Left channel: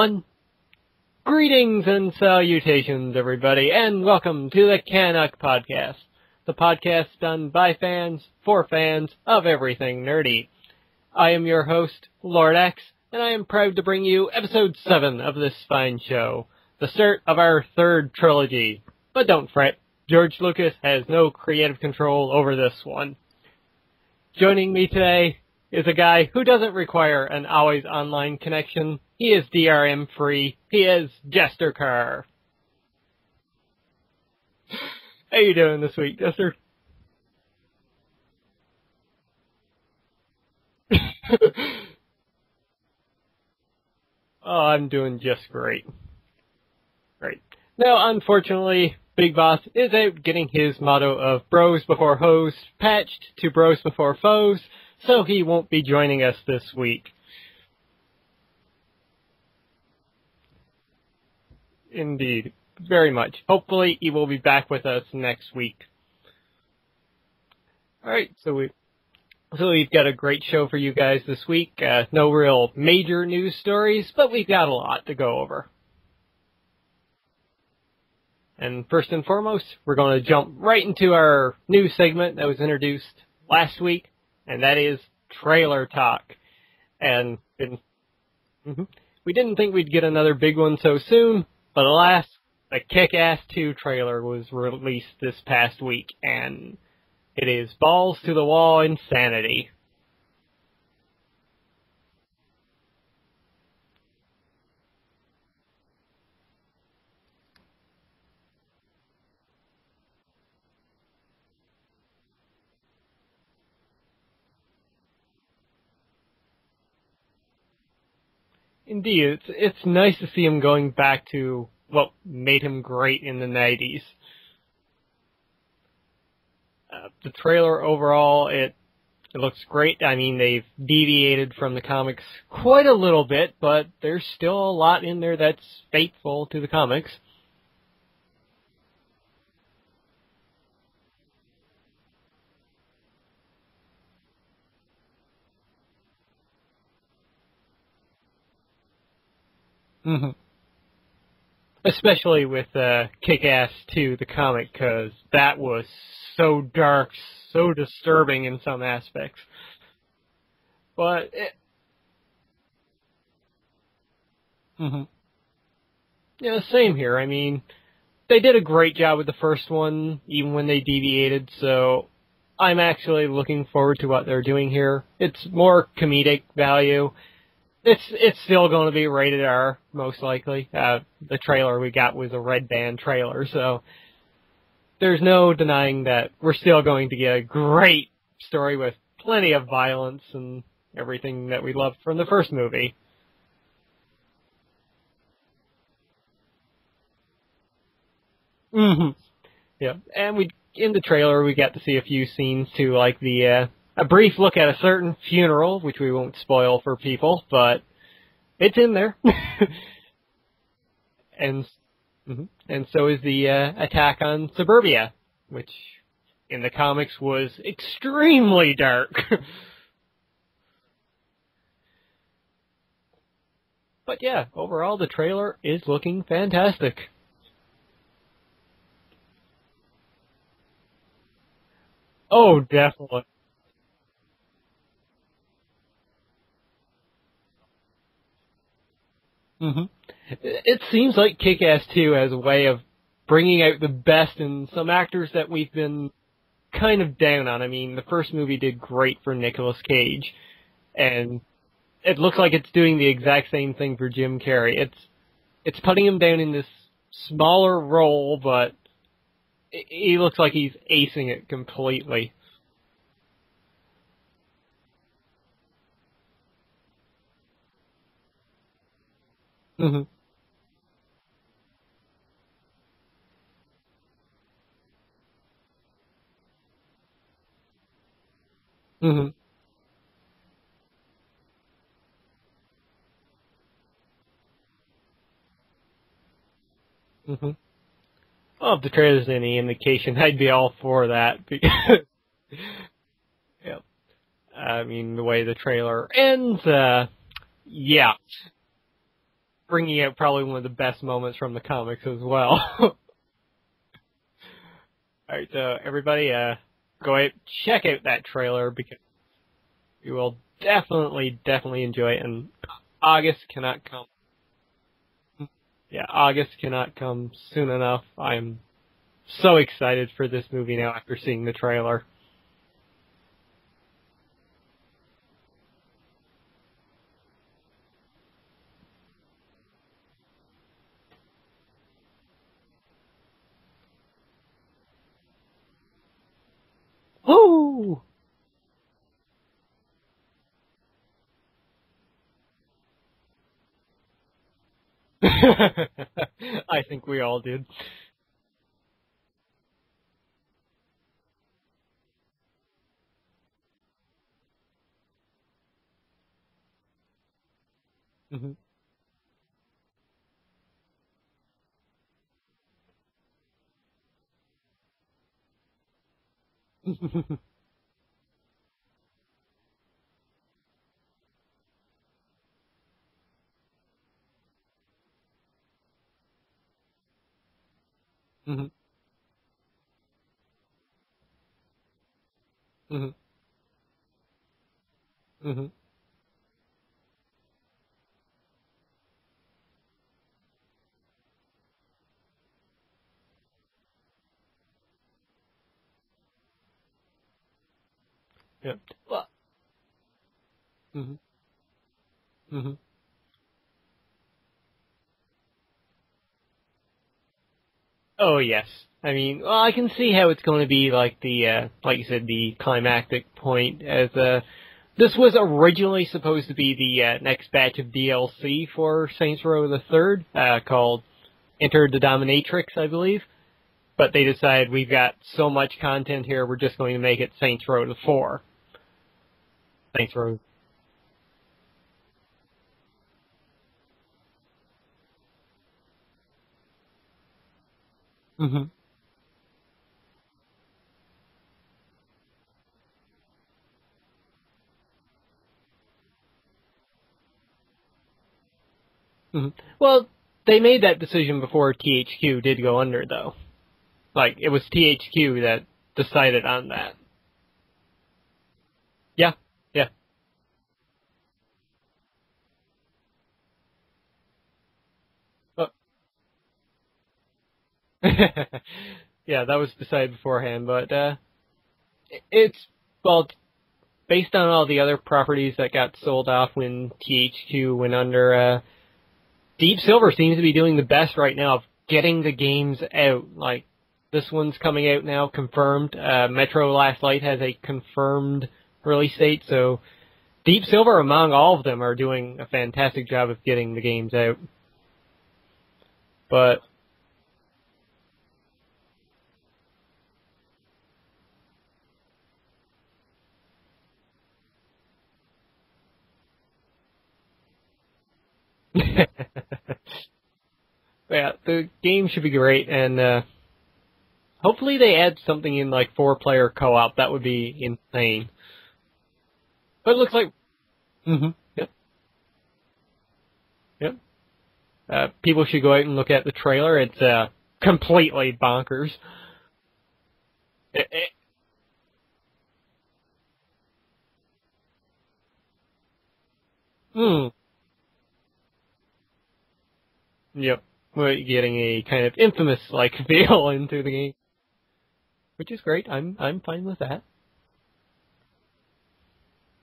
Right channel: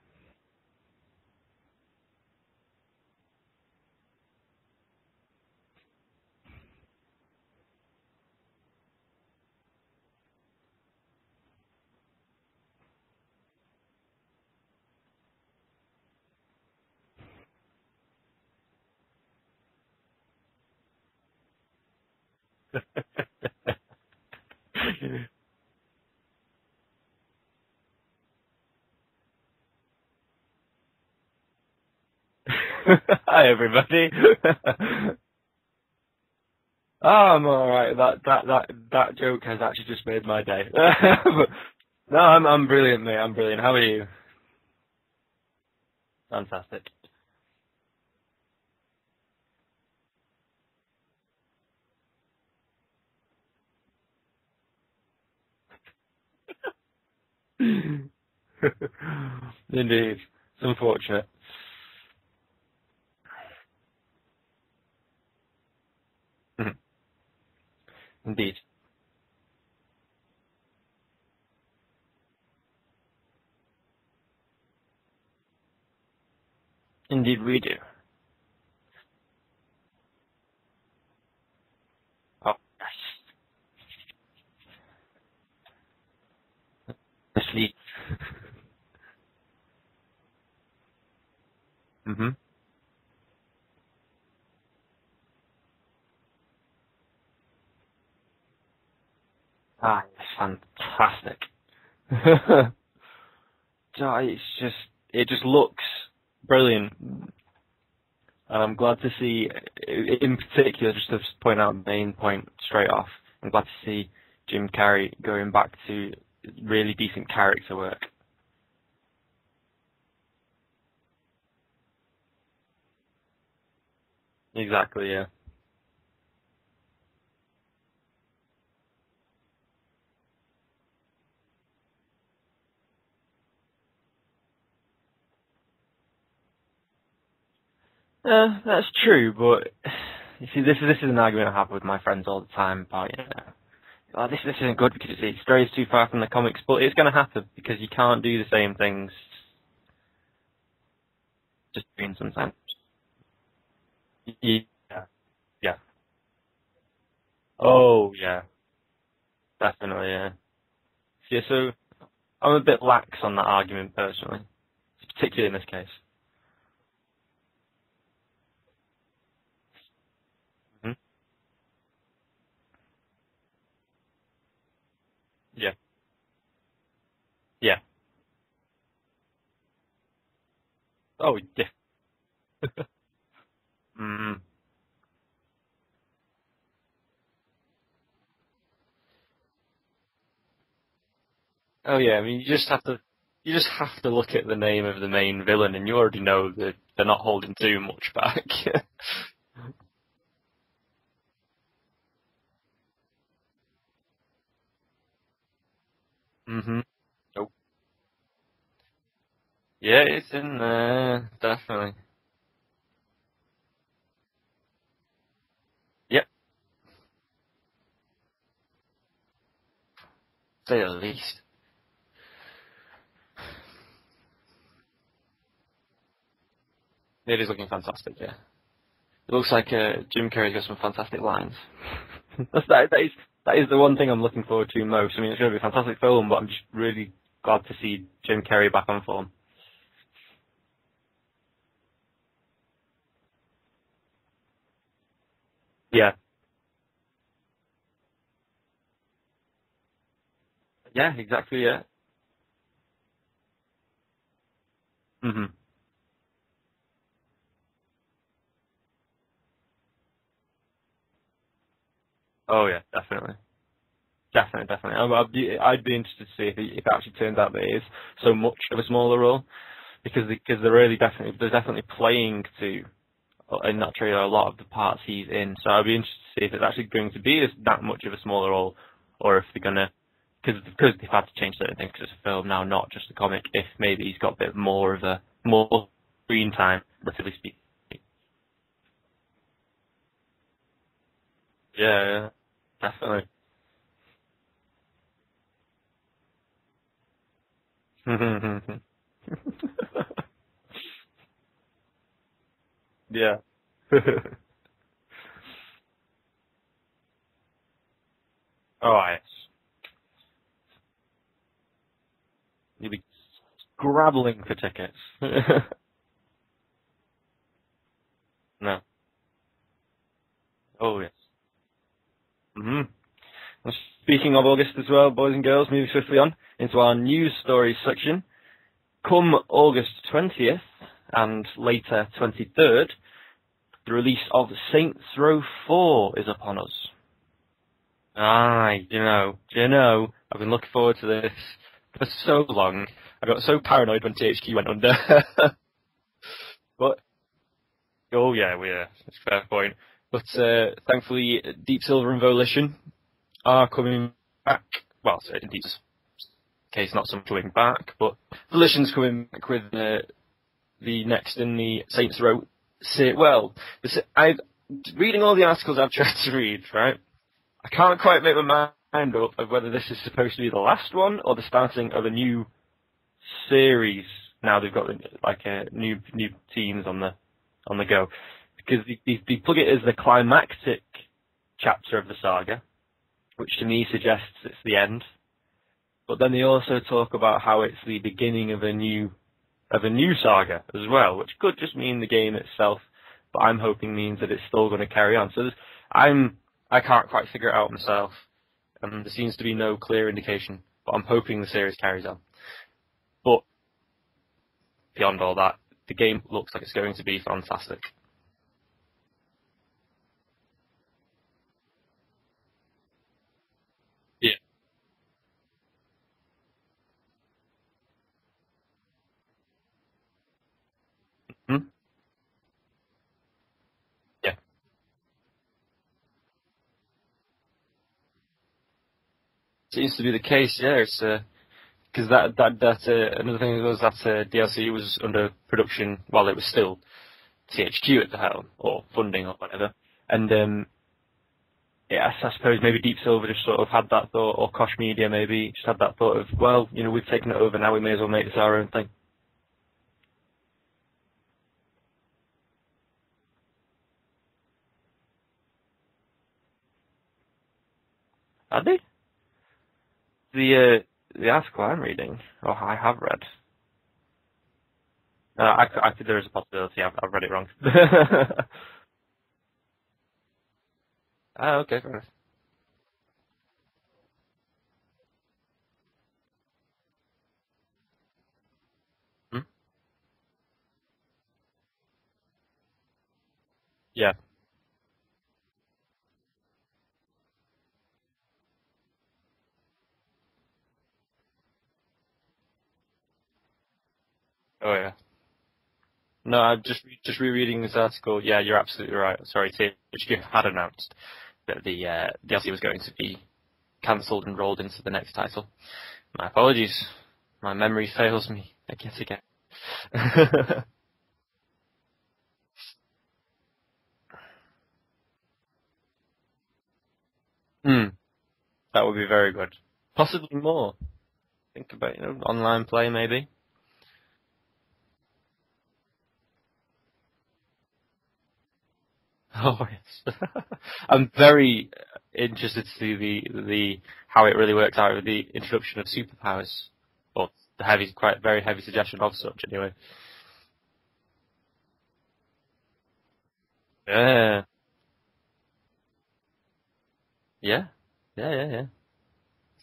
One. Greetings and salutations, everybody, and welcome to the CanUK podcast, the podcast done by fans, for fans, of everything nerdy. I am your host, Lord X, and I am proud to bring you episode 7 of this fine show, the start of our third trilogy. But don't fret, George Lucas has no creative control over this one. Joining me today is a guy who doesn't require an always online connection. He is DRM free. He is Jester Carr. Hi everybody. How you doing this week, Jester? Oh, I'm alright. That joke has actually just made my day. No, I'm brilliant, mate. I'm brilliant. How are you? Oh, I'm doing just great. Fantastic. Great. Now, unfortunately, Big Boss is out getting his motto of bros before hoes patched to bros before foes, so he won't be joining us this week. Indeed. It's unfortunate. Indeed. Very much. Hopefully he will be back with us next week. Alright, so we've got a great show for you guys this week. No real major news stories, but we've got a lot to go over. Indeed we do. And first and foremost, we're going to jump right into our new segment that was introduced last week, and that is Trailer Talk. And we didn't think we'd get another big one so soon, but alas, the Kick-Ass 2 trailer was released this past week, and it is balls to the wall insanity. Ah, it's fantastic. It just looks brilliant. And I'm glad to see, in particular, just to point out the main point straight off, I'm glad to see Jim Carrey going back to really decent character work. Indeed, it's nice to see him going back to what made him great in the 90s. Exactly, yeah. The trailer overall, it looks great. I mean, they've deviated from the comics quite a little bit, but there's still a lot in there that's faithful to the comics. That's true, but you see, this is an argument I have with my friends all the time about, this isn't good because it strays too far from the comics, but it's going to happen because you can't do the same things. Especially with Kick-Ass 2, the comic, because that was so dark, so disturbing in some aspects. Definitely, yeah. But so I'm a bit lax on that argument personally, particularly in this case. Yeah, same here. I mean, they did a great job with the first one, even when they deviated, so I'm actually looking forward to what they're doing here. It's more comedic value. Yeah. It's still going to be rated R, most likely. The trailer we got was a red band trailer, so there's no denying that we're still going to get a great story with plenty of violence and everything that we loved from the first movie. You just have to look at the name of the main villain, and you already know that they're not holding too much back. Yeah, and in the trailer we got to see a few scenes too, like a brief look at a certain funeral, which we won't spoil for people, but it's in there. Yeah, it's in there, definitely. And so is the attack on Suburbia, which in the comics was extremely dark. To say the least. But yeah, overall the trailer is looking fantastic. It is looking fantastic, yeah. It looks like Jim Carrey's got some fantastic lines. Oh, that is the one thing I'm looking forward to most. I mean, it's going to be a fantastic film, but I'm just really glad to see Jim Carrey back on form. It seems like Kick-Ass 2 has a way of bringing out the best in some actors that we've been kind of down on. I mean, the first movie did great for Nicolas Cage. Yeah, exactly, yeah. It looks like it's doing the exact same thing for Jim Carrey. It's putting him down in this smaller role, but he looks like he's acing it completely. Oh, yeah, definitely. Definitely. I'd be interested to see if it actually turns out that it is so much of a smaller role, because they're definitely playing to, in that trailer, a lot of the parts he's in. So I'd be interested to see if it's actually going to be that much of a smaller role, or if they're going to, because they've had to change certain things because it's a film now, not just a comic, if maybe he's got a bit more screen time, relatively speaking. Well, if the trailer's any indication, I'd be all for that. Yeah, definitely. Yep. I mean, the way the trailer ends, bringing out probably one of the best moments from the comics as well. Yeah. Alright, so everybody, go out, check out that trailer, because you will definitely enjoy it, and August cannot come. Grabbling for tickets. Yeah, August cannot come soon enough. I'm so excited for this movie now after seeing the trailer. Mm-hmm. Well, speaking of August as well, boys and girls, moving swiftly on into our news stories section. Come August 20th and later 23rd, the release of Saints Row 4 is upon us. Woo! Aye, do you know, I've been looking forward to this for so long. I got so paranoid when THQ went under. I think we all did. Oh yeah, that's a fair point. But thankfully, Deep Silver and Volition are coming back. Well, in Deep's case, not so much coming back, but Volition's coming back with the next in the Saints Row. Reading all the articles I've tried to read, right? I can't quite make my mind up of whether this is supposed to be the last one or the starting of a new series. Now they've got like new teams on the go, because they plug it as the climactic chapter of the saga, which to me suggests it's the end. But then they also talk about how it's the beginning of a new saga as well, which could just mean the game itself, but I'm hoping means that it's still going to carry on. So I can't quite figure it out myself, and there seems to be no clear indication, but I'm hoping the series carries on. But beyond all that, the game looks like it's going to be fantastic. Oh yes, I mean, well, I can see how it's going to be like like you said, the climactic point. As this was originally supposed to be the next batch of DLC for Saints Row the Third, called Enter the Dominatrix, I believe. But they decided we've got so much content here, we're just going to make it Saints Row the 4. Seems to be the case, yeah. It's because that another thing was that DLC was under production while it was still THQ at the helm, or funding or whatever. And I suppose maybe Deep Silver just sort of had that thought, or Koch Media maybe just had that thought of, well, we've taken it over now, we may as well make this our own thing. Well, they made that decision before THQ did go under, though. Like, it was THQ that decided on that. Had they? Yeah. The article I'm reading, or I have read. I think there is a possibility I've read it wrong. Yeah, that was decided beforehand, but okay, fair enough. It's, well, based on all the other properties that got sold off when THQ went under, Deep Silver seems to be doing the best right now of getting the games out. Like, this one's coming out now, confirmed. Metro Last Light has a confirmed release date, so Deep Silver, among all of them, are doing a fantastic job of getting the games out. Oh, yeah. No, just rereading this article, yeah, you're absolutely right. Sorry, THQ had announced that the DLC was going to be cancelled and rolled into the next title. My apologies. My memory fails me. Yeah, the game should be great, and hopefully they add something in like 4-player co-op. That would be insane. That would be very good. But it looks like more. Think about, online play maybe. Yep. People should go out and look at the trailer. It's completely bonkers. Oh yes. I'm very interested to see the how it really works out with the introduction of superpowers. Well, very heavy suggestion of such anyway. Yep. We're getting a kind of infamous-like feel into the game. Which is great. I'm fine with that. Yeah.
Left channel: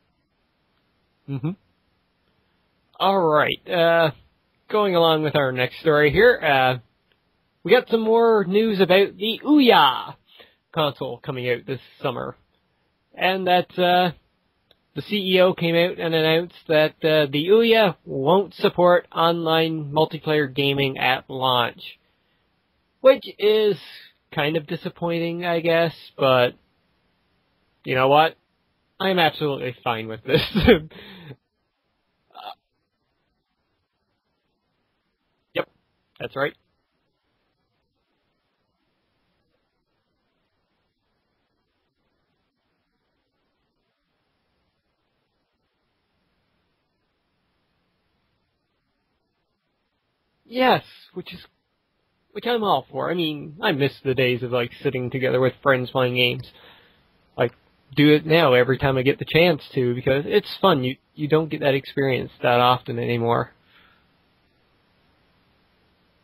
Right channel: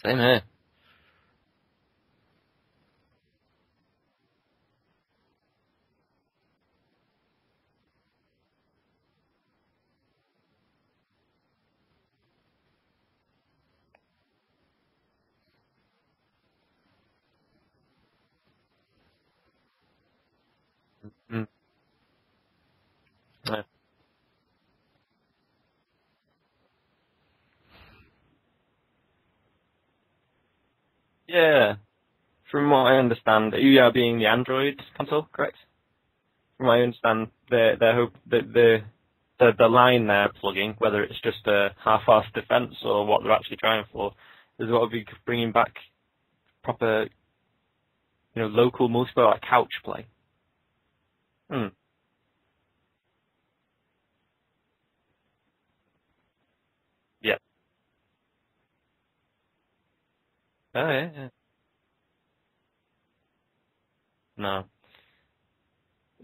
Same here. All right. Going along with our next story here, we got some more news about the Ouya console coming out this summer. And that the CEO came out and announced that the Ouya won't support online multiplayer gaming at launch. Which is kind of disappointing, I guess, but you know what? I'm absolutely fine with this. Yeah. From what I understand, Ouya being the Android console, correct? Yep, that's right. From what I understand, their hope that the line they're plugging, whether it's just a half-assed defense or what they're actually trying for, is what will be bringing back proper, local multiplayer, like couch play. Yes, which I'm all for. I mean, I miss the days of like sitting together with friends playing games. Yeah. Like, do it now every time I get the chance to, because it's fun. You don't get that experience that often anymore. No.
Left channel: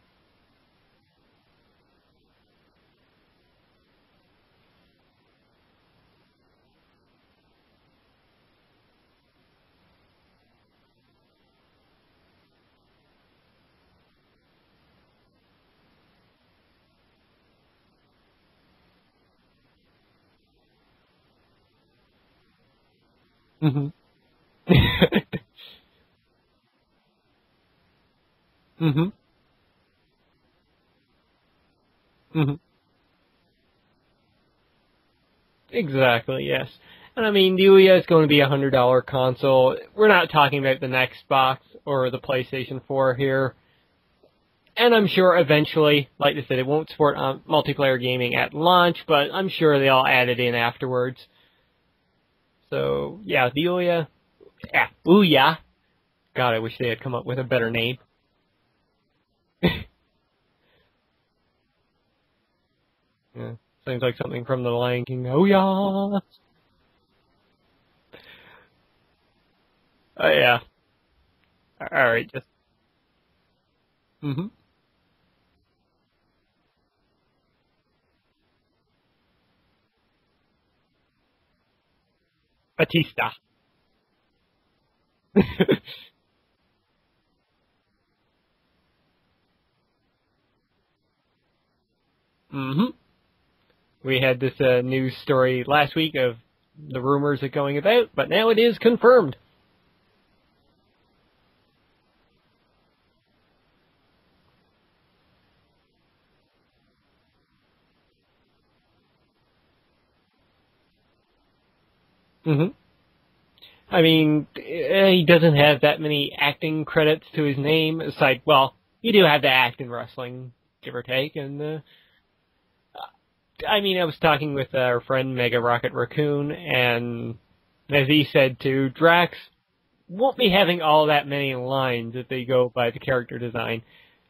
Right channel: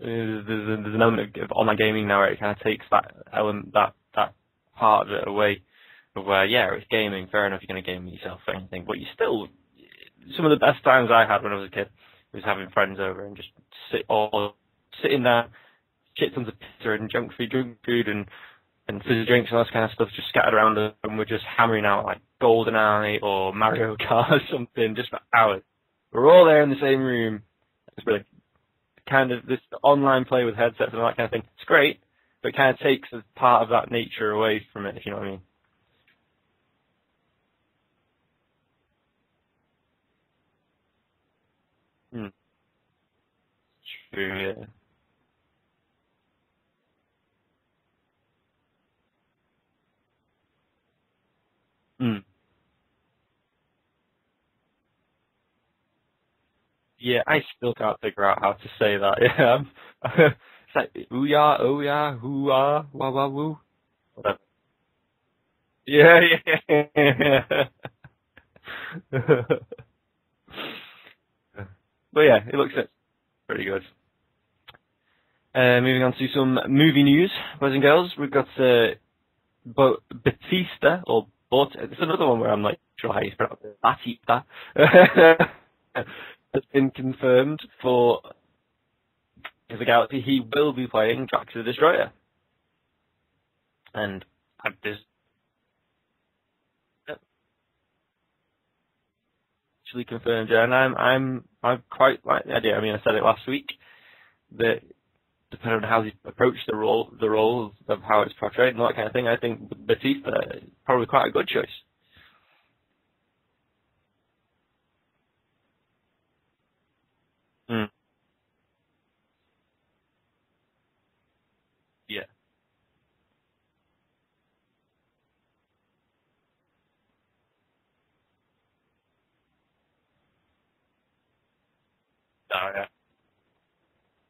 There's an element of online gaming now where it kind of takes that element, that part of it away. Where, it's gaming, fair enough, you're going to game yourself for anything, but you still, some of the best times I had when I was a kid was having friends over and just sitting there, shit tons of pizza and junk food and fizzy drinks and all that kind of stuff just scattered around, and we're just hammering out like GoldenEye or Mario Kart or something, just for hours. We're all there in the same room. It's really kind of this online play with headsets and all that kind of thing. It's great, but it kind of takes a part of that nature away from it, if you know what I mean. Exactly, yes. And I mean, the Ouya is going to be a $100 console. We're not talking about the next box or the PlayStation 4 here. True, yeah. And I'm sure eventually, like I said, it won't support multiplayer gaming at launch, but I'm sure they'll add it in afterwards. So, yeah, the Ouya. Yeah, Ouya. God, I wish they had come up with a better name. I can't figure out how to say that, yeah. It's like, Ouya, Ouya, Hoo-ah, wah-wah-woo. Seems like something from The Lion King. Ouya! Yeah. Oh, yeah. All right. But yeah, it looks pretty good. Moving on to some movie news, boys and girls. We've got Batista, or it's another one where I'm like, Batista has been confirmed for the Galaxy. He will be playing Drax the Destroyer. We had this news story last week of the rumors are going about, but now it is confirmed. Actually confirmed, yeah, and I'm quite like the idea. I mean, I said it last week that depending on how he approached the role of how it's portrayed and all that kind of thing, I think Batista is probably quite a good choice. I mean, he doesn't have that many acting credits to his name. Aside, well, you do have to act in wrestling, give or take, and I mean, I was talking with our friend Mega Rocket Raccoon, and as he said too, Drax won't be having all that many lines if they go by the character design.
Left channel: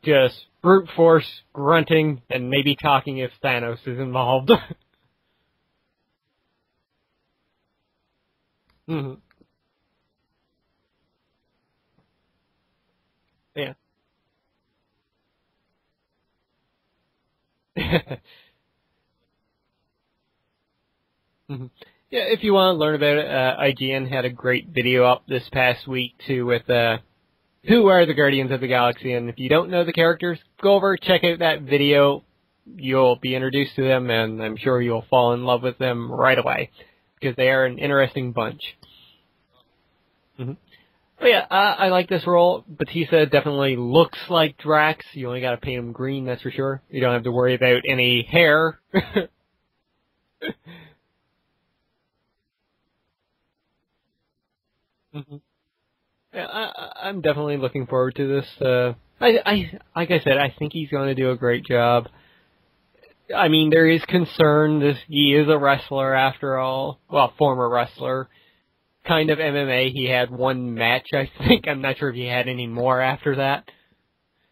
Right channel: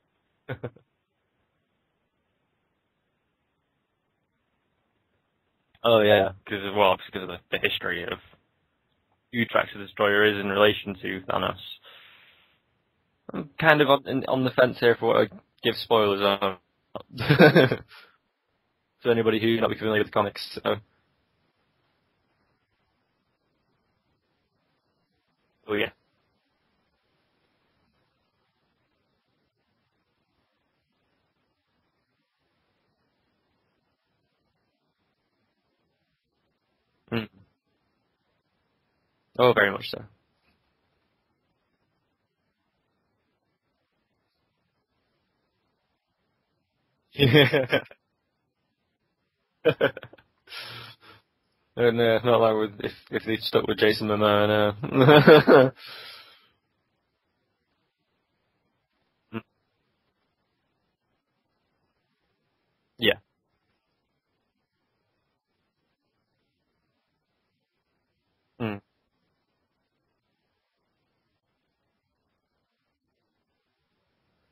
Just brute force, grunting, and maybe talking if Thanos is involved. Oh yeah, because of the history of who Drax the Destroyer is in relation to Thanos. I'm kind of on the fence here for what I give spoilers on. To anybody who not be familiar with the comics. So. Yeah, if you want to learn about it, IGN had a great video up this past week too with who are the Guardians of the Galaxy, and if you don't know the characters, go over, check out that video. You'll be introduced to them, and I'm sure you'll fall in love with them right away, because they are an interesting bunch. Oh, very much so. But yeah, I like this role. Batista definitely looks like Drax. You only got to paint him green, that's for sure. You don't have to worry about any hair. And not like if they stuck with Jason Momoa. No. Yeah, I'm definitely looking forward to this. Like I said, I think he's going to do a great job. Yeah. I mean, there is concern. He is a wrestler after all. Well, former wrestler. Kind of MMA. He had one match, I think. I'm not sure if he had any more after that.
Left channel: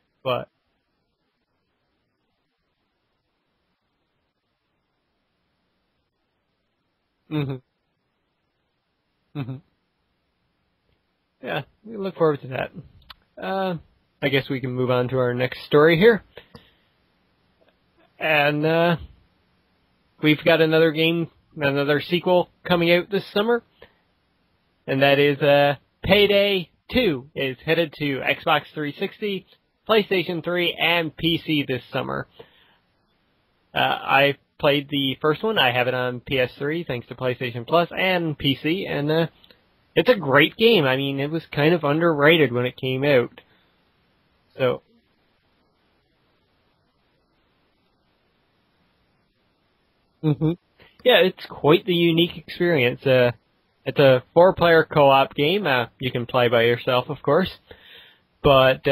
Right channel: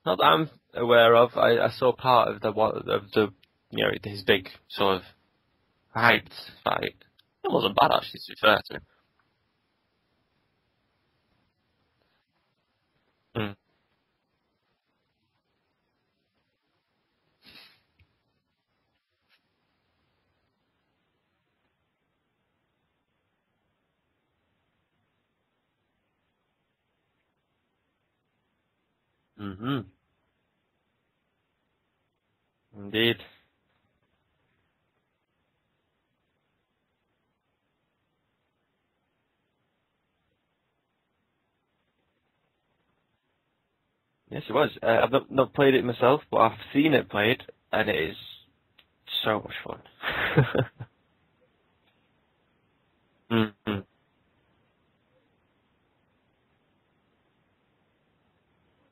Not that I'm aware of. I saw part of the his big sort of height fight. It wasn't bad actually, to be fair to. Yeah, we look forward to that. I guess we can move on to our next story here. And we've got another sequel coming out this summer. And that is Payday 2 is headed to Xbox 360, PlayStation 3, and PC this summer. Indeed. I played the first one. I have it on PS3 thanks to PlayStation Plus and PC, and it's a great game. I mean, it was kind of underrated when it came out. Yes, it was. I've not played it myself, but I've seen it played, and it is so much fun. Yeah, it's quite the unique experience. It's a 4-player co-op game. You can play by yourself, of course. But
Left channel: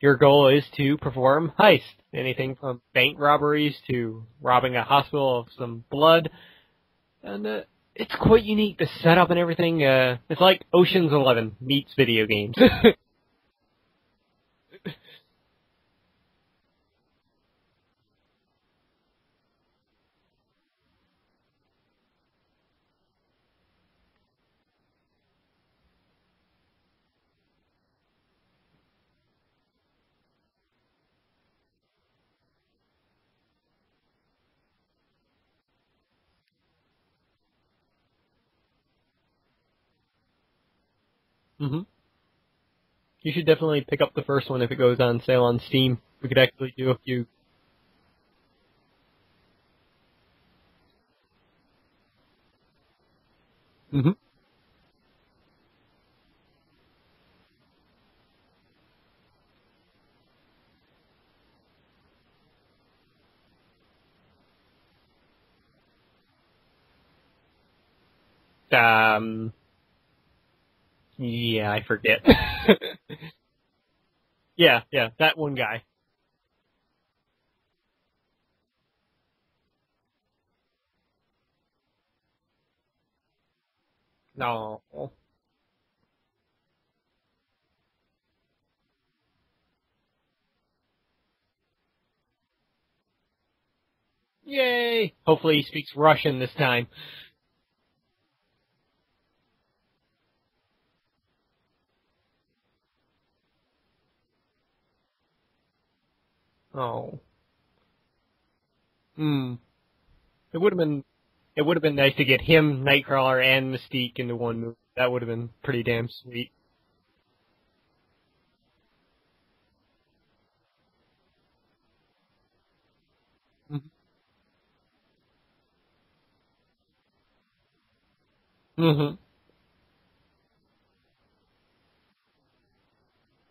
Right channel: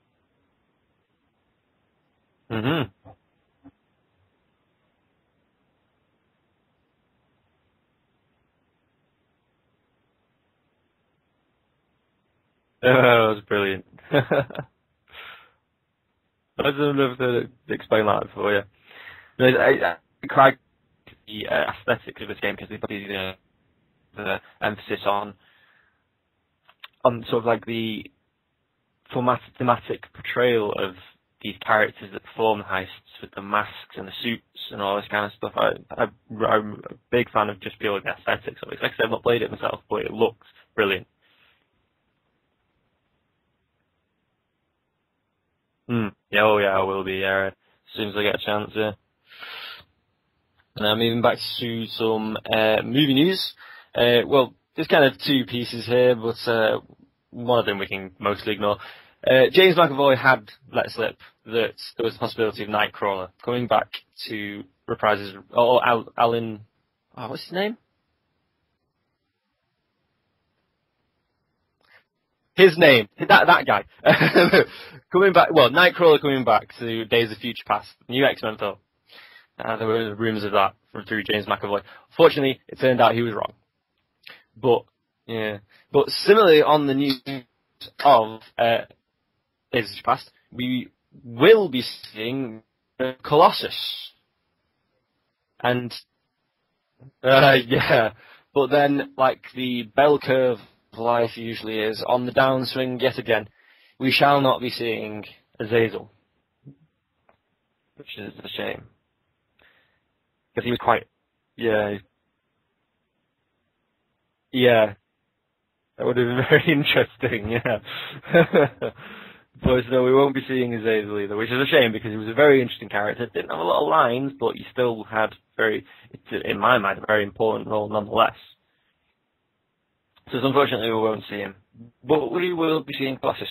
your goal is to perform heists. Anything from bank robberies to robbing a hospital of some blood. And it's quite unique, the setup and everything. It's like Ocean's 11 meets video games. Oh, that was brilliant. I don't know if to explain that for you. I quite the aesthetics of this game because they put the emphasis on sort of like the thematic portrayal of these characters that perform the heists with the masks and the suits and all this kind of stuff. I'm a big fan of just purely the aesthetics of it. Like I said, I've not played it myself, but it looks brilliant. Mm-hmm. You should definitely pick up the first one if it goes on sale on Steam. Oh yeah, I will be, as soon as I get a chance, yeah. Now moving back to some movie news. Well, there's kind of two pieces here, but one of them we can mostly ignore. James McAvoy had let slip that there was a possibility of Nightcrawler coming back to reprise his... Alan... Oh, what's his name? Yeah, I forget. His name. That guy. yeah. Coming back... Well, Nightcrawler coming back to Days of Future Past. New X-Men film. There were rumours of that through James McAvoy. Fortunately, it turned out he was wrong. No. But similarly, on the news of Days of Future Past, we will be seeing Colossus. Yay! Hopefully he speaks Russian this time. Yeah. But then, like the bell curve of life usually is, on the downswing yet again, we shall not be seeing Azazel. Oh. Which is a shame. It would have been nice to get him, Nightcrawler, and Mystique into one. Yeah. That would have been pretty damn. That would have been very interesting, yeah. But no, we won't be seeing Azazel either, which is a shame because he was a very interesting character. Didn't have a lot of lines, but he still had in my mind, a very important role nonetheless. Mm-hmm. So unfortunately we won't see him. But we will be seeing Colossus.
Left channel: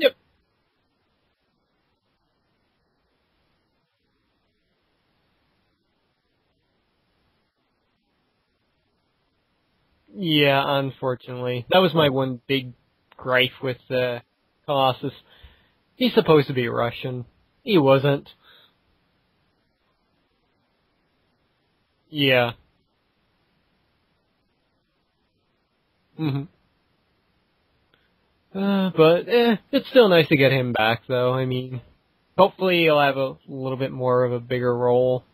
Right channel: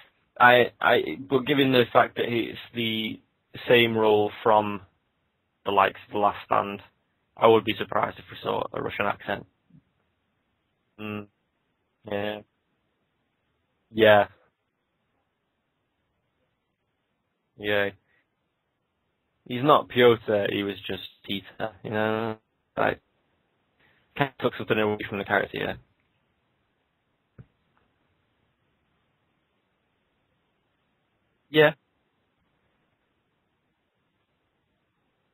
Yep. But given the fact that it's the same role from the likes of The Last Stand, I would be surprised if we saw a Russian accent. Yeah, unfortunately. That was my one big gripe with Colossus. He's supposed to be Russian. Yeah. He wasn't. He's not Piotr, he was just Peter, you know? Yeah. Kind of took something away from the character, yeah. Mm-hmm. But it's still nice to get him back, though. I mean, hopefully he'll have a little bit more of a bigger role.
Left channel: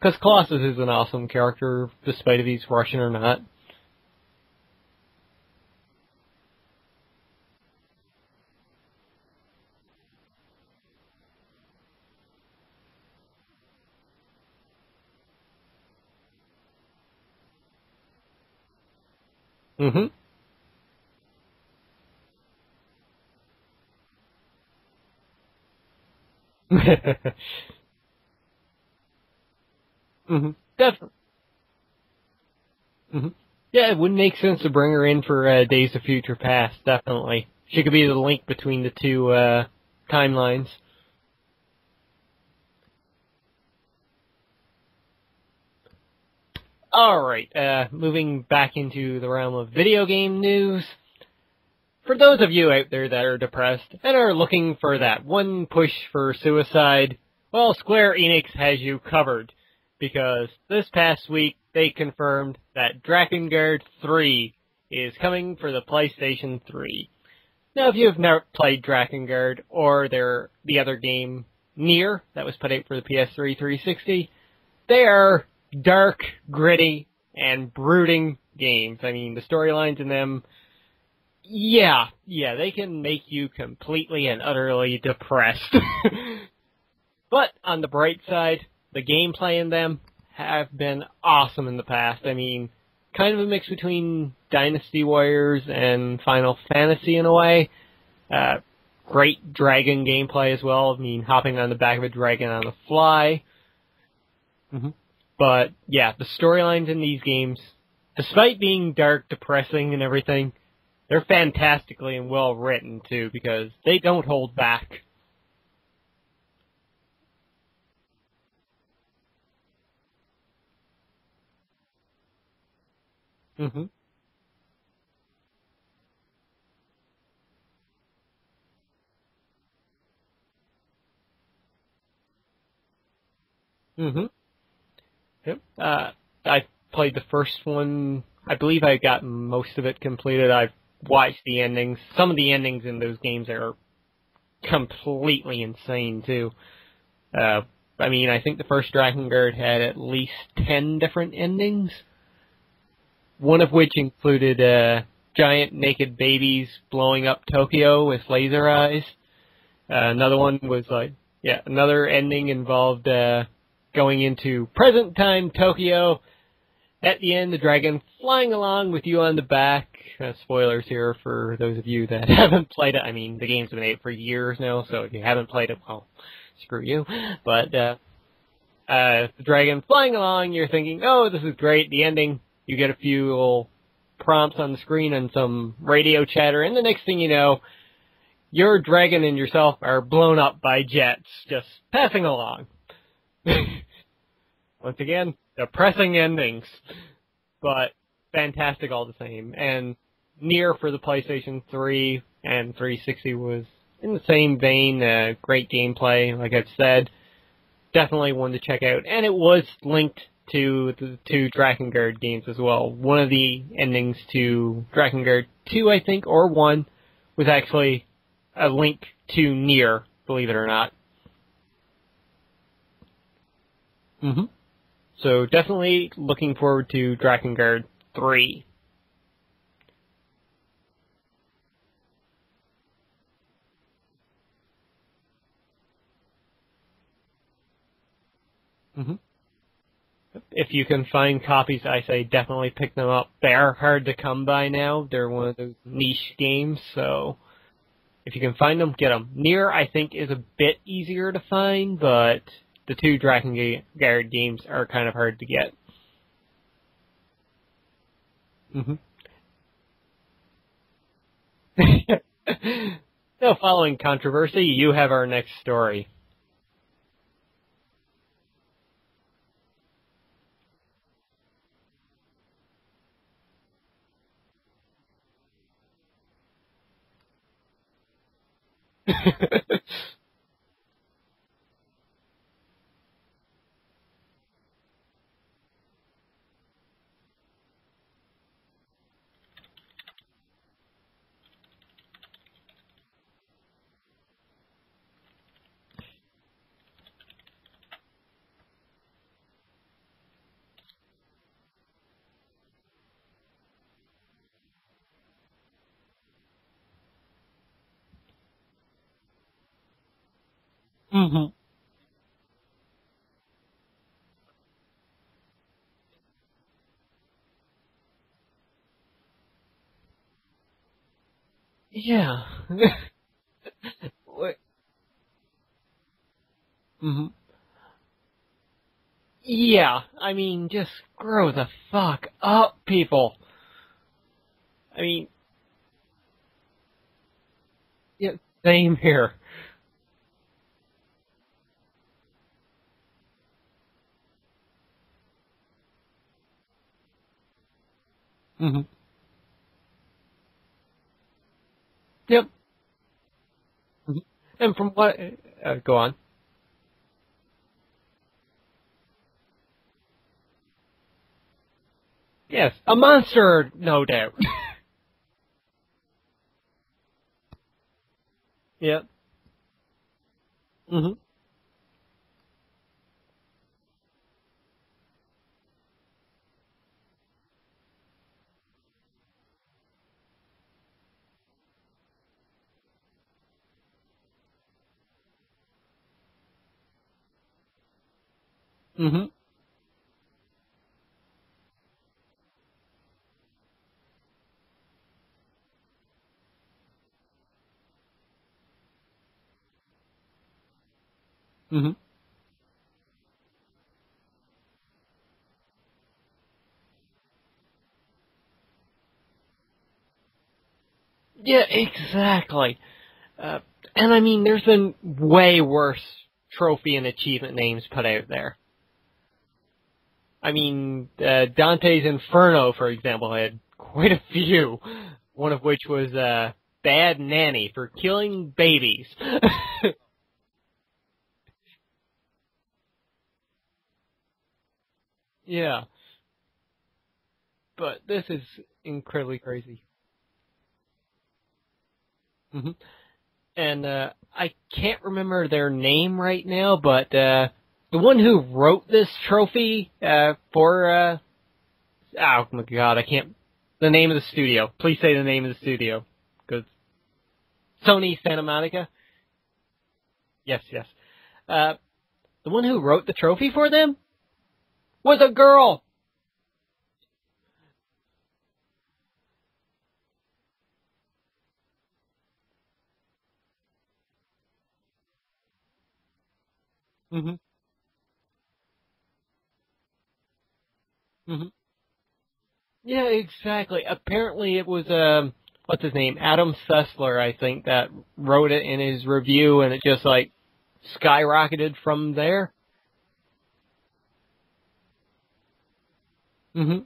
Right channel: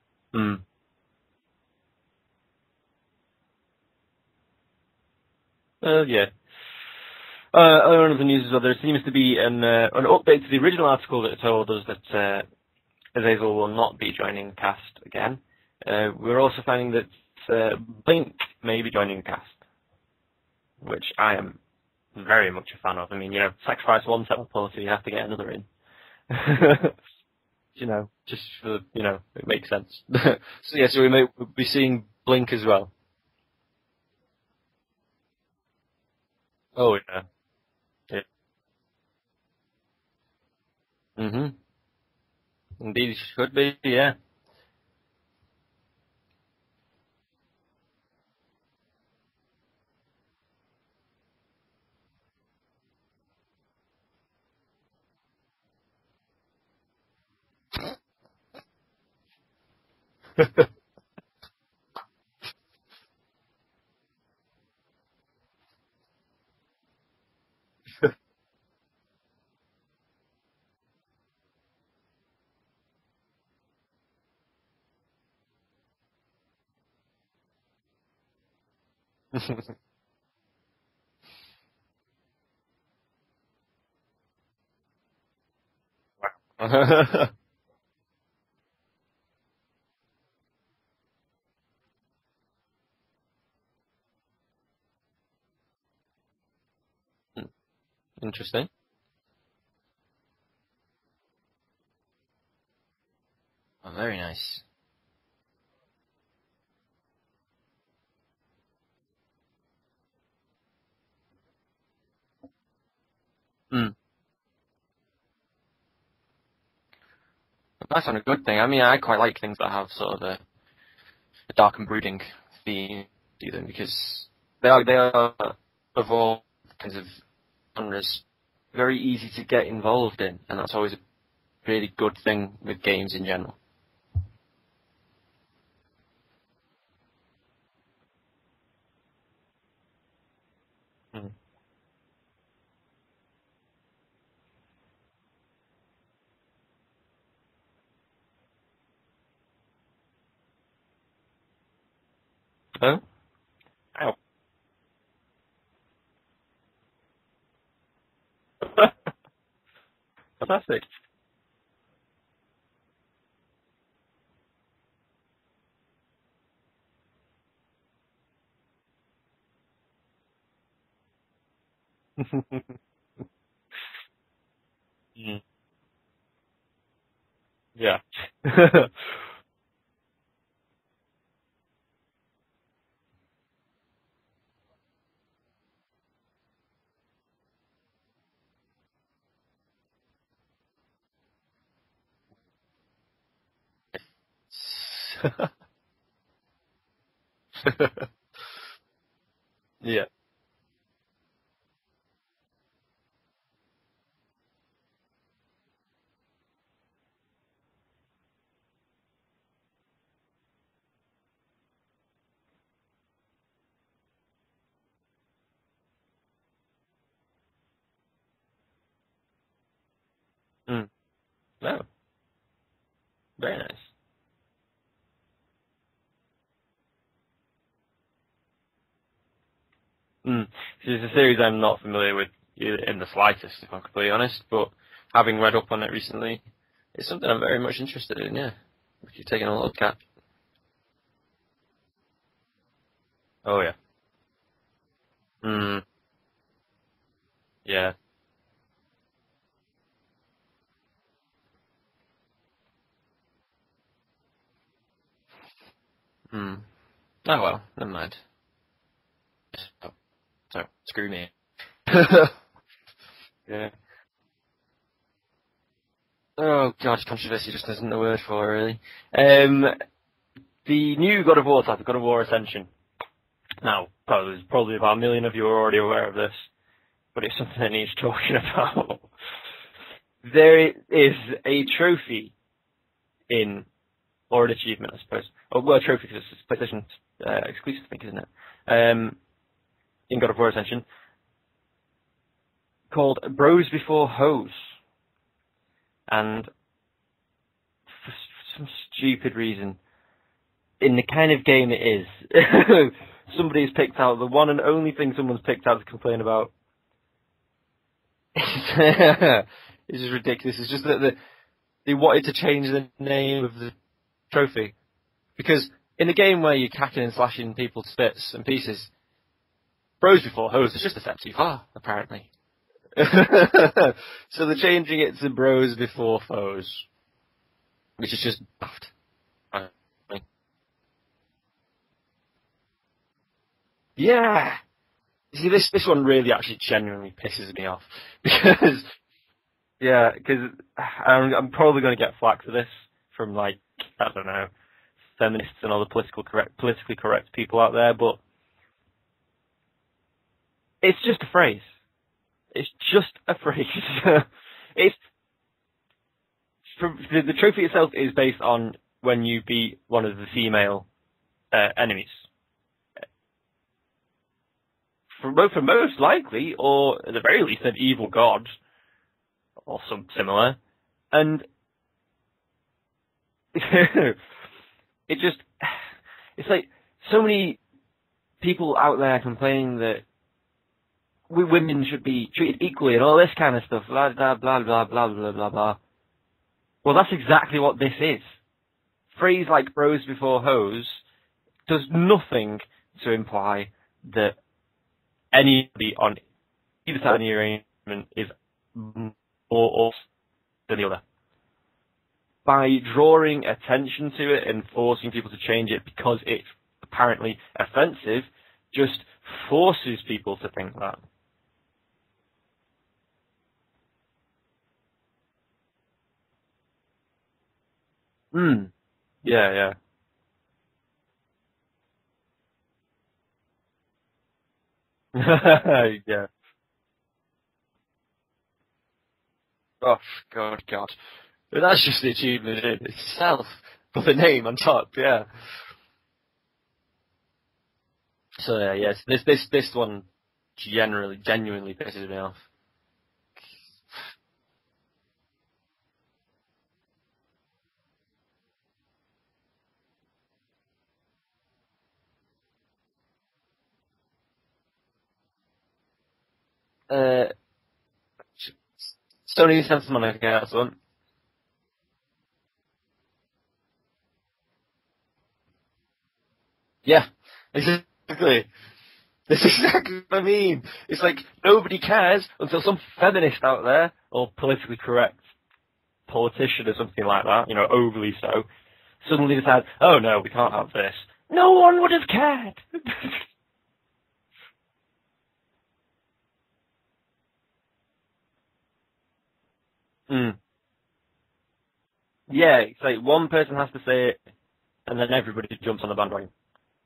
Because Colossus is an awesome character, despite if he's Russian or not. Yeah. Other of the news is that there seems to be an update to the original article that told us that Azazel will not be joining cast again. We're also finding that Blink may be joining cast, which I am very much a fan of. I mean, sacrifice one set of policy, you have to get another in. Just for it makes sense. So we may be seeing Blink as well. Yeah, it would make sense to bring her in for Days of Future Past, definitely. Yeah. She could be the link between the two timelines. Indeed, she could be, yeah. Alright, moving back into the realm of video game news. For those of you out there that are depressed and are looking for that one push for suicide, well, Square Enix has you covered. Because this past week, they confirmed that Drakengard 3 is coming for the PlayStation 3. Now, if you have never played Drakengard, or the other game, Nier, that was put out for the PS3 360, they are dark, gritty, and brooding games. I mean, the storylines in them, they can make you completely and utterly depressed. But, on the bright side, the gameplay in them have been awesome in the past. I mean, kind of a mix between Dynasty Warriors and Final Fantasy in a way. Great dragon gameplay as well. I mean, hopping on the back of a dragon on the fly. Oh, very nice. But, yeah, the storylines in these games, despite being dark, depressing, and everything, they're fantastically and well written, too, because they don't hold back. That's not a good thing. I mean, I quite like things that have sort of a dark and brooding theme, because they are of all kinds of genres very easy to get involved in, and that's always a really good thing with games in general. Yep. I played the first one. I believe I got most of it completed. I've watched the endings. Some of the endings in those games are completely insane, too. I mean, I think the first Drakengard had at least 10 different endings. Oh? One of which included giant naked babies blowing up Tokyo with laser eyes. Another one was another ending involved going into present time Tokyo. At the end, the dragon flying along with you on the back. Spoilers here for those of you that haven't played it. I mean, the game's been made for years now, so if you haven't played it, well, screw you. But the dragon flying along, you're thinking, oh, this is great. The ending, you get a few little prompts on the screen and some radio chatter, and the next thing you know, your dragon and yourself are blown up by jets, just passing along. Once again, depressing endings, but fantastic all the same. And Nier for the PlayStation 3 and 360 was in the same vein, great gameplay, like I've said. Definitely one to check out. And it was linked to the two Drakengard games as well. One of the endings to Drakengard 2, I think, or 1, was actually a link to Nier, believe it or not. Oh. Very nice. Mm-hmm. So definitely looking forward to Drakengard 3. It's a series I'm not familiar with in the slightest, if I'm completely honest, but having read up on it recently, it's something I'm very much interested in, yeah. Mm-hmm. If you're taking a look at. If you can find copies, I say definitely pick them up. They're hard to come by now. They're one of those niche games, so yeah. If you can find them, get them. Nier, I think, is a bit easier to find, but the two Drakengard games are kind of hard to get. Oh well, never mind. Mm-hmm. So, screw me. Following controversy, you have our next story. Oh god, controversy just isn't the word for it, really. The new God of War title, God of War Ascension. Now, probably about 1 million of you are already aware of this, but it's something that needs talking about. There is a trophy or an achievement, I suppose. Well, a trophy because it's PlayStation exclusive, I think, isn't it? In God of War Ascension, called Bros Before Hoes. And for some stupid reason, in the kind of game it is, somebody's picked out the one and only thing someone's picked out to complain about. It's just ridiculous. It's just that they wanted to change the name of the trophy. Because in the game where you're cacking and slashing people to bits and pieces, Bros Before Hoes is just a step too far, apparently. Yeah. So they're changing it to Bros Before Foes. Mm-hmm. Which is just daft. Yeah. I mean, just grow the fuck up, people. Yeah. I mean... See, this one really actually genuinely pisses me off. Yeah, same here. Yeah, because I'm probably going to get flack for this from, like, I don't know, feminists and all the politically correct people out there, but... Mm-hmm. It's just a phrase. Yep. It's just a phrase. And go on. The trophy itself is based on when you beat one of the female enemies. Yes, a monster, no doubt. For most likely, or at the very least, an evil god. Yeah. Or some similar. Mm-hmm. And it's like so many people out there complaining that women should be treated equally and all this kind of stuff. Blah, blah, blah, blah, blah, blah, blah, blah. Well, that's exactly what this is. Mm-hmm. A phrase like Bros Before Hoes does nothing to imply that anybody on either side of the arrangement is more than the other. Mm-hmm. By drawing attention to it and forcing people to change it because it's apparently offensive, just forces people to think that. Yeah, exactly. And I mean, there's been way worse trophy and achievement names put out there. Yeah. I mean, Dante's Inferno, for example, had quite a few, which was Bad Nanny for killing babies. Oh, God. But that's just the achievement in itself, with the name on top, yeah. Yeah. But this is yes, this one genuinely pisses me off. Mm-hmm. And I can't remember their name right now, but the one who wrote this trophy for oh my god, I can't. The name of the studio. Please say the name of the studio, because Sony Santa Monica. Sony Santa Monica. That's yes, one. yes. The one who wrote the trophy for them was a girl. Yeah, exactly. This is exactly what I mean. It's like nobody cares until some feminist out there, or politically correct politician or something like that, you know, overly so, suddenly decides, oh no, we can't have this. No one would have cared. Yeah, exactly. Apparently it was, what's his name? Adam Sessler, I think, that wrote it in his review, and it just, like, skyrocketed from there. Yeah, it's like one person has to say it, and then everybody jumps on the bandwagon. Mm-hmm.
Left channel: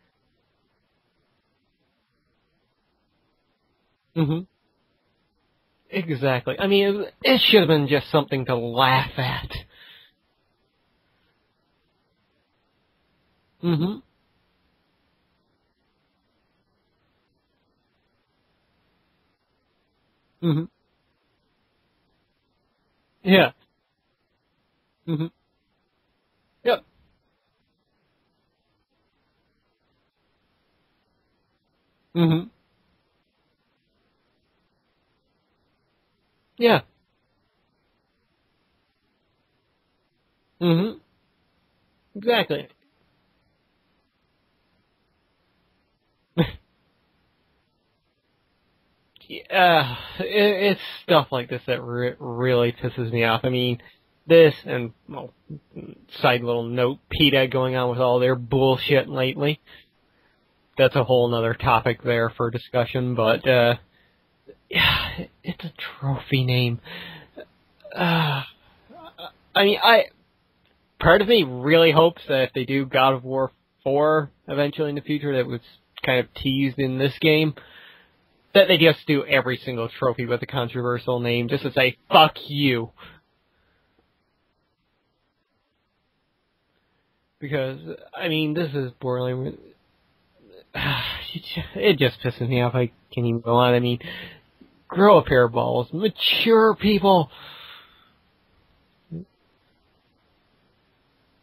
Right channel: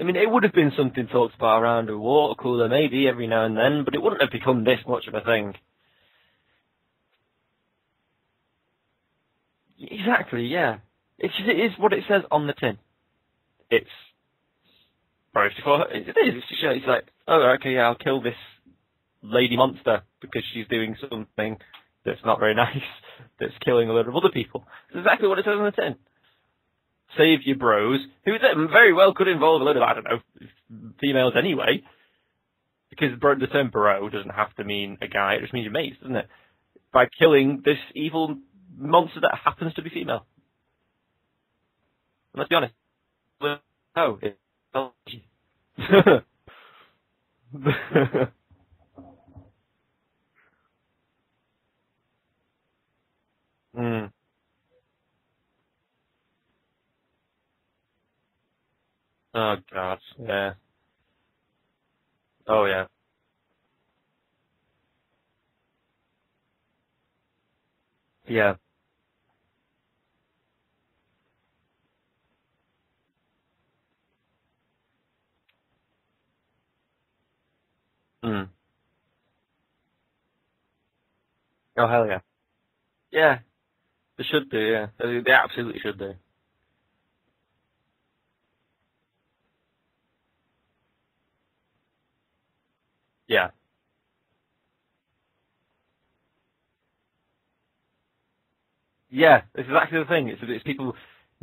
I mean, it would have been something talked about around a water cooler maybe every now and then, but it wouldn't have become this much of a thing. Exactly. I mean, it should have been just something to laugh at. Exactly, yeah. It is what it says on the tin. It's it's like, oh, okay, yeah, I'll kill this lady monster because she's doing something that's not very nice. Yeah. It's killing a load of other people. It's exactly what it says on the tin. Yep. Save your bros, who very well could involve a load of, I don't know, females anyway. Mm-hmm. Because the term bro doesn't have to mean a guy, it just means your mates, doesn't it? Yeah. By killing this evil monster that happens to be female. Mm-hmm. Exactly. Let's be honest. No, it's stuff like this that really pisses me off. I mean, this and, well, side little note, PETA going on with all their bullshit lately. Oh, God, yeah. That's a whole other topic there for discussion, but, yeah, it's a trophy name. Yeah. I mean, part of me really hopes that if they do God of War 4 eventually in the future, that was kind of teased in this game, that they just do every single trophy with a controversial name, just to say, fuck you. Yeah. They should do, yeah. They absolutely should do. Because, I mean, this is borderline... It just pisses me off. I can't even go on. I mean, grow a pair of balls. Mature people. Yeah, it's exactly the thing. It's people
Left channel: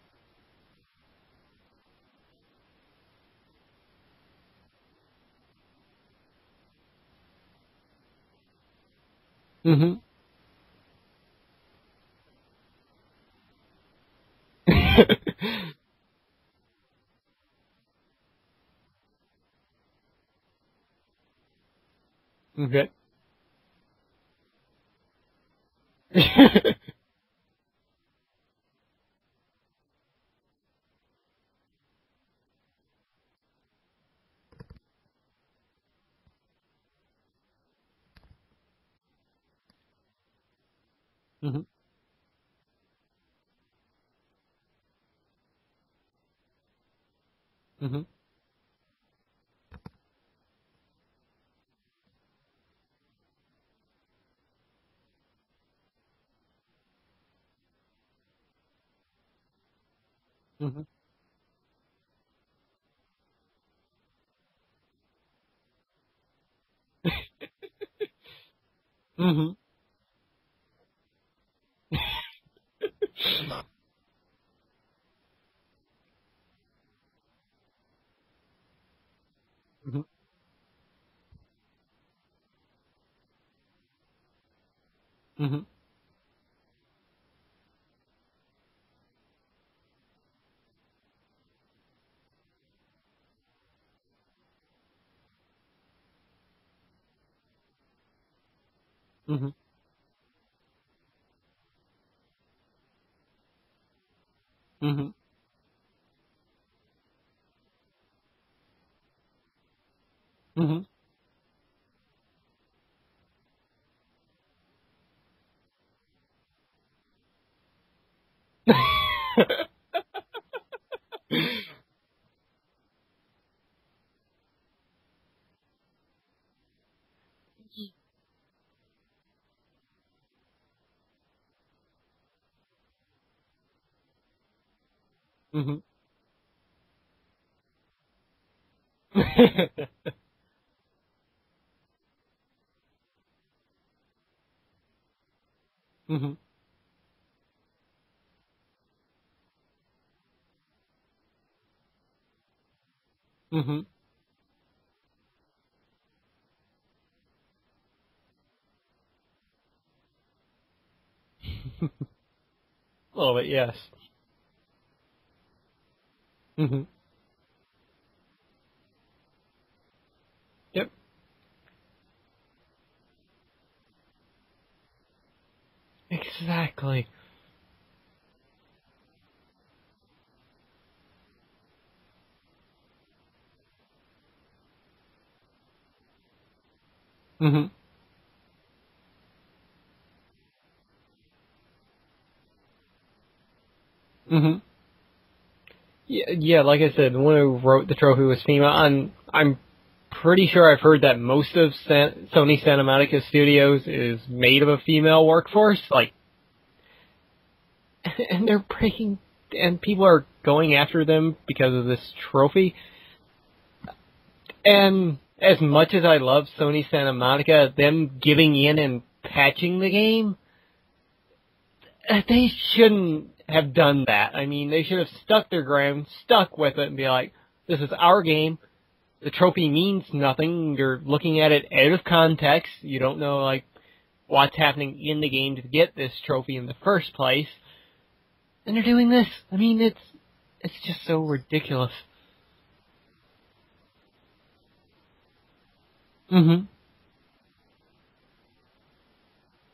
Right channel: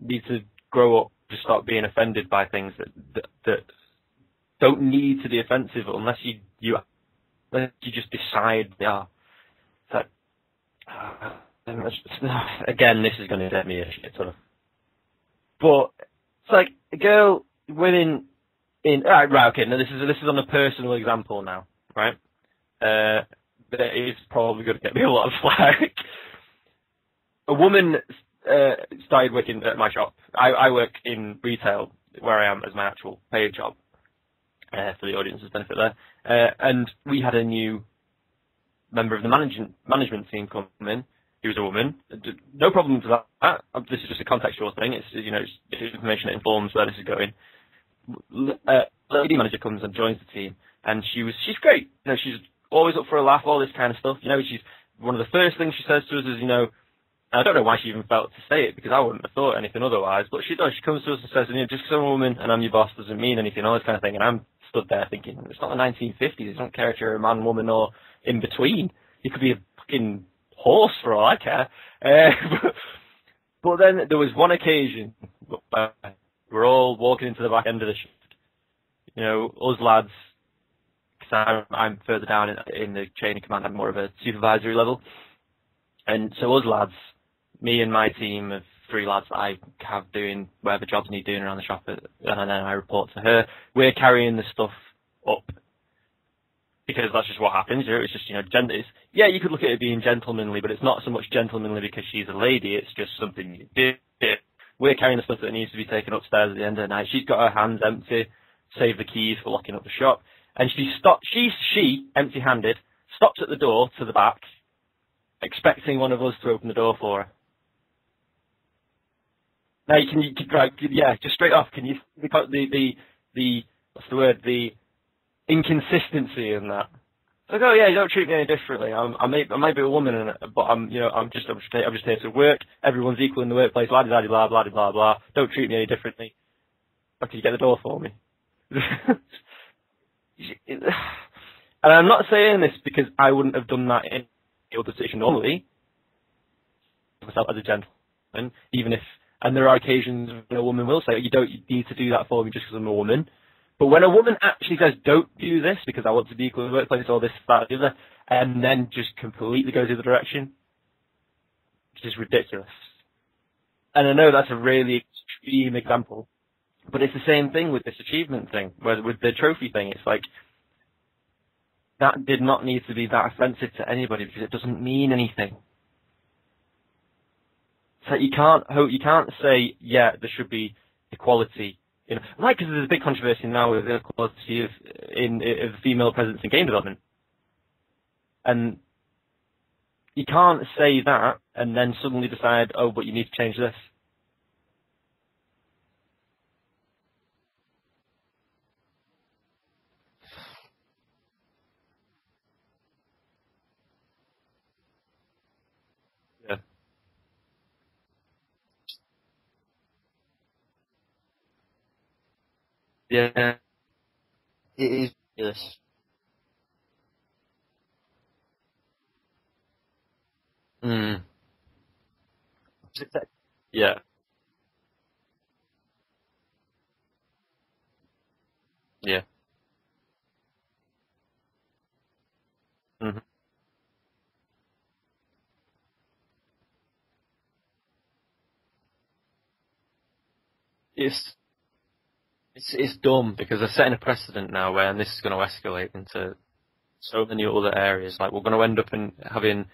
need to grow up to stop being offended by things that don't need to be offensive unless you just decide they are. Mm-hmm. Again, this is going to get me a shit ton of. But it's like a girl winning in right. Okay, now this is on a personal example now, right? Okay. That is probably going to get me a lot of flack. A woman started working at my shop. I work in retail, where I am as my actual paid job, for the audience's benefit there. And we had a new member of the management team come in. He was a woman. No problem with that. This is just a contextual thing. It's it's information that informs where this is going. Lady manager comes and joins the team, and she's great. You know, she's always up for a laugh, all this kind of stuff. You know, she's one of the first things she says to us is, you know, I don't know why she even felt to say it, because I wouldn't have thought anything otherwise, but she does. She comes to us and says, you know, just because I'm a woman and I'm your boss doesn't mean anything, all this kind of thing. And I'm stood there thinking, it's not the 1950s. I don't care if you're a man, woman, or in between. You could be a fucking horse for all I care. But then there was one occasion, we're all walking into the back end of the shift. You know, us lads, because I'm further down in the chain of command, I'm more of a supervisory level. And so us lads, me and my team of 3 lads that I have doing whatever jobs need doing around the shop, and then I report to her, we're carrying the stuff up. Because that's just what happens, you know, it's just, you know, you could look at it being gentlemanly, but it's not so much gentlemanly because she's a lady, it's just something you do. We're carrying the stuff that needs to be taken upstairs at the end of the night. She's got her hands empty, save the keys for locking up the shop, and she empty-handed, stops at the door to the back, expecting one of us to open the door for her. Now, just straight off, can you the what's the word, the inconsistency in that? Like, oh yeah, you don't treat me any differently. I might be a woman, but I'm just here to work. Everyone's equal in the workplace. Blah blah blah blah blah blah blah. Don't treat me any differently. Or can you get the door for me? And I'm not saying this because I wouldn't have done that in the other situation normally, myself as a gentleman, even if, and there are occasions when a woman will say, you don't need to do that for me just because I'm a woman. But when a woman actually says, don't do this because I want to be equal in the workplace or this, that, the other, and then just completely goes the other direction, which is ridiculous. A little bit, yes. And I know that's a really extreme example, but it's the same thing with this achievement thing, with the trophy thing. It's like, that did not need to be that offensive to anybody because it doesn't mean anything. Exactly. So you can't say, yeah, there should be equality. You know, like, because there's a big controversy now with the equality of female presence in game development. And you can't say that and then suddenly decide, oh, but you need to change this. Yeah, like I said, the one who wrote the trophy was female, and I'm pretty sure I've heard that most of Sony Santa Monica Studios is made of a female workforce. Like, and they're breaking, and people are going after them because of this trophy. Yeah. And as much as I love Sony Santa Monica, them giving in and patching the game, they shouldn't have done that. I mean, they should have stuck their ground, stuck with it, and be like, this is our game. Yeah. The trophy means nothing. You're looking at it out of context. You don't know, like, what's happening in the game to get this trophy in the first place. And they're doing this. I mean, it's just so ridiculous. It's dumb because they're setting a precedent now where this is going to escalate into so many other areas. Like, we're going to end up in having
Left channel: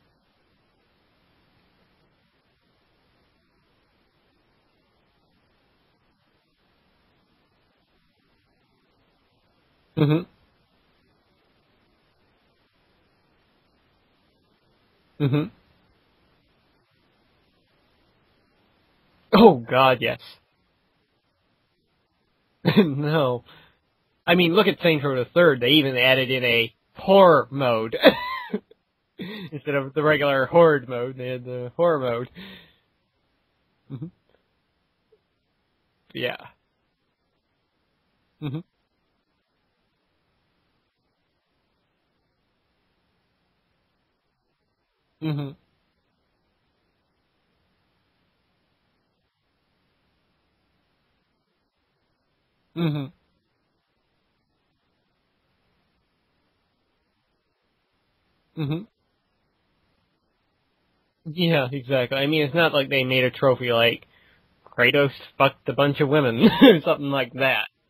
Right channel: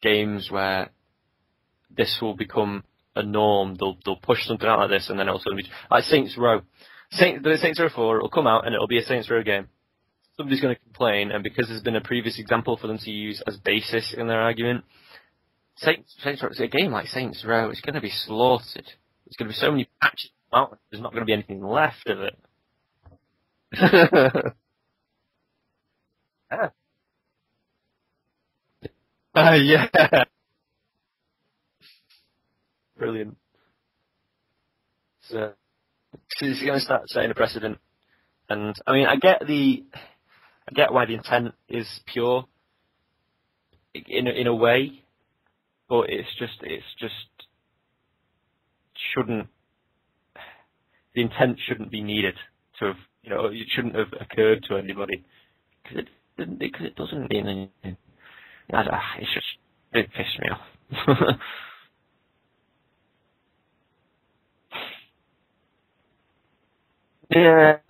games where this will become a norm. They'll push something out like this, and then it'll suddenly be like Saints Row. Saints Row 4, it'll come out and it'll be a Saints Row game. Somebody's going to complain, and because there's been a previous example for them to use as basis in their argument, Saints Row, a game like Saints Row, it's going to be slaughtered. Oh, God, yes. There's not going to be anything left of it. No. I mean, look at Saints Row the Third. They even added in a horror mode. Yeah. Regular horde mode. They had the horror mode. Brilliant. So, yeah. So it's going to start setting a precedent. And, I mean, I get why the intent is pure, in a way, but it's just the intent shouldn't be needed. So, you know, it shouldn't have occurred to anybody because it doesn't mean anything. It's just, it pissed me off. Yeah, exactly. I mean, it's not like they made a trophy like Kratos fucked a bunch of women or something like that.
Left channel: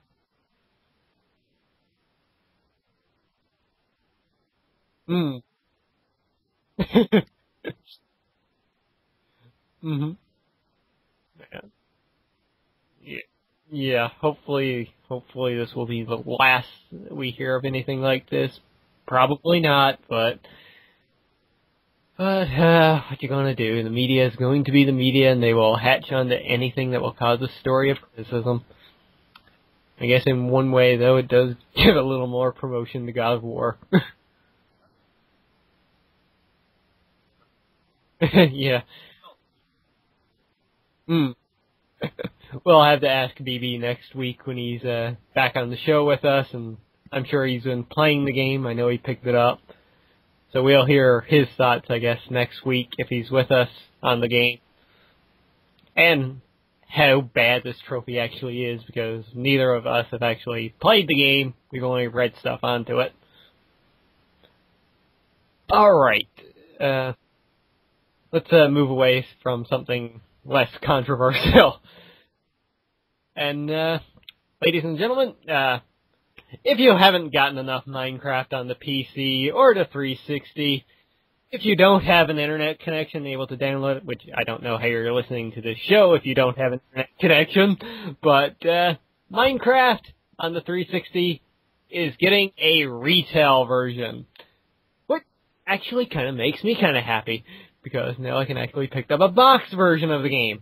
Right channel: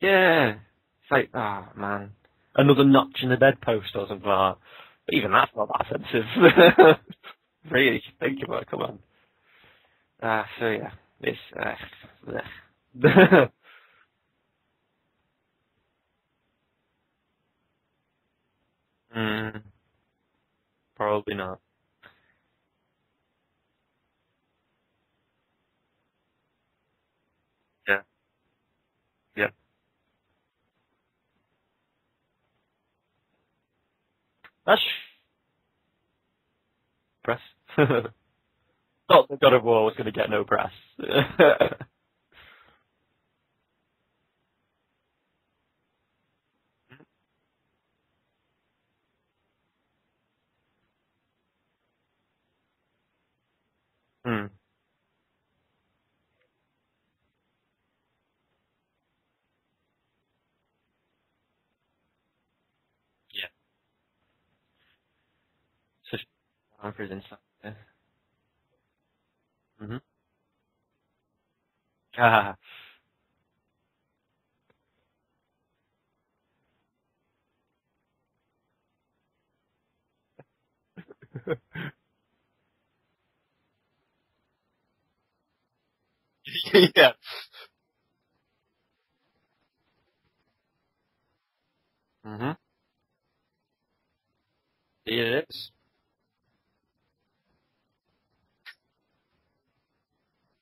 Yeah. It's like, oh man, another notch in the bedpost or something like that. Even that's not that offensive. Really, think about it, come on. So yeah, it's yeah, hopefully this will be the last we hear of anything like this. Probably not, but... Probably not. But, what you gonna do? The media is going to be the media, and they will hatch onto anything that will cause a story of criticism. Yeah. I guess in one way, though, it does give a little more promotion to God of War. That's... press. Yeah. Not that God of War was going to get no press. We'll have to ask BB next week when he's back on the show with us, and I'm sure he's been playing the game. I know he picked it up. So we'll hear his thoughts, I guess, next week if he's with us on the game. And how bad this trophy actually is, because neither of us have actually played the game. We've only read stuff onto it. Yeah. All right. Let's move away from something less controversial. And, ladies and gentlemen, if you haven't gotten enough Minecraft on the PC or the 360, if you don't have an internet connection able to download it, which I don't know how you're listening to this show if you don't have an internet connection, but Minecraft on the 360 is getting a retail version. Which actually kind of makes me kind of happy, because now I can actually pick up a box version of the game.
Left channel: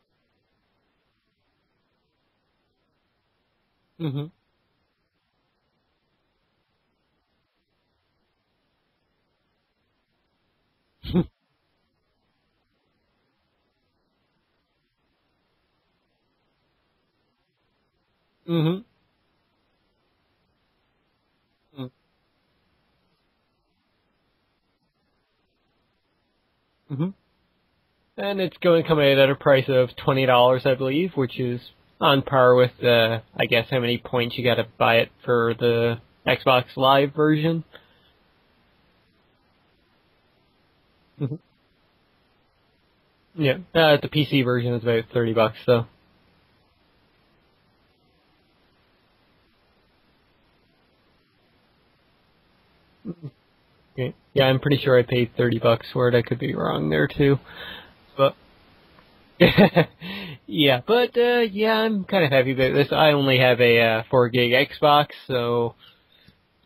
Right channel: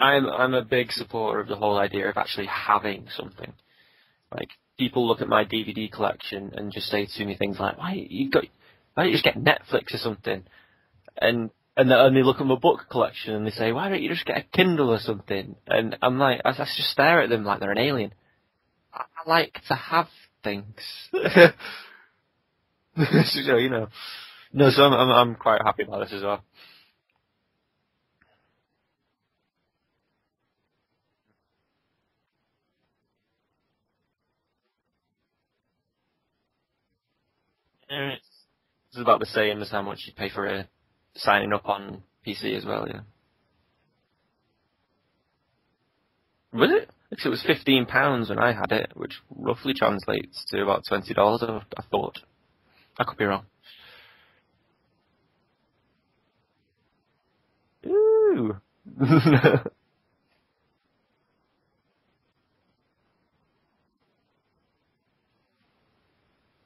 I'm a big supporter of the whole idea of actually having something. Like, people look at my DVD collection and just say to me things like, why don't you just get Netflix or something? And and they look at my book collection and they say, why don't you just get a Kindle or something? And I'm like, I just stare at them like they're an alien. Mm-hmm. I like to have things. So, you know. No, so I'm quite happy about this as well. Mm-hmm. And it's going to come in at a price of $20, I believe, which is on par with I guess how many points you got to buy it for the Xbox Live version. It's about the same as how much you pay for signing up on PC as well, yeah. Yeah, the PC version is about $30, though. Was it? Because it was £15 when I had it, which roughly translates to about $20, I thought. I could be wrong. Okay. Yeah, I'm pretty sure I paid $30 for it. I could be wrong there, too. But, yeah, I'm kind of happy about this. I only have a 4 gig Xbox, so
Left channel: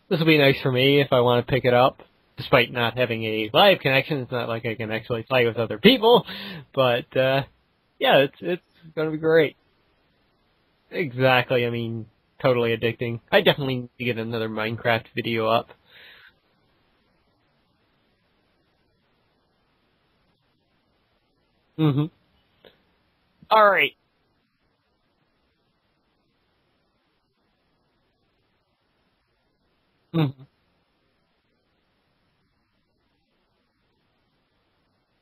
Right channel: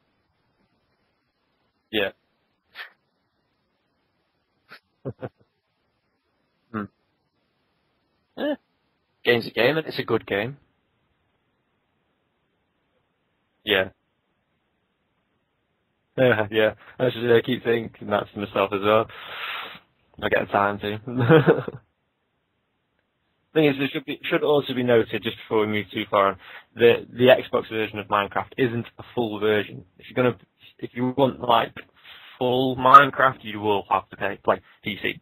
this will be nice for me if I want to pick it up. Yeah. Despite not having a live connection, it's not like I can actually play with other people. But, it's going to be great. It's a good game. Exactly. I mean, totally addicting. I definitely need to get another Minecraft video up. Yeah. I keep thinking that to myself as well. I get time to. Mm-hmm. All right. It should also be noted, just before we move too far on, the Xbox version of Minecraft isn't a full version. If you want like full Minecraft, you will have to play PC,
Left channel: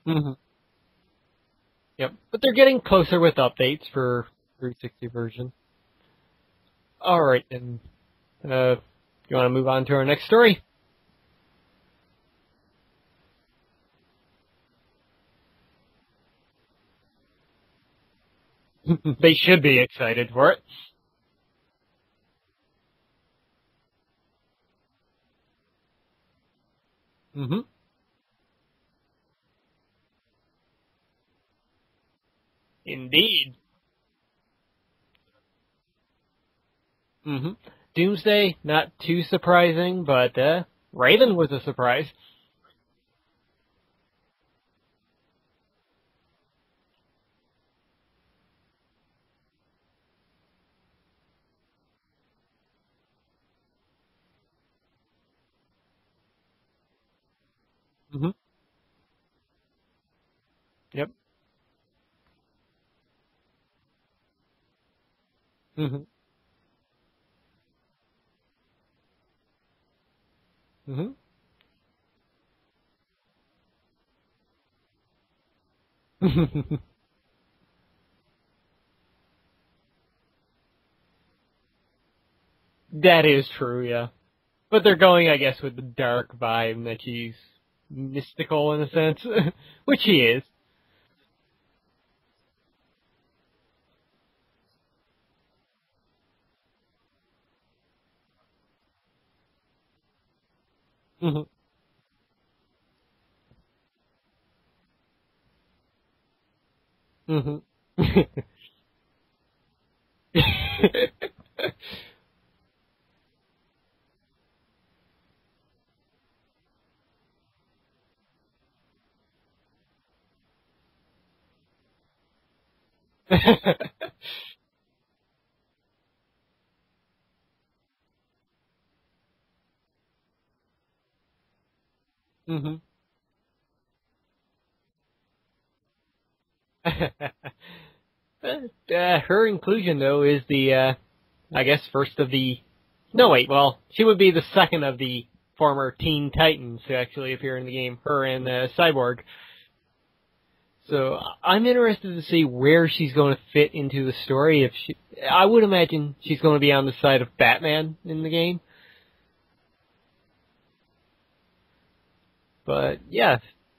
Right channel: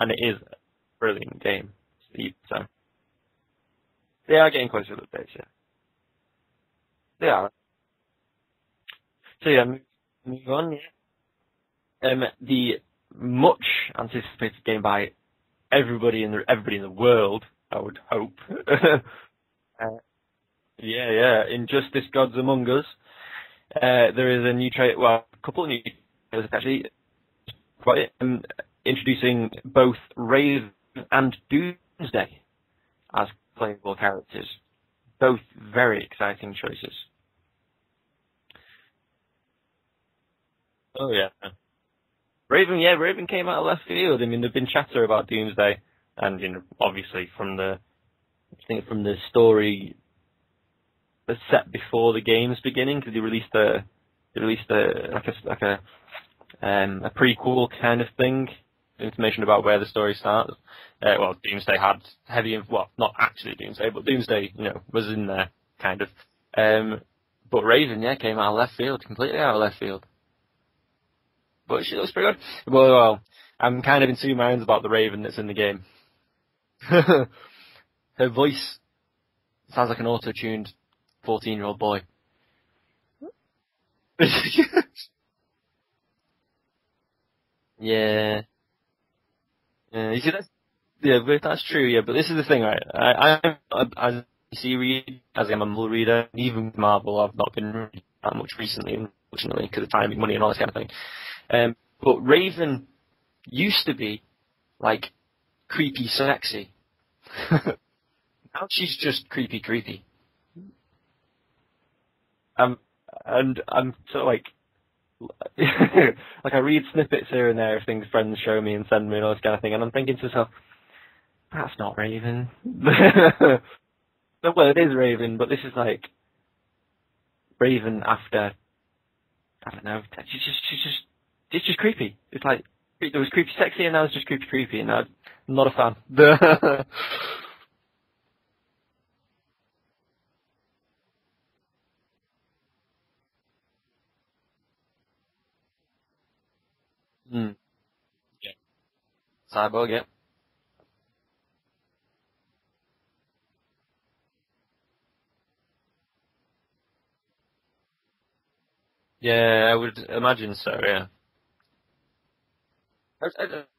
and it is a brilliant game. Yep. But they're getting closer with updates for they are getting closer with the version. All right, and you want to move on to our next story? The much anticipated game by everybody in the world, I would hope. They should be excited for it. Yeah. Injustice: Gods Among Us. There is a new trailer. Well, a couple of new trailers actually. Introducing both Raven and Doomsday. Indeed. As playable characters. Both very exciting choices. Mm-hmm. Doomsday, not too surprising, but Raven was a surprise. Raven came out of left field. I mean, there've been chatter about Doomsday, and obviously from the story that's set before the game's beginning, because they released a prequel kind of thing, information about where the story starts. Yep. Doomsday had not actually Doomsday, but Doomsday, was in there kind of. But Raven, came out of left field, completely out of left field. Mm-hmm. But she looks pretty good. Well, I'm kind of in two minds about the Raven that's in the game. Her voice sounds like an auto-tuned 14-year-old boy. That is true, yeah. But they're going, I guess, with the dark vibe that she's mystical in a sense, which she is. Yeah, but that's true, yeah. But this is the thing, right? I'm a DC reader, as I'm a Marvel reader. Even with Marvel, I've not been reading that much recently, unfortunately, because of timing, money, and all this kind of thing. Mm-hmm. But Raven used to be, like, creepy sexy. Mm-hmm. Now she's just creepy. And I'm sort of like I read snippets here and there of things friends show me and send me and all this kind of thing, and I'm thinking to myself, that's not Raven. Well, it is Raven, but this is like Raven after, I don't know, it's just creepy. It's like, It was creepy sexy and now it's just creepy, and I'm not a fan. Her inclusion, though, is the, I guess, first of the... No, wait, well, she would be the second of the former Teen Titans to actually appear in the game. Her and Cyborg. Cyborg, yeah. So I'm interested to see where she's going to fit into the story. I would imagine she's going to be on the side of Batman in the game. Yeah, I would imagine so, yeah. But, yeah.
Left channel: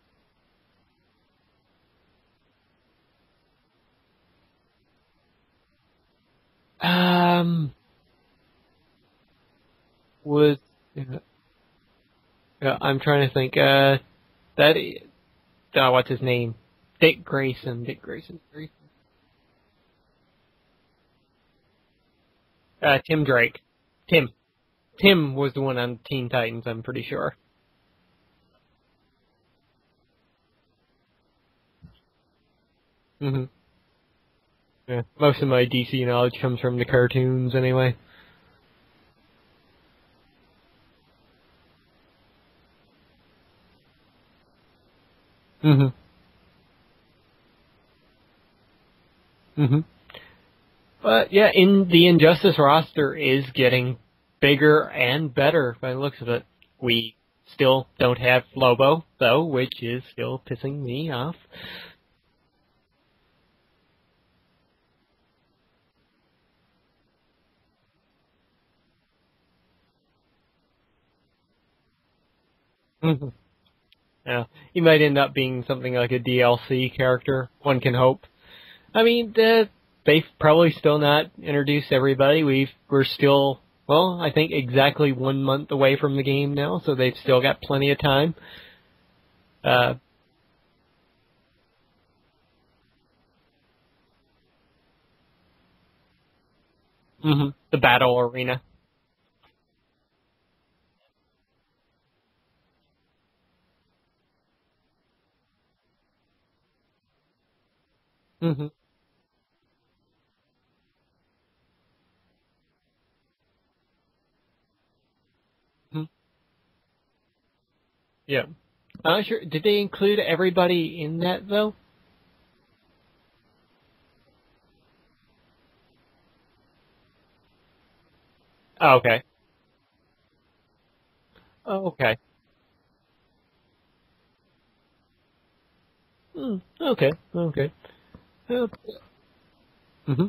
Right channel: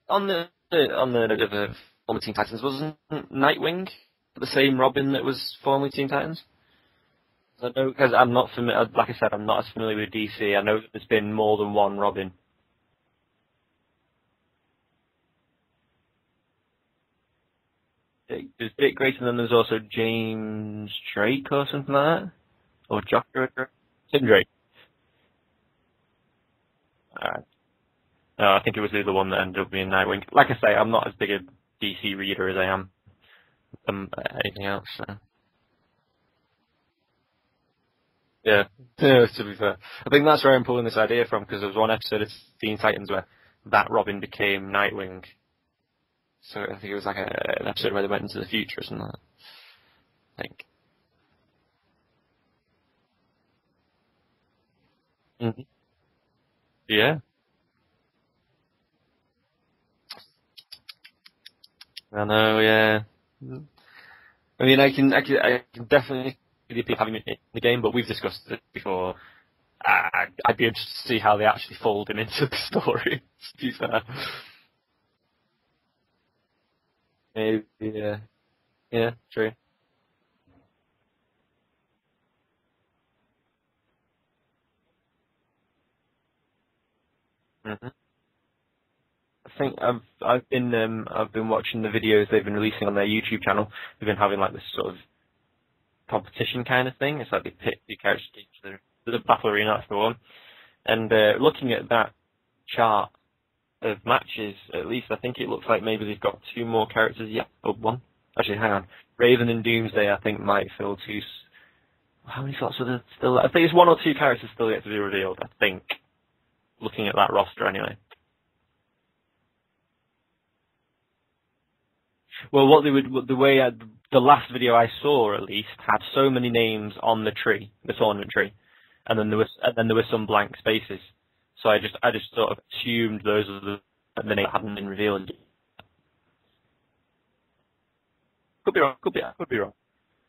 On the note of the former Teen Titans, wasn't Nightwing the same Robin that was formerly Teen Titans? Because I'm not familiar. Like I said, I'm not as familiar with DC. I know that there's been more than one Robin. Yeah, I'm trying to think. What's his name? Dick Grayson. There's Dick Grayson, and there's also James Drake or something like that. Tim Drake. Tim Drake. Tim was the one on Teen Titans, I'm pretty sure. Right. No, I think it was the other one that ended up being Nightwing. Like I say, I'm not as big a DC reader as I am. Anything else. Yeah. So. Most of my DC knowledge comes from the cartoons, anyway. Yeah, to be fair. I think that's where I'm pulling this idea from, because there was one episode of Teen Titans where that Robin became Nightwing, Mm-hmm. So I think it was like an episode where they went into the future or something like that. Mm-hmm. I think. But yeah, the Injustice roster is getting bigger and better by the looks of it. We still don't have Lobo, though, which is still pissing me off. I know, yeah. I mean, I can definitely see the appeal of having it in the game, but we've discussed it before. I'd be interested to see how they actually fold him into the story, to be fair. Yeah. He might end up being something like a DLC character, Maybe, one can hope. Yeah, I mean, they've probably still not introduced everybody. We're still, well, I think exactly 1 month away from the game now, so they've still got plenty of time. I think I've been watching the videos they've been releasing on their YouTube channel. They've been having like this sort of competition kind of thing. It's like the battle arena. The battle arena, that's the one. And looking at that chart of matches, at least I think it looks like maybe they've got 2 more characters yet, or 1. Actually, hang on. Raven and Doomsday, I think, might fill 2. How many slots are there still? I think it's 1 or 2 characters still yet to be revealed, I think. Looking at that roster, anyway. Yeah. I'm not sure. Did they include everybody in that, though? Well, the last video I saw, at least, had so many names on the tree, the tournament tree. Oh, okay. And then there were some blank spaces. So I just sort of assumed those were the names that hadn't been revealed. Okay. Could be wrong. Mm-hmm.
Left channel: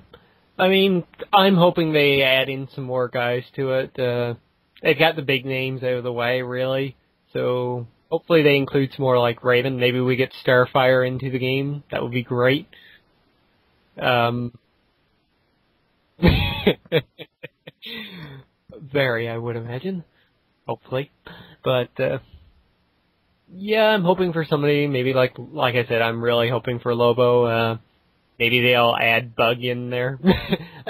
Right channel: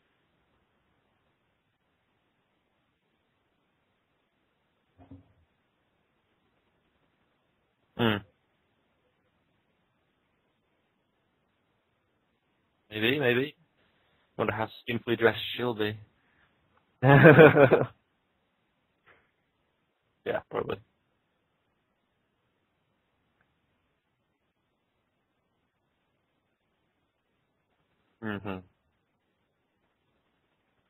I mean, I'm hoping they add in some more guys to it. They've got the big names out of the way, really. So hopefully they include some more like Raven. Maybe we get Starfire into the game. That would be great. Maybe. I wonder how simply dressed she'll be. Very, I would imagine. Yeah, probably. Hopefully. But, yeah, I'm hoping for somebody, maybe like I said, I'm really hoping for Lobo. Maybe they'll add Bug in there.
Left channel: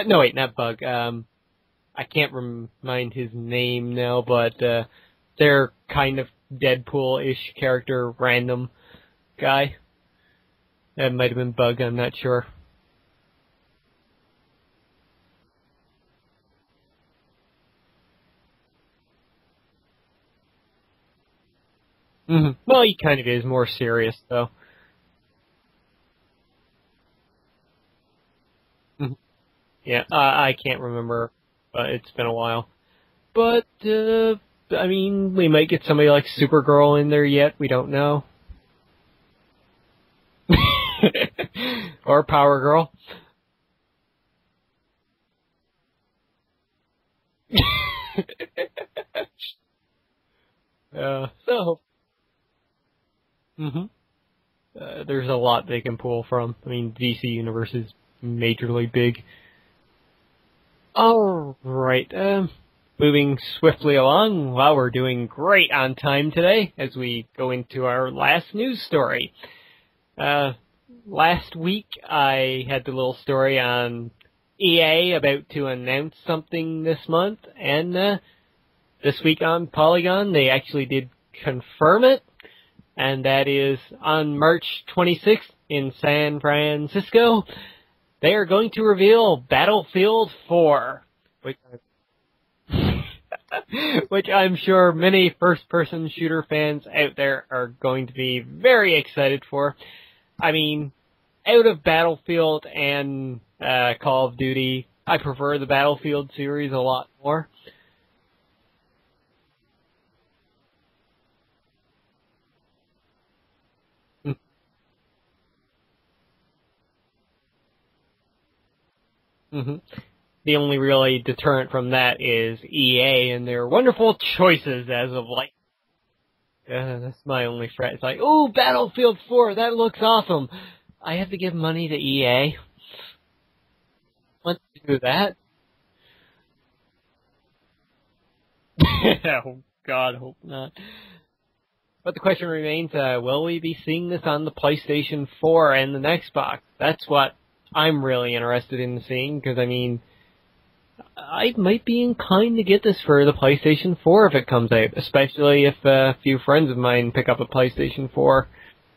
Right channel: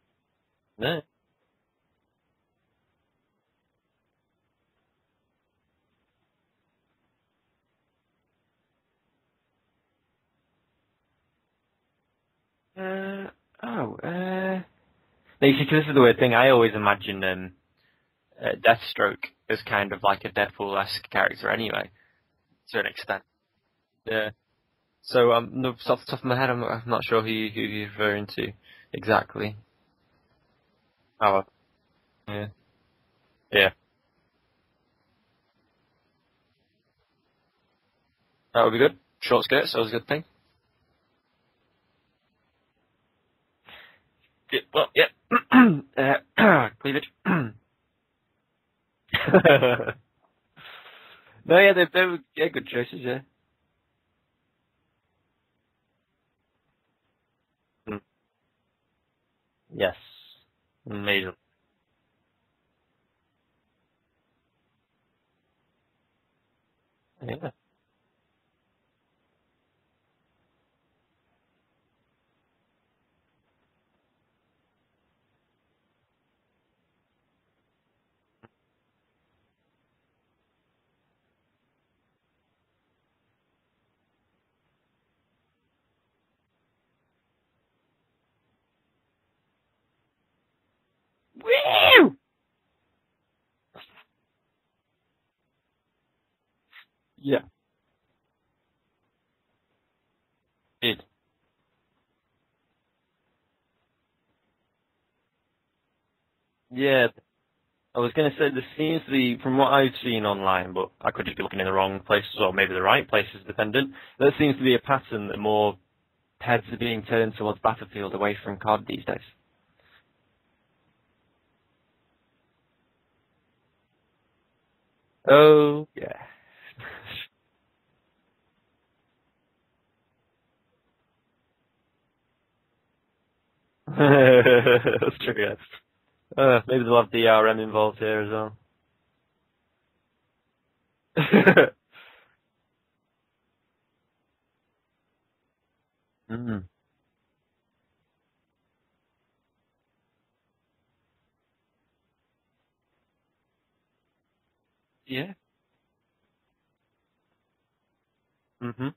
No, wait, not Bug. Yeah. I can't remind his name now, but their kind of Deadpool-ish character, random guy. That might have been Bug, I'm not sure. No, you see, 'cause this is the weird thing. I always imagine Deathstroke as kind of like a Deadpool-esque character anyway. Mm-hmm. Well, he kind of is more serious, though. So, off the top of my head, I'm not sure who you're referring to exactly. Yeah, I can't remember, but it's been a while. But, I mean, we might get somebody like Supergirl in there yet. We don't know. That would be good. Short skirts, that was a good thing. Or Power Girl. Yeah, well, cleavage. They're good choices, yeah. Mm-hmm. There's a lot they can pull from. I mean, DC Universe is majorly big. Yes. All right. Moving swiftly along, well, we're doing great on time today as we go into our last news story. Last week, I had the little story on EA about to announce something this month, and this week on Polygon, they actually did confirm it, and that is on March 26th in San Francisco, they are going to reveal Battlefield 4. Which I'm sure many first-person shooter fans out there are going to be very excited for. I mean, out of Battlefield and Call of Duty, I prefer the Battlefield series a lot more. I was going to say, there seems to be, from what I've seen online, but I could just be looking in the wrong places or maybe the right places, dependent, there seems to be a pattern that more heads are being turned towards Battlefield away from COD these days. Mm-hmm. The only really deterrent from that is EA and their wonderful choices as of late. Oh, yeah. That's my only fret. It's like, oh, Battlefield 4, that looks awesome. I have to give money to EA. That? Maybe they'll have DRM involved here as well. Oh, God, hope not. But the question remains, will we be seeing this on the PlayStation 4 and the Xbox? That's what I'm really interested in seeing, because, I mean, I might be inclined to get this for the PlayStation 4 if it comes out, especially if a few friends of mine pick up a PlayStation 4. Mm-hmm.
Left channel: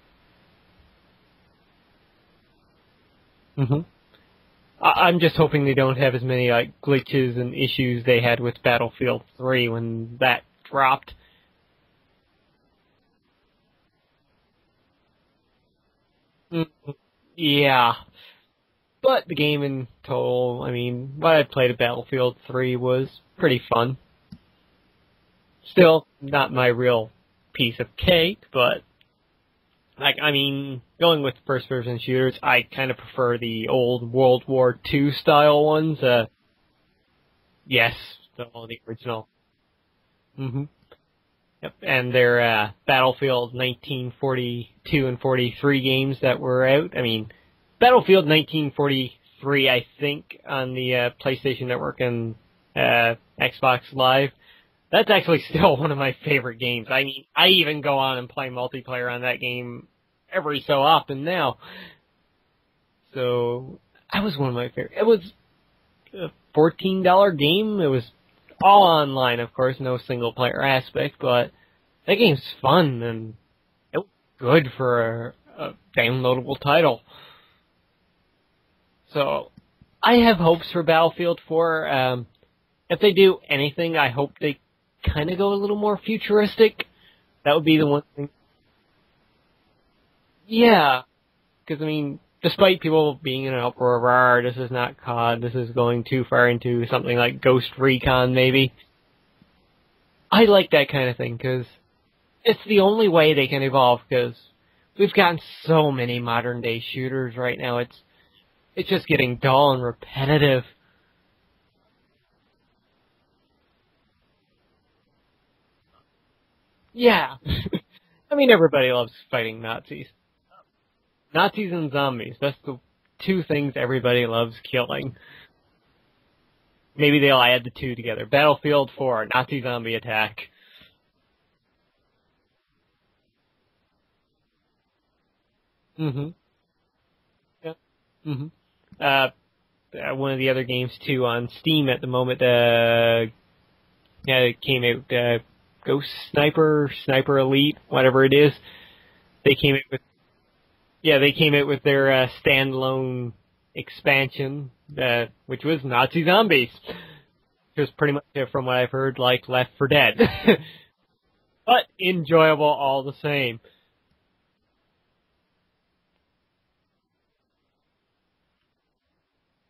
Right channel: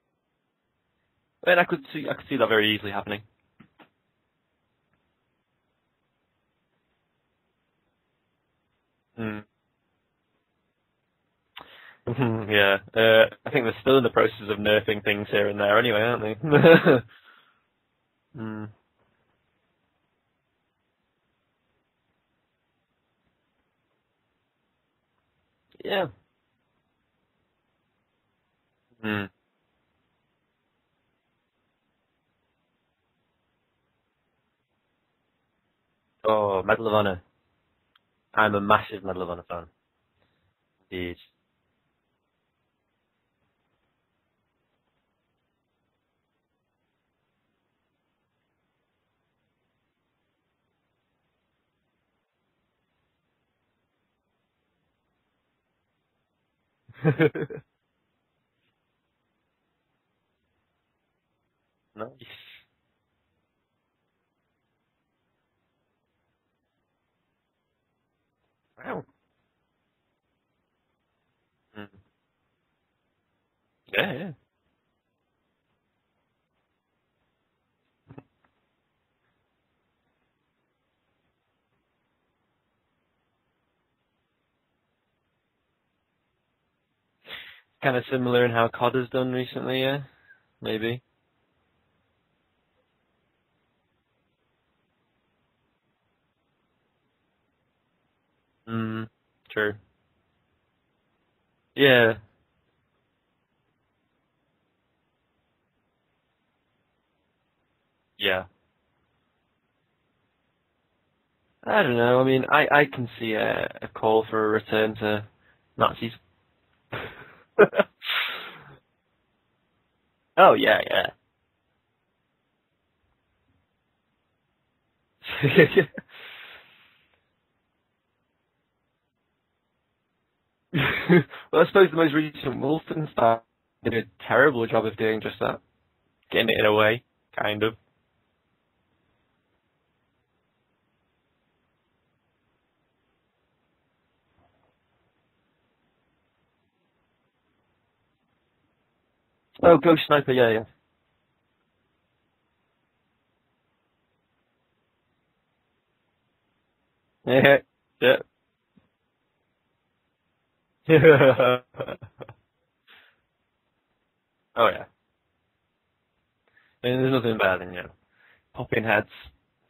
And I could see that very easily happening. Mm-hmm. I'm just hoping they don't have as many like glitches and issues they had with Battlefield 3 when that dropped. Yeah. I think they're still in the process of nerfing things here and there anyway, aren't they? Yeah. Mm. But the game in total, I mean, what I played at Battlefield 3 was pretty fun. Still not my real piece of cake, but like, I mean, going with first-person shooters, I kind of prefer the old World War II style ones. Medal of Honor. Yes. I'm a massive Medal of Honor fan. Mm-hmm. Jeez. Yep, and their Battlefield 1942 and 43 games that were out. I mean, Battlefield 1943, I think, on the PlayStation Network and Xbox Live, that's actually still one of my favorite games. I even go on and play multiplayer on that game every so often now. Nice. So, that was one of my favorite. It was a $14 game. It was all online, of course, no single player aspect, but that game's fun and good for a downloadable title. So, I have hopes for Battlefield 4. If they do anything, I hope they kind of go a little more futuristic. That would be the one. Similar in how COD has done recently, yeah? Yeah. Because, I mean, despite people being in an uproar, this is not COD, this is going too far into something like Ghost Recon, maybe. True. I like that kind of thing, because it's the only way they can evolve, because we've gotten so many modern-day shooters right now. It's just getting dull and repetitive. I don't know. I mean, I can see a call for a return to Nazis. Yeah. I mean, everybody loves fighting Nazis. Oh, yeah. Nazis and zombies. That's the two things everybody loves killing. Maybe they'll add the two together. Battlefield 4, Nazi zombie attack. Well, I suppose the most recent Wolfenstein did a terrible job of doing just that. Getting it in a way, kind of. One of the other games, too, on Steam at the moment, it came out, Ghost Sniper, Sniper Elite, whatever it is. Ghost Sniper, yeah. Yeah, they came out with their standalone expansion, which was Nazi zombies. It was pretty much, from what I've heard, like Left 4 Dead. But enjoyable all the same. Oh, yeah. I mean, there's nothing better than, popping heads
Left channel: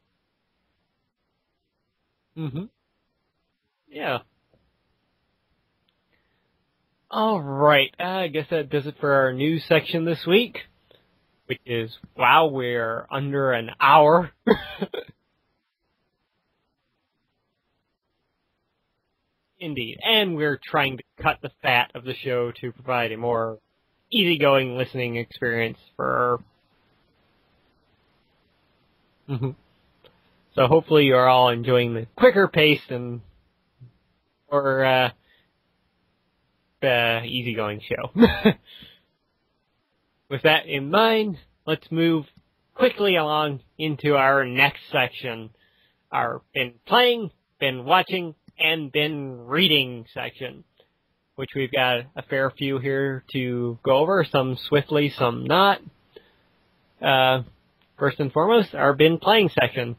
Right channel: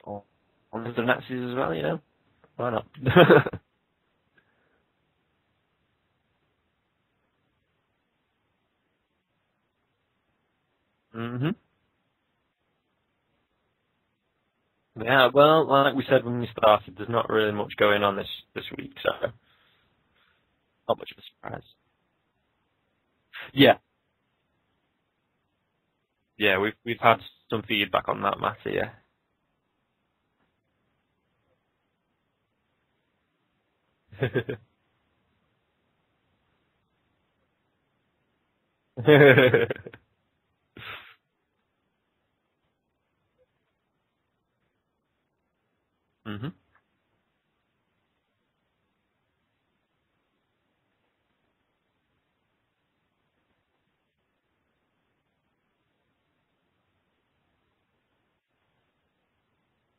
on the Nazis as well, Why not? Yeah. All right. I guess that does it for our news section this week. Which is, wow, we're under an hour. Yeah, well, like we said when we started, there's not really much going on this week, so. Indeed. And we're trying to cut the fat of the show to provide a more easygoing listening experience for... Yeah, we've had some feedback on that matter, yeah. So hopefully you're all enjoying the quicker pace and or easygoing show. With that in mind, let's move quickly along into our next section, our been playing, been watching, and been reading section, which we've got a fair few here to go over, some swiftly, some not. First and foremost, our been playing section.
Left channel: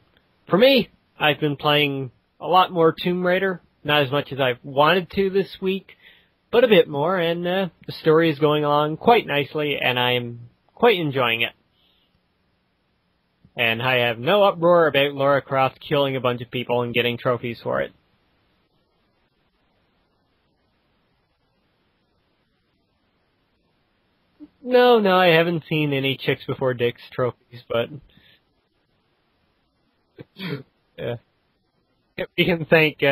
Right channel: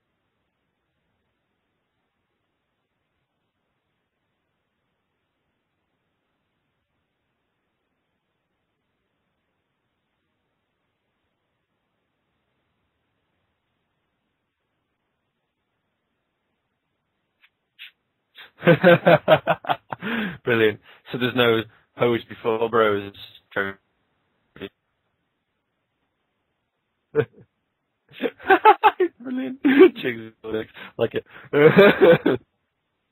For me, I've been playing a lot more Tomb Raider, not as much as I've wanted to this week, but a bit more, and the story is going along quite nicely, and I'm quite enjoying it. And I have no uproar about Lara Croft killing a bunch of people and getting trophies for it. Brilliant. So there's no pose before bros trophy? No, I haven't seen any chicks before dicks trophies, but... Brilliant. Chicks before dicks. Like it. We can thank...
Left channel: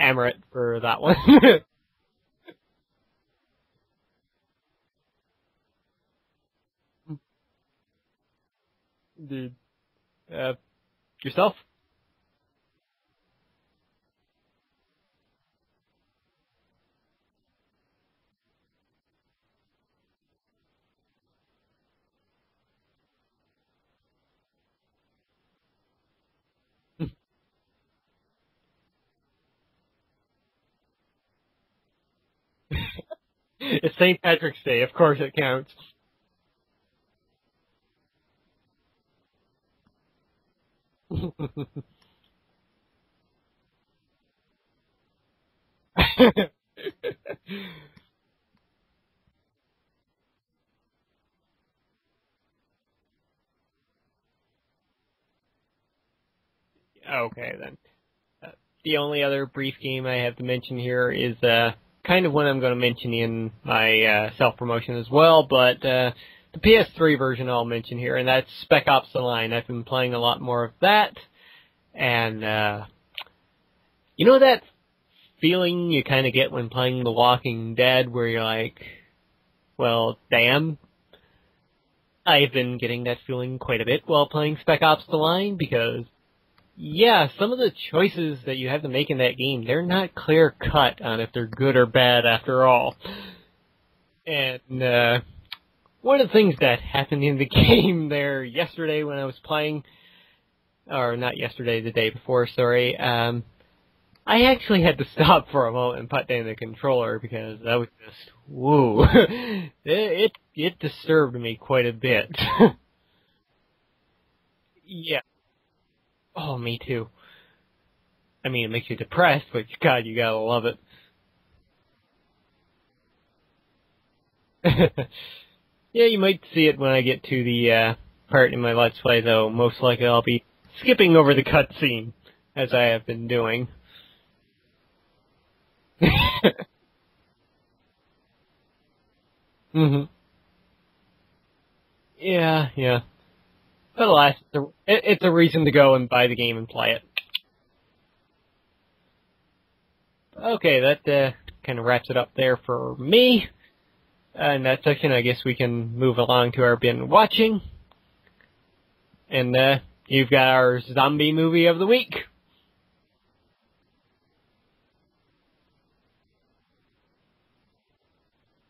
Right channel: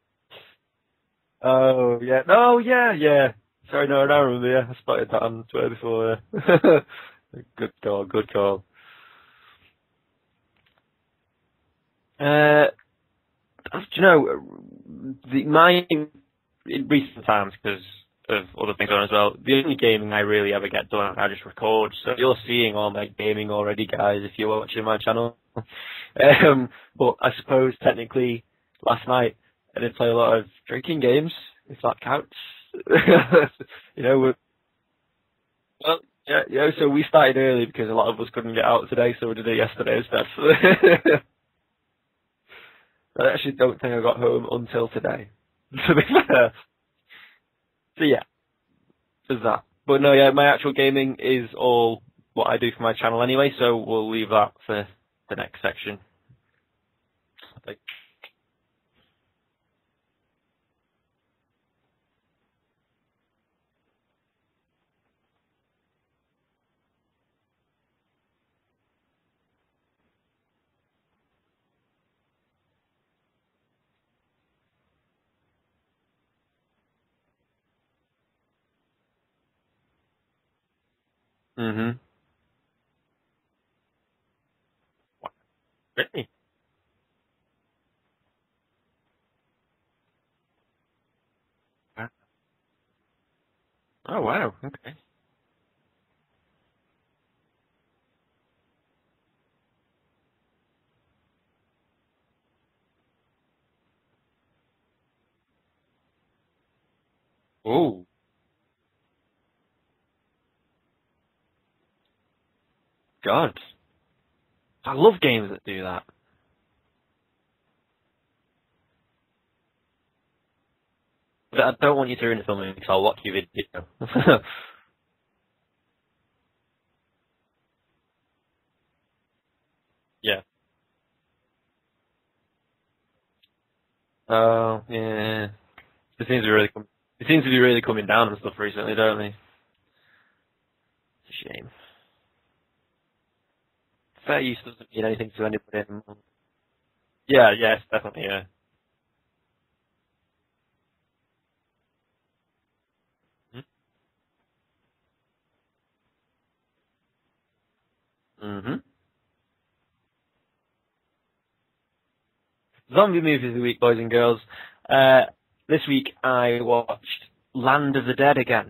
Amaret for that one. Oh, yeah. Oh, yeah. Sorry, no, I don't remember. I spotted that on Twitter before. Good call. Indeed. Yourself? Do you know, in recent times, because of other things on as well, the only gaming I really ever get done, I just record. So you're seeing all my gaming already, guys, if you're watching my channel. But I suppose, technically, last night, I did play a lot of drinking games, if that counts. It's St. Patrick's Day, of course it counts. Well, yeah, so we started early because a lot of us couldn't get out today, so we did it yesterday instead. I actually don't think I got home until today. So yeah. there's that. But no, yeah, my actual gaming is all what I do for my channel anyway, so we'll leave that for the next section. Okay, then. The only other brief game I have to mention here is kind of one I'm going to mention in my self-promotion as well, but the PS3 version I'll mention here, and that's Spec Ops: The Line. I've been playing a lot more of that, and you know that feeling you kind of get when playing The Walking Dead, where you're like, well, damn. Mm-hmm. I've been getting that feeling quite a bit while playing Spec Ops: The Line, because, yeah, some of the choices that you have to make in that game, they're not clear-cut on if they're good or bad after all. Oh, wow. And one of the things that happened in the game there yesterday when I was playing, or not yesterday, the day before, sorry, I actually had to stop for a moment and put down the controller because that was just, woo. It disturbed me quite a bit. God. I love games that do that. Oh, me too. I mean, it makes you depressed, but God, you gotta love it. But I don't want you to ruin it for me, so I'll watch your video. Yeah, you might see it when I get to the part in my Let's Play, though. Most likely I'll be skipping over the cutscene, as I have been doing. Oh, yeah. It seems to be really coming down and stuff recently, don't they? Mm-hmm. It's a shame. Yeah. But alas, it's a reason to go and buy the game and play it. Yeah, yes, definitely, yeah. Okay, that kind of wraps it up there for me. In that section, I guess we can move along to our been watching. Mm-hmm. And you've got our zombie movie of the week. Zombie movie of the week, boys and girls. This week I watched Land of the Dead again,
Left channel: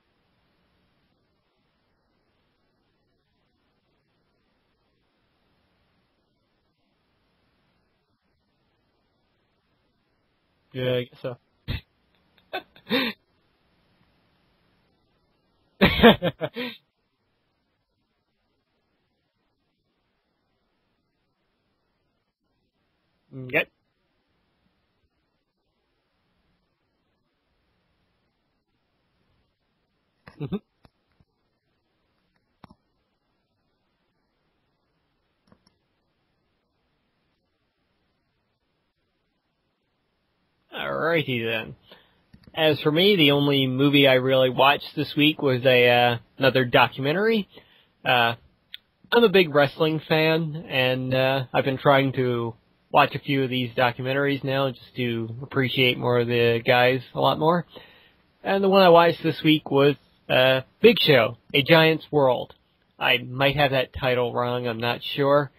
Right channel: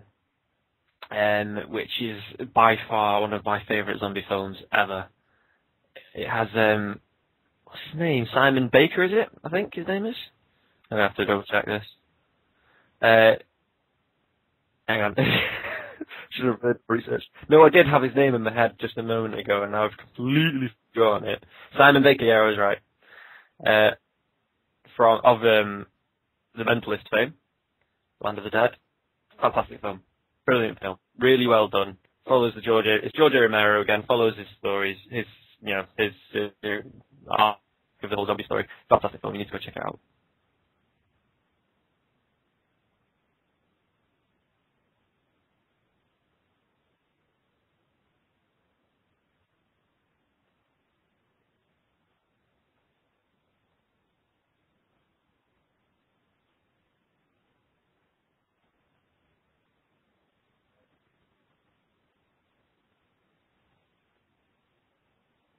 which is by far one of my favourite zombie films ever. It has, what's his name? Simon Baker, is it? I think his name is? Yeah. I have to go check this. Hang on. Should have read research. No, I did have his name in my head just a moment ago, and now I've completely forgotten it. Simon Baker, yeah, I was right. Okay. Of The Mentalist fame, Land of the Dead. Fantastic film. Brilliant film. Really well done. Follows it's George Romero again, follows his stories, his arc of the whole zombie story. Fantastic film, you need to go check it out. Alrighty then. As for me, the only movie I really watched this week was another documentary. I'm a big wrestling fan, and I've been trying to watch a few of these documentaries now just to appreciate more of the guys a lot more. And the one I watched this week was Big Show, A Giant's World. I might have that title wrong, I'm not sure.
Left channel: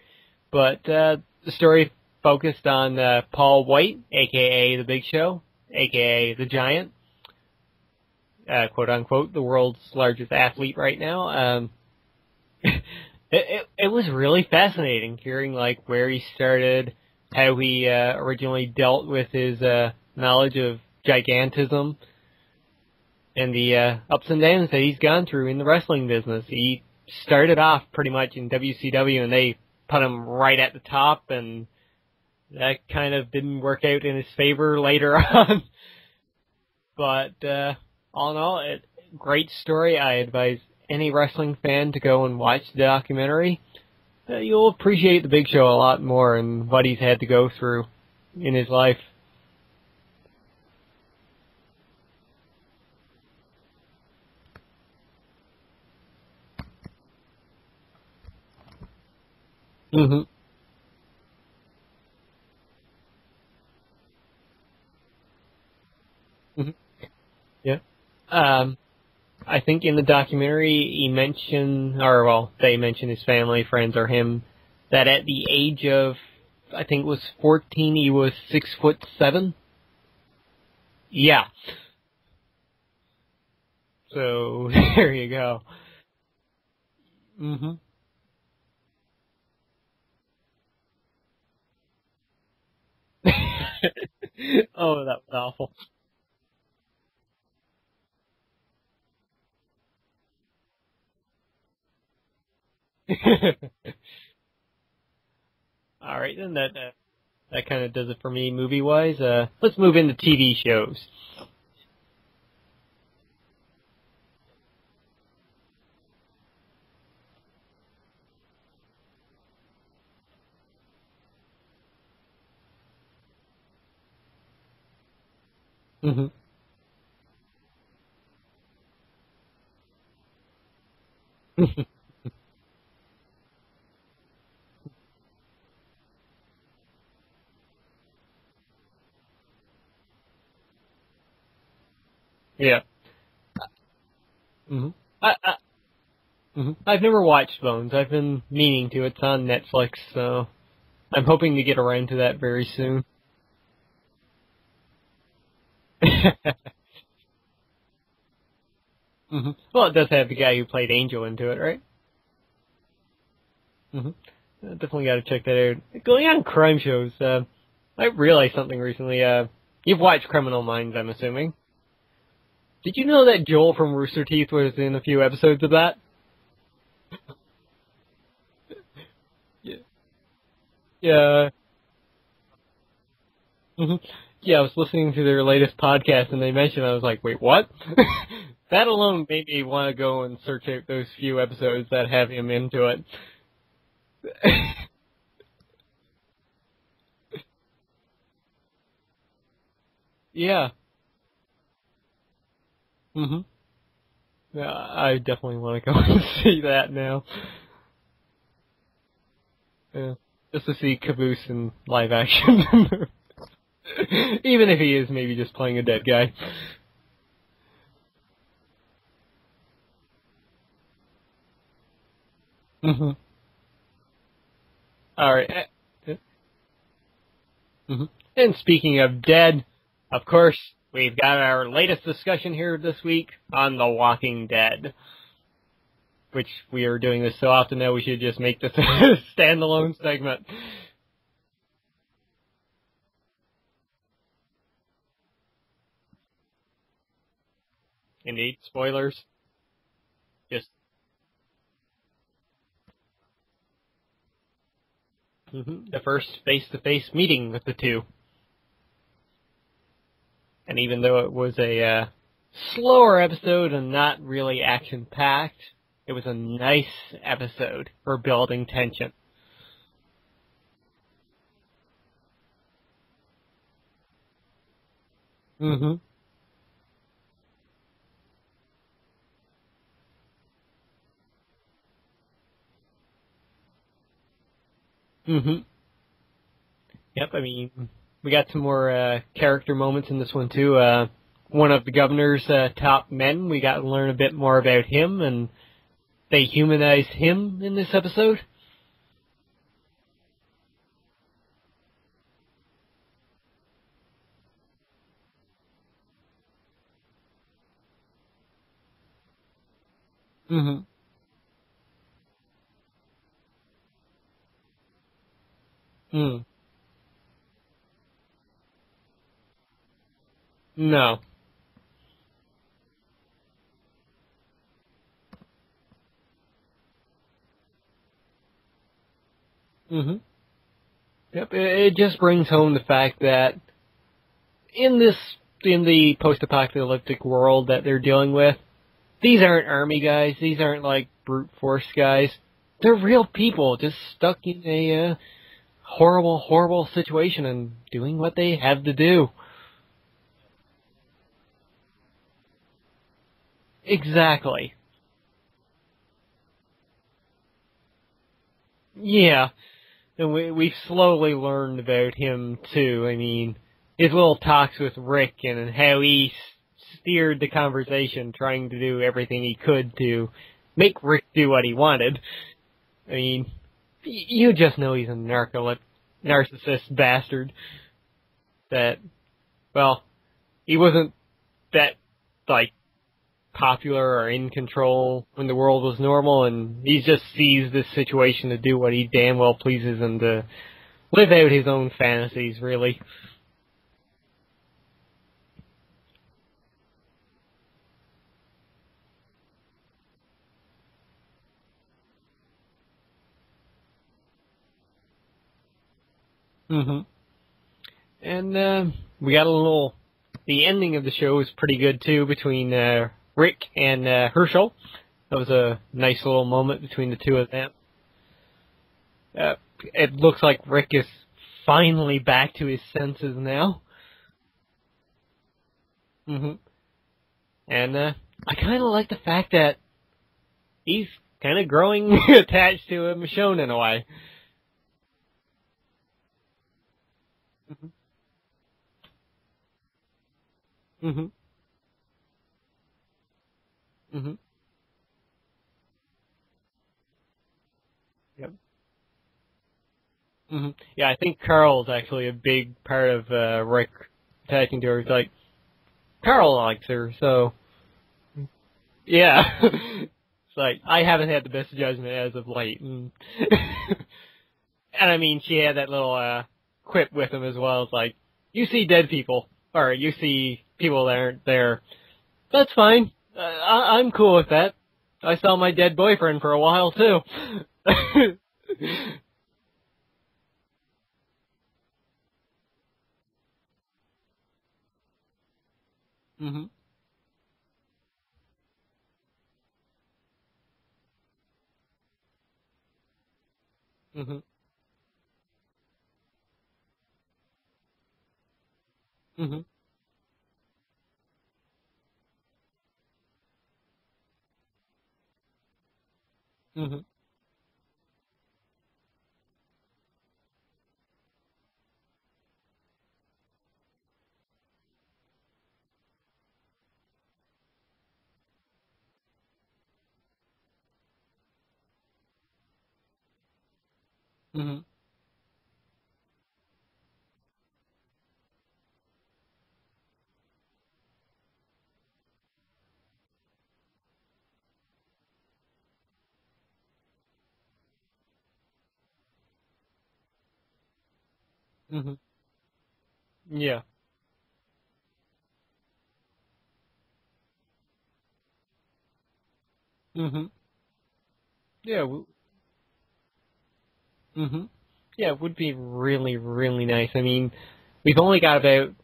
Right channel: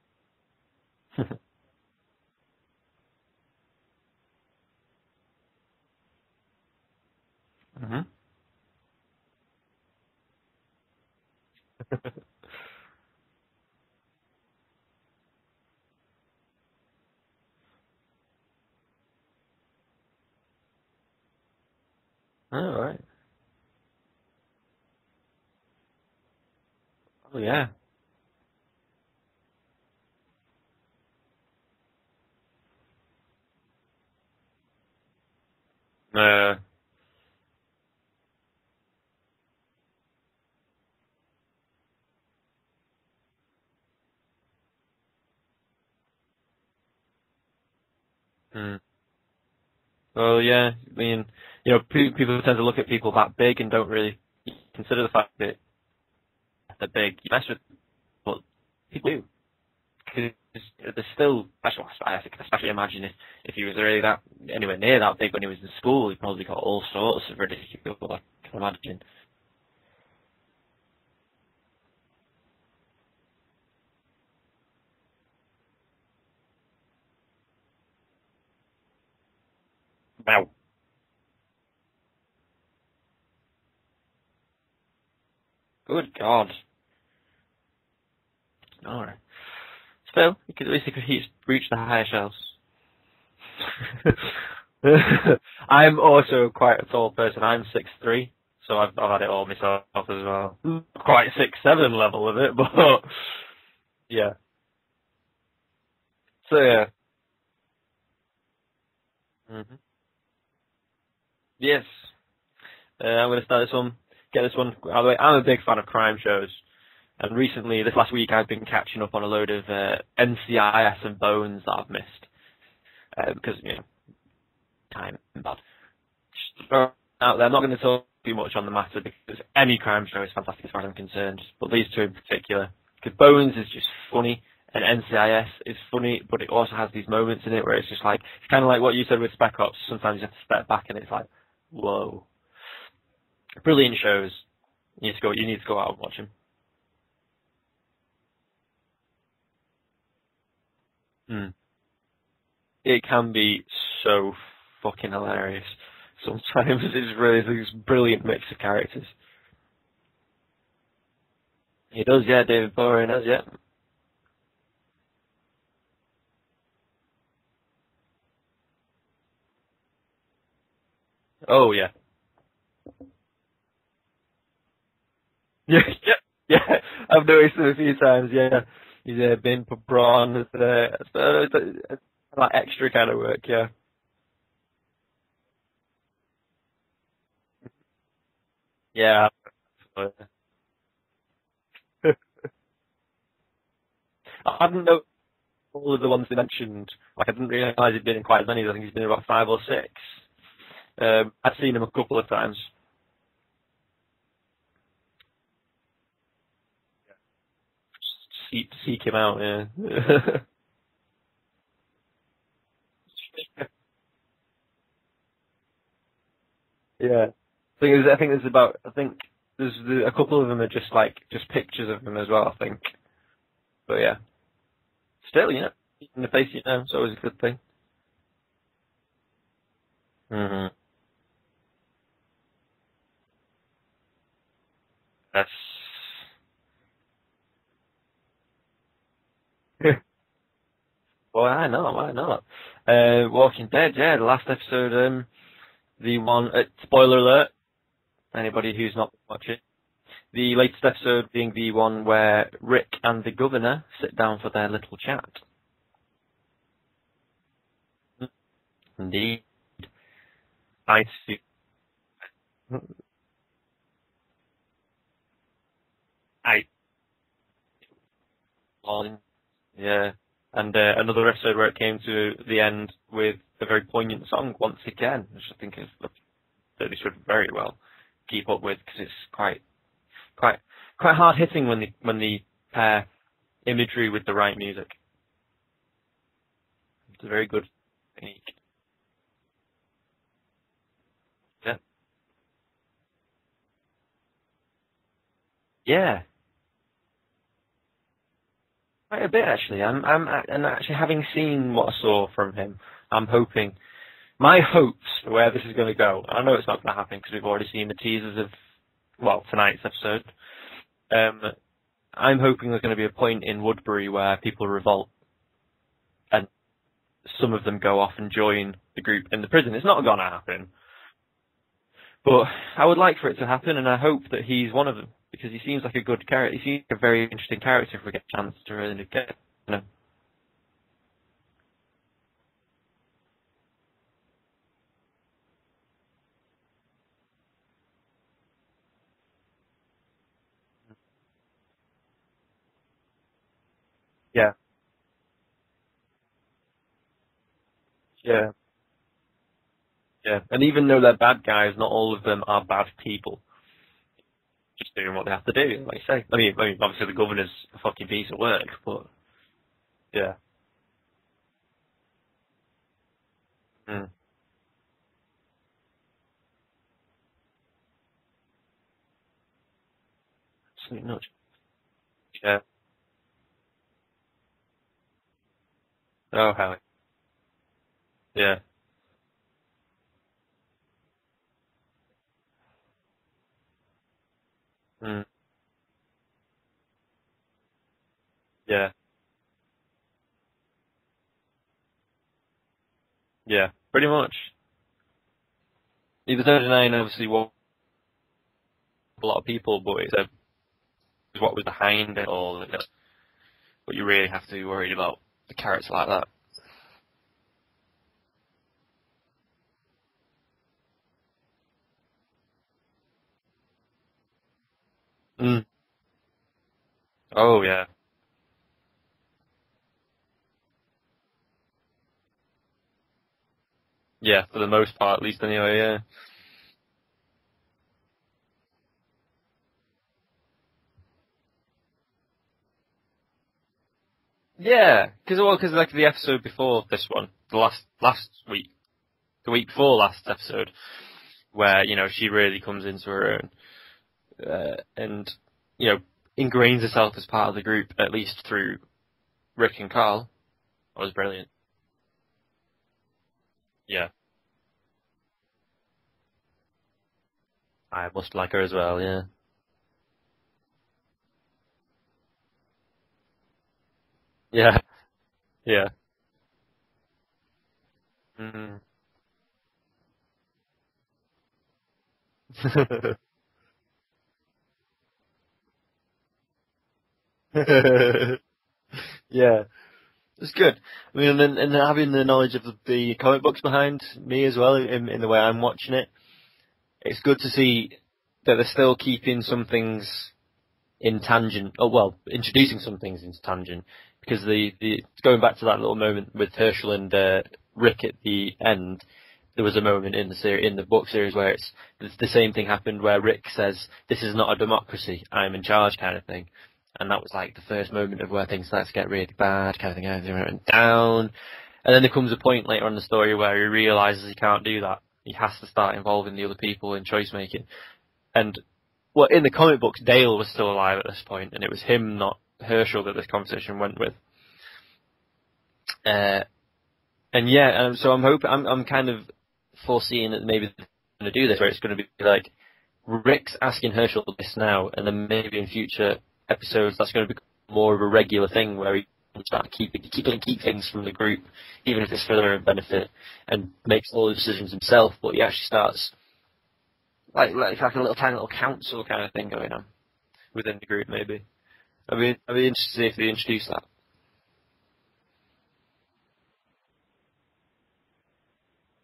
But the story focused on Paul White, a.k.a. The Big Show, a.k.a. The Giant. Mm-hmm. Quote-unquote, the world's largest athlete right now. It was really fascinating hearing, like, where he started, how he originally dealt with his knowledge of gigantism. Oh, right. And the ups and downs that he's gone through in the wrestling business. He started off pretty much in WCW, and they put him right at the top, and that kind of didn't work out in his favor later on. But all in all, great story. I advise any wrestling fan to go and watch the documentary. You'll appreciate the Big Show a lot more and what he's had to go through in his life. Well, yeah, I mean, you know, people tend to look at people that big and don't really consider the fact that they're big. You mess with, but people do. Mm-hmm. There's still special. I can especially imagine if he was really anywhere near that big when he was in school, he probably got all sorts of ridiculous. I think in the documentary he mentioned, they mentioned his family, friends, or him, that at the age of, I think it was 14, he was 6'7". Wow. Yeah. So there you go. Good God. Mm-hmm. All right. Still, at least he could reach the higher shelves. Oh, that's awful. I'm also quite a tall person. I'm 6'3", so I've had it all myself as well. Quite 6'7" level of it, but yeah. All right, then. So, that kind of does it for me movie-wise. Let's move into TV shows. Yes. I'm going to start this one. get this one out of the way. I'm a big fan of crime shows, and recently, this last week, I've been catching up on a load of NCIS and Bones that I've missed because time and bad. Out there, I'm not going to talk too much on the matter because any crime show is fantastic as far as I'm concerned. But these two in particular, because Bones is just funny. And NCIS is funny, but it also has these moments in it where it's just like, it's kind of like what you said with Spec Ops. Sometimes you have to step back and it's like, whoa. Yeah. Brilliant shows. You need to go out and watch them. I've never watched Bones. I've been meaning to. It's on Netflix, so I'm hoping to get around to that very soon. It can be so fucking hilarious. Sometimes it's really this brilliant mix of characters. Well, it does have the guy who played Angel into it, right? He does, yeah. David Bowie does, yeah. Definitely got to check that out. Going on crime shows, I realized something recently. You've watched Criminal Minds, I'm assuming. Oh, yeah. Did you know that Joel from Rooster Teeth was in a few episodes of that? Yeah, I've noticed it a few times, yeah. He's been Braun, like extra kind of work, yeah. Yeah, I was listening to their latest podcast and they mentioned, I was like, wait, what? That alone made me want to go and search out those few episodes that have him into it. I didn't know all of the ones they mentioned. Like, I didn't realise he'd been in quite as many. I think he's been in about 5 or 6. Yeah. I've seen him a couple of times. Yeah, I definitely want to go and see that now. Seek him out, yeah. Just to see Caboose in live action. Even if he is maybe just playing a dead guy. Yeah. I think there's a couple of them are just pictures of him as well, I think. But yeah. Alright. Yeah. In the face, it's always a good thing. And speaking of dead, of course, we've got our latest discussion here this week on The Walking Dead. That's... Which we are doing this so often now we should just make this a standalone segment. Well, why not? Walking Dead, yeah, the last episode, the one, spoiler alert, anybody who's not watching it. The latest episode being the one where Rick and the governor sit down for their little chat. The first face-to-face meeting with the two. Indeed. And even though it was a slower episode and not really action-packed, it was a nice episode for building tension. Yeah. And another episode where it came to the end with a very poignant song once again, which I think that they should very well keep up with because it's quite hard hitting when they pair imagery with the right music. Yep, very good. We got some more character moments in this one too. One of the governor's top men. We got to learn a bit more about him, and they humanized him in this episode. Quite a bit actually. And actually having seen what I saw from him, I'm hoping. My hopes for where this is going to go. I know it's not going to happen because we've already seen the teasers of tonight's episode. I'm hoping there's going to be a point in Woodbury where people revolt and some of them go off and join the group in the prison. It's not going to happen. No. But I would like for it to happen, and I hope that he's one of them because he seems like a good character. He seems like a very interesting character if we get a chance to really get him. Yep, it just brings home the fact that in the post-apocalyptic world that they're dealing with, these aren't army guys. These aren't like brute force guys. They're real people just stuck in a horrible, horrible situation and doing what they have to do. Yeah, and even though they're bad guys, not all of them are bad people. Exactly. Just doing what they have to do, like you say. I mean, obviously the governor's a fucking piece of work, but... Yeah. And we've slowly learned about him, too. I mean, his little talks with Rick and how he steered the conversation, trying to do everything he could to make Rick do what he wanted. Yeah. I mean, you just know he's a narcissist bastard. Yeah. That, well, he wasn't that, like, popular or in control when the world was normal, and he just seized this situation to do what he damn well pleases him, to live out his own fantasies, really. Yeah, pretty much. He was 39, obviously, a lot of people, but it's what was behind it all. But you really have to be worried about the character like that. And we got the ending of the show was pretty good, too, between Rick and Herschel. That was a nice little moment between the two of them. Oh, yeah. It looks like Rick is finally back to his senses now. Yeah, for the most part, at least anyway, yeah. Mm-hmm. And I kind of like the fact that he's kind of growing attached to Michonne in a way. Yeah, because like the episode before this one, the last week, the week before last episode, where, you know, she really comes into her own, and, you know, ingrains herself as part of the group, at least through Rick and Carl. Yeah, I think Carl's actually a big part of Rick attaching to her. It's like, Carl likes her, so... I must like her as well, yeah. Yeah. It's like, I haven't had the best judgment as of late. And yeah. And I mean, she had that little quip with him as well. It's like, you see dead people, or you see people that aren't there. That's fine. I'm cool with that. I saw my dead boyfriend for a while, too. Yeah. It's good. I mean, and having the knowledge of the comic books behind me as well, in the way I'm watching it, it's good to see that they're still keeping some things in tangent, introducing some things into tangent, because going back to that little moment with Herschel and Rick at the end, there was a moment in the book series where it's the same thing happened where Rick says, "This is not a democracy, I'm in charge," kind of thing, and that was like the first moment of where things start to get really bad, kind of thing, everything went down, and then there comes a point later on in the story where he realizes he can't do that. He has to start involving the other people in choice making, and well, in the comic books, Dale was still alive at this point, and it was him, not Herschel, that this conversation went with. So I'm kind of foreseeing that maybe they're going to do this, where it's going to be like Rick's asking Herschel this now, and then maybe in future episodes that's going to become more of a regular thing where he can start keep things from the group, even if it's for their own benefit, and makes all the decisions himself. But he actually starts like a little tiny little council kind of thing going on within the group, maybe. Yeah, I'd be interested to see if they introduce that. Yeah, it would be really, really nice. I mean, we've only got about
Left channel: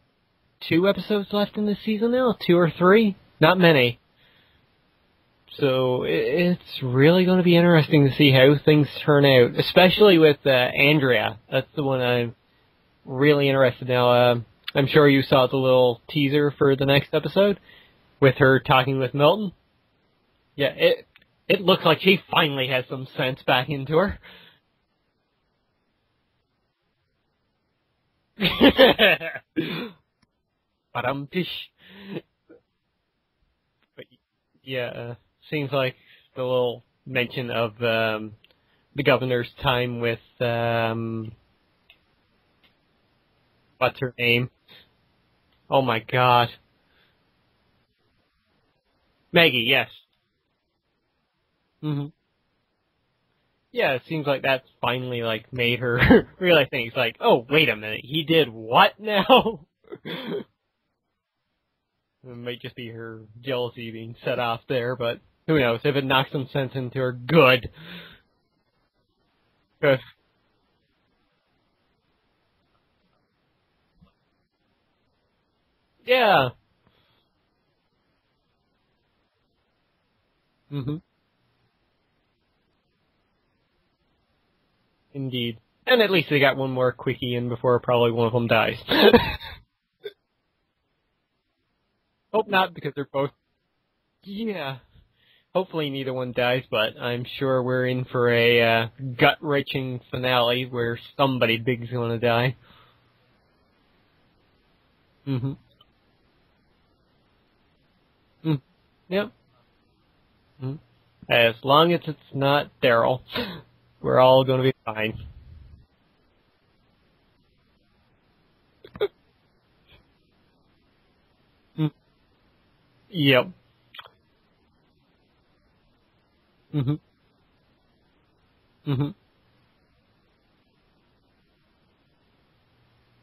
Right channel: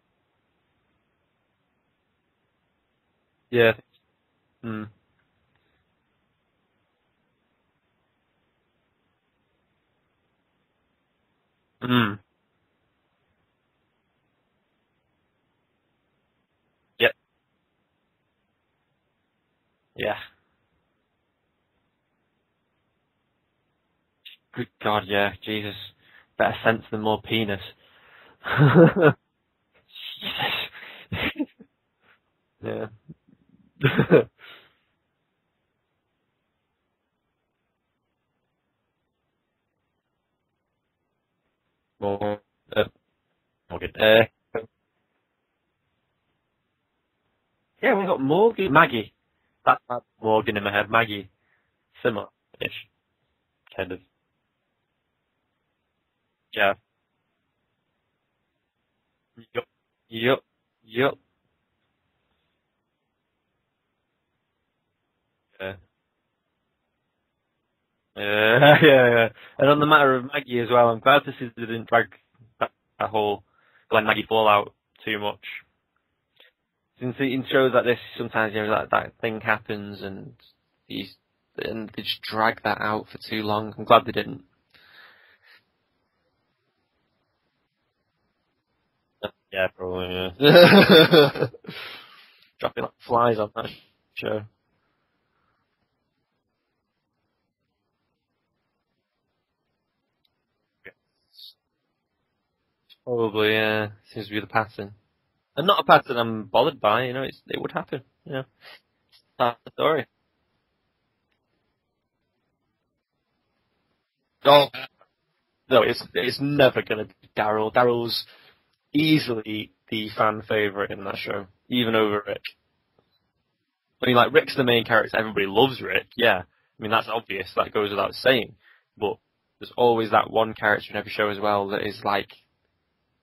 2 episodes left in this season now, 2 or 3, not many. So it's really going to be interesting to see how things turn out, especially with Andrea. That's the one I'm really interested in. Now, I'm sure you saw the little teaser for the next episode with her talking with Milton. Yeah. Yeah, it looks like she finally has some sense back into her. Good God, yeah, Jesus. Better sense than more penis. But yeah. Seems like the little mention of the governor's time with what's his name? Oh my God. Yeah, we got Morgan. Maggie, yes. That's Morgan in my head. Maggie. Similar-ish. Yeah, it seems like that's finally, like, made her realize things. Like, oh, wait a minute, he did what now? Yep. It might just be her jealousy being set off there, but who knows? If it knocks some sense into her, good. Yeah. And on the matter of Maggie as well, I'm glad this didn't drag that whole Glenn Maggie fallout too much. Yeah. Since in shows like this, sometimes, you know, that thing happens and and they just drag that out for too long. I'm glad they didn't. Indeed. And at least they got one more quickie in before probably one of them dies. Yeah, probably, yeah. Hope not, because they're flies on that show. Yeah. Hopefully neither one dies, but I'm sure we're in for a gut-wrenching finale where somebody big's going to die. Probably, yeah. Seems to be the pattern. And not a pattern I'm bothered by, you know, it would happen. You know? Yep. That's the story. As long as it's not Daryl, we're all going to be fine. No, it's never going to be Daryl. Daryl's easily the fan favourite in that show, even over Rick. Yep. I mean, like, Rick's the main character. Everybody loves Rick, yeah. I mean, that's obvious. That goes without saying. But there's always that one character in every show as well that is, like,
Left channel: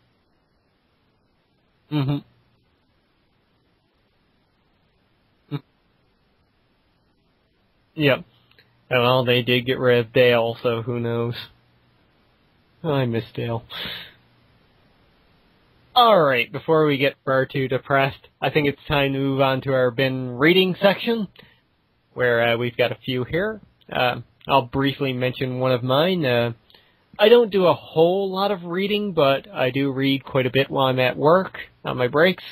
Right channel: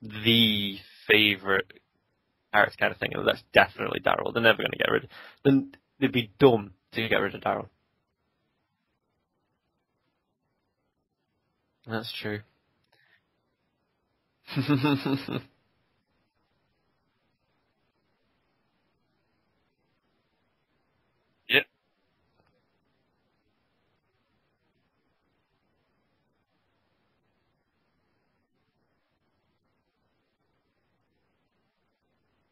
the favourite character kind of thing. And that's definitely Daryl. They're never going to get rid of him. They'd be dumb to get rid of Daryl. Yep. And well, they did get rid of Dale, so who knows? That's true. Oh, I miss Dale. Alright, before we get far too depressed, I think it's time to move on to our bin reading section. Yep. Where we've got a few here. I'll briefly mention one of mine. I don't do a whole lot of reading, but I do read quite a bit while I'm at work, on my breaks.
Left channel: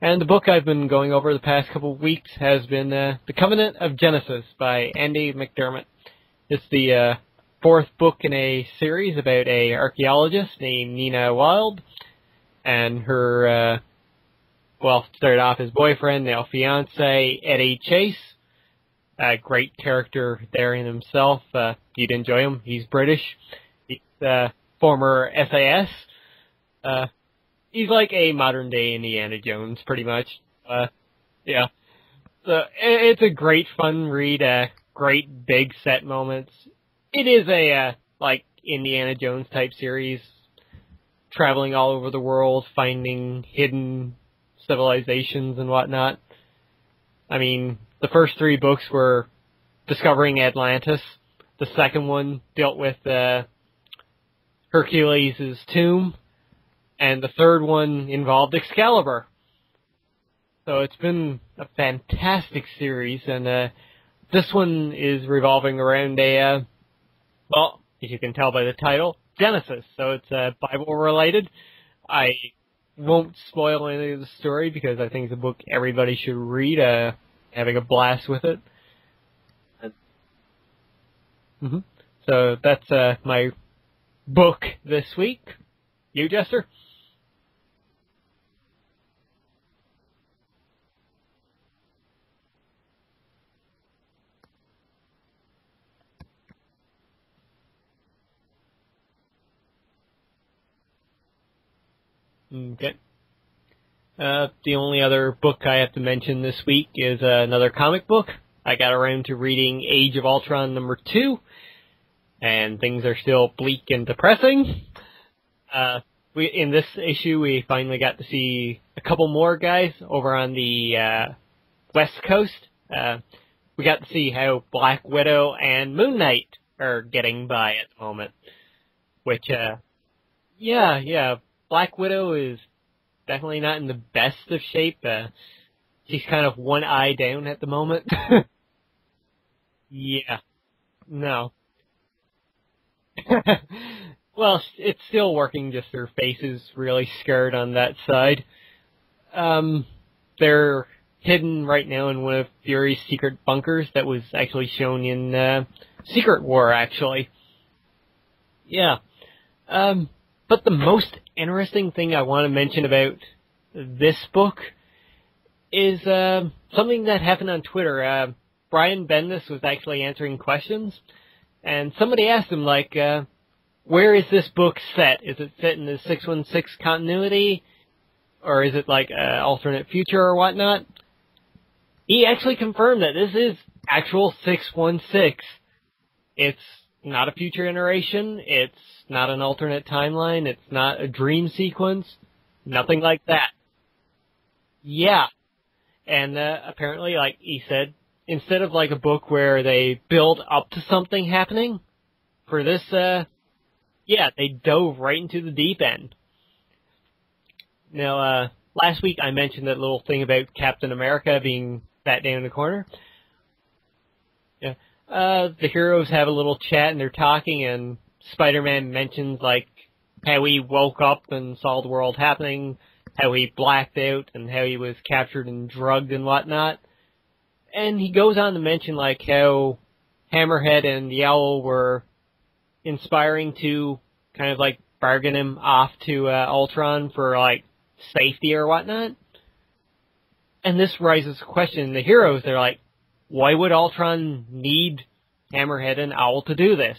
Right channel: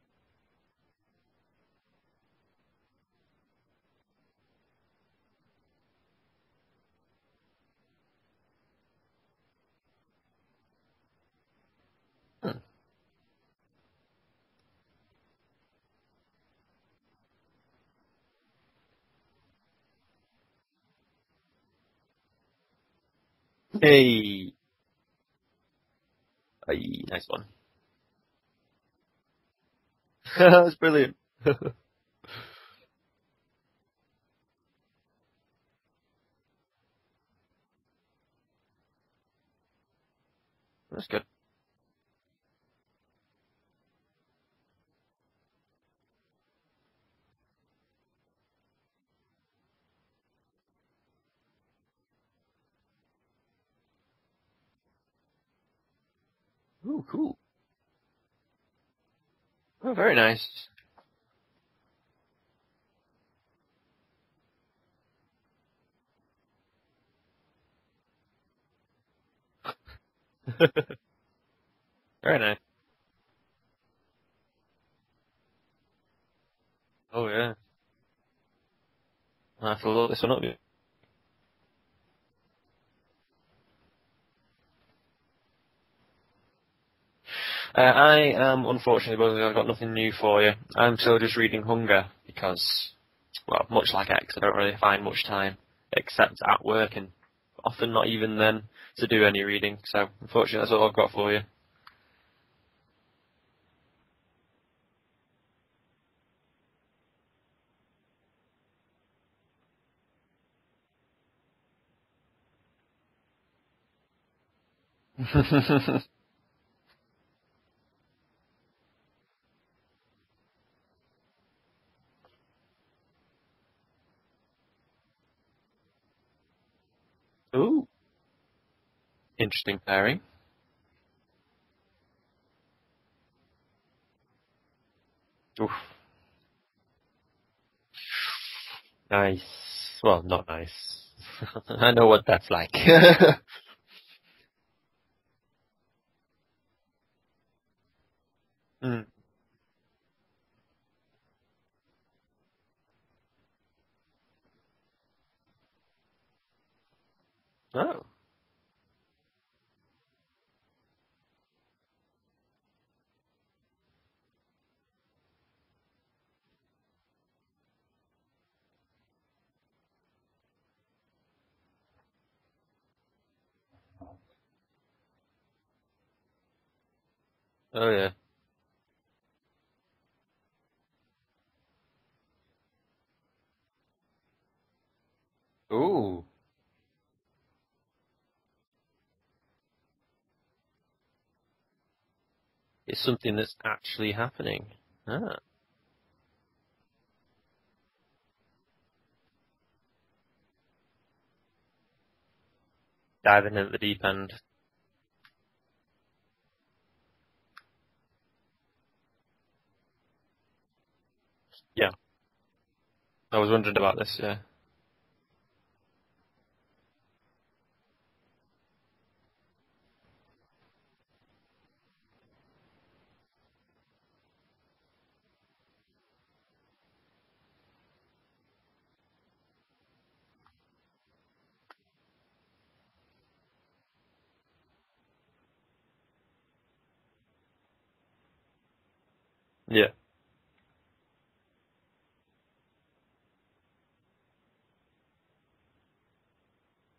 And the book I've been going over the past couple of weeks has been The Covenant of Genesis by Andy McDermott. It's the fourth book in a series about a archaeologist named Nina Wilde. And her, started off as boyfriend, now fiance, Eddie Chase. A great character there in himself. You'd enjoy him. He's British. Hey. Former SAS. Nice one. He's like a modern-day Indiana Jones, pretty much. That's brilliant. Yeah. So it's a great, fun read. Great big set moments. It is a Indiana Jones type series. That's good. Traveling all over the world, finding hidden civilizations and whatnot. I mean, the first three books were discovering Atlantis. The second one dealt with Hercules' tomb. And the third one involved Excalibur. Oh, very nice. So it's been a fantastic series, and this one is revolving around as you can tell by the title, Genesis. So it's Bible-related. Very nice. Won't spoil any of the story because I think it's a book everybody should read. Having a blast with it. I have to look this one up. Mm-hmm. So that's my book this week. You, Jester? I am, unfortunately, I've got nothing new for you. I'm still just reading Hunger because, much like X, I don't really find much time except at work and often not even then to do any reading. So, unfortunately, that's all I've got for you. Okay. The only other book I have to mention this week is another comic book. I got around to reading Age of Ultron #2, and things are still bleak and depressing. In this issue, we finally got to see a couple more guys over on the West Coast. We got to see how Black Widow and Moon Knight are getting by at the moment. Which, interesting pairing. Yeah. Black Widow is definitely not in the best of shape. She's kind of one eye down at the moment. Nice. Well, not nice. No. I know what that's like. Well, it's still working, just her face is really scarred on that side. They're hidden right now in one of Fury's secret bunkers that was actually shown in Secret War, actually. Oh. Yeah. But the most interesting thing I want to mention about this book is something that happened on Twitter. Brian Bendis was actually answering questions, and somebody asked him, where is this book set? Is it set in the 616 continuity? Oh, yeah. Or is it alternate future or whatnot? He actually confirmed that this is actual 616. Ooh. It's not a future iteration. It's not an alternate timeline. It's not a dream sequence. Nothing like that. Something is actually happening. Yeah. And apparently, he said, instead of a book where they build up to something happening, for this... diving into the deep end. Yeah, they dove right into the deep end. Now, last week I mentioned that little thing about Captain America being sat down in the corner. I was wondering about this, yeah. Yeah. The heroes have a little chat and they're talking, and Spider-Man mentions, how he woke up and saw the world happening, how he blacked out, and how he was captured and drugged and whatnot. And he goes on to mention, how Hammerhead and the Owl were inspiring to kind of, bargain him off to Ultron for, safety or whatnot. Yeah. And this raises a question. The heroes, they're like, why would Ultron need Hammerhead and Owl to do this?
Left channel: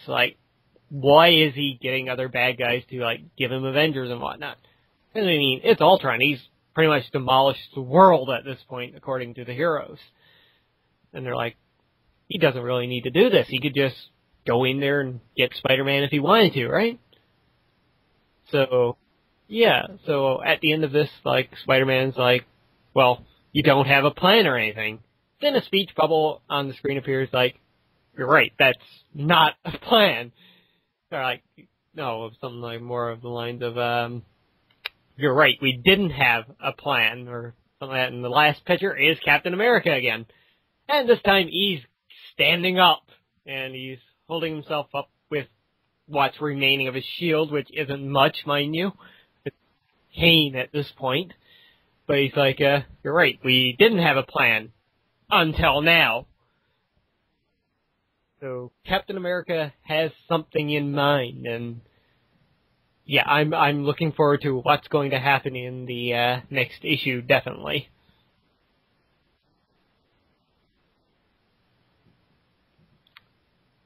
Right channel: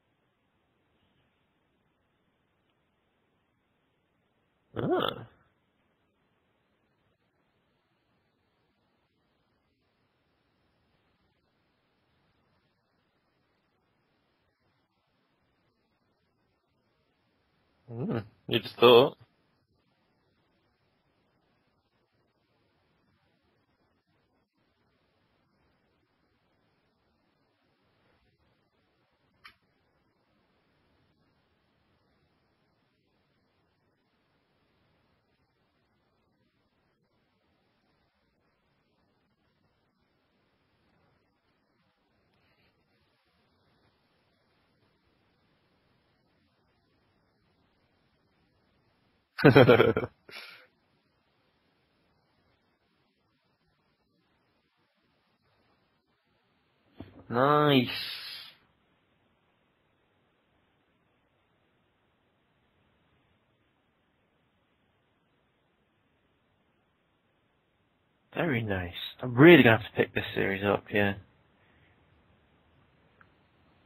Why is he getting other bad guys to, give him Avengers and whatnot? Ah. And I mean, it's Ultron. He's pretty much demolished the world at this point, according to the heroes. And they're like, he doesn't really need to do this. He could just go in there and get Spider-Man if he wanted to, right? So, yeah. So at the end of this, Spider-Man's well, you don't have a plan or anything. Then a speech bubble on the screen appears you're right, that's not a plan. Or no, something more of the lines of, you're right, we didn't have a plan or something like that, and the last picture is Captain America again. And this time he's standing up, and he's holding himself up with what's remaining of his shield, which isn't much, mind you. Cane at this point. But he's like, you're right, we didn't have a plan. Until now. Nice. So Captain America has something in mind, and yeah, I'm looking forward to what's going to happen in the next issue, definitely. Very nice. I'm really going to have to pick this series up, yeah.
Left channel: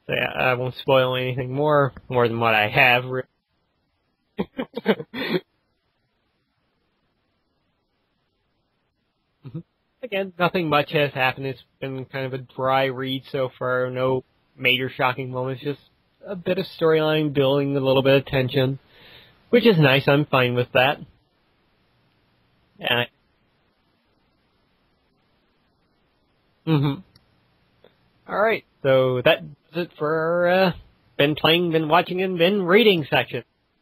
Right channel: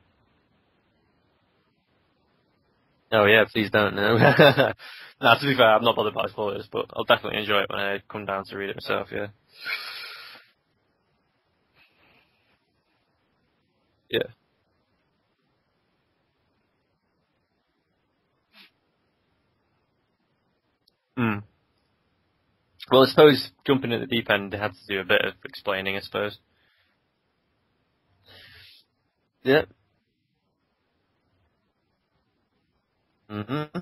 So yeah, I won't spoil anything more than what I have. Oh yeah, please don't. No. No, to be fair, I'm not bothered by spoilers, but I'll definitely enjoy it when I come down to read it myself. Yeah. Again, nothing much has happened. It's been kind of a dry read so far. No major shocking moments. Just a bit of storyline building, a little bit of tension, which is nice. I'm fine with that. Mm. Well, I suppose jumping at the deep end, they had to do a bit of explaining, I suppose. Mm-hmm. All right, so that's it for our been playing, been watching, and been reading section. Mm-hmm.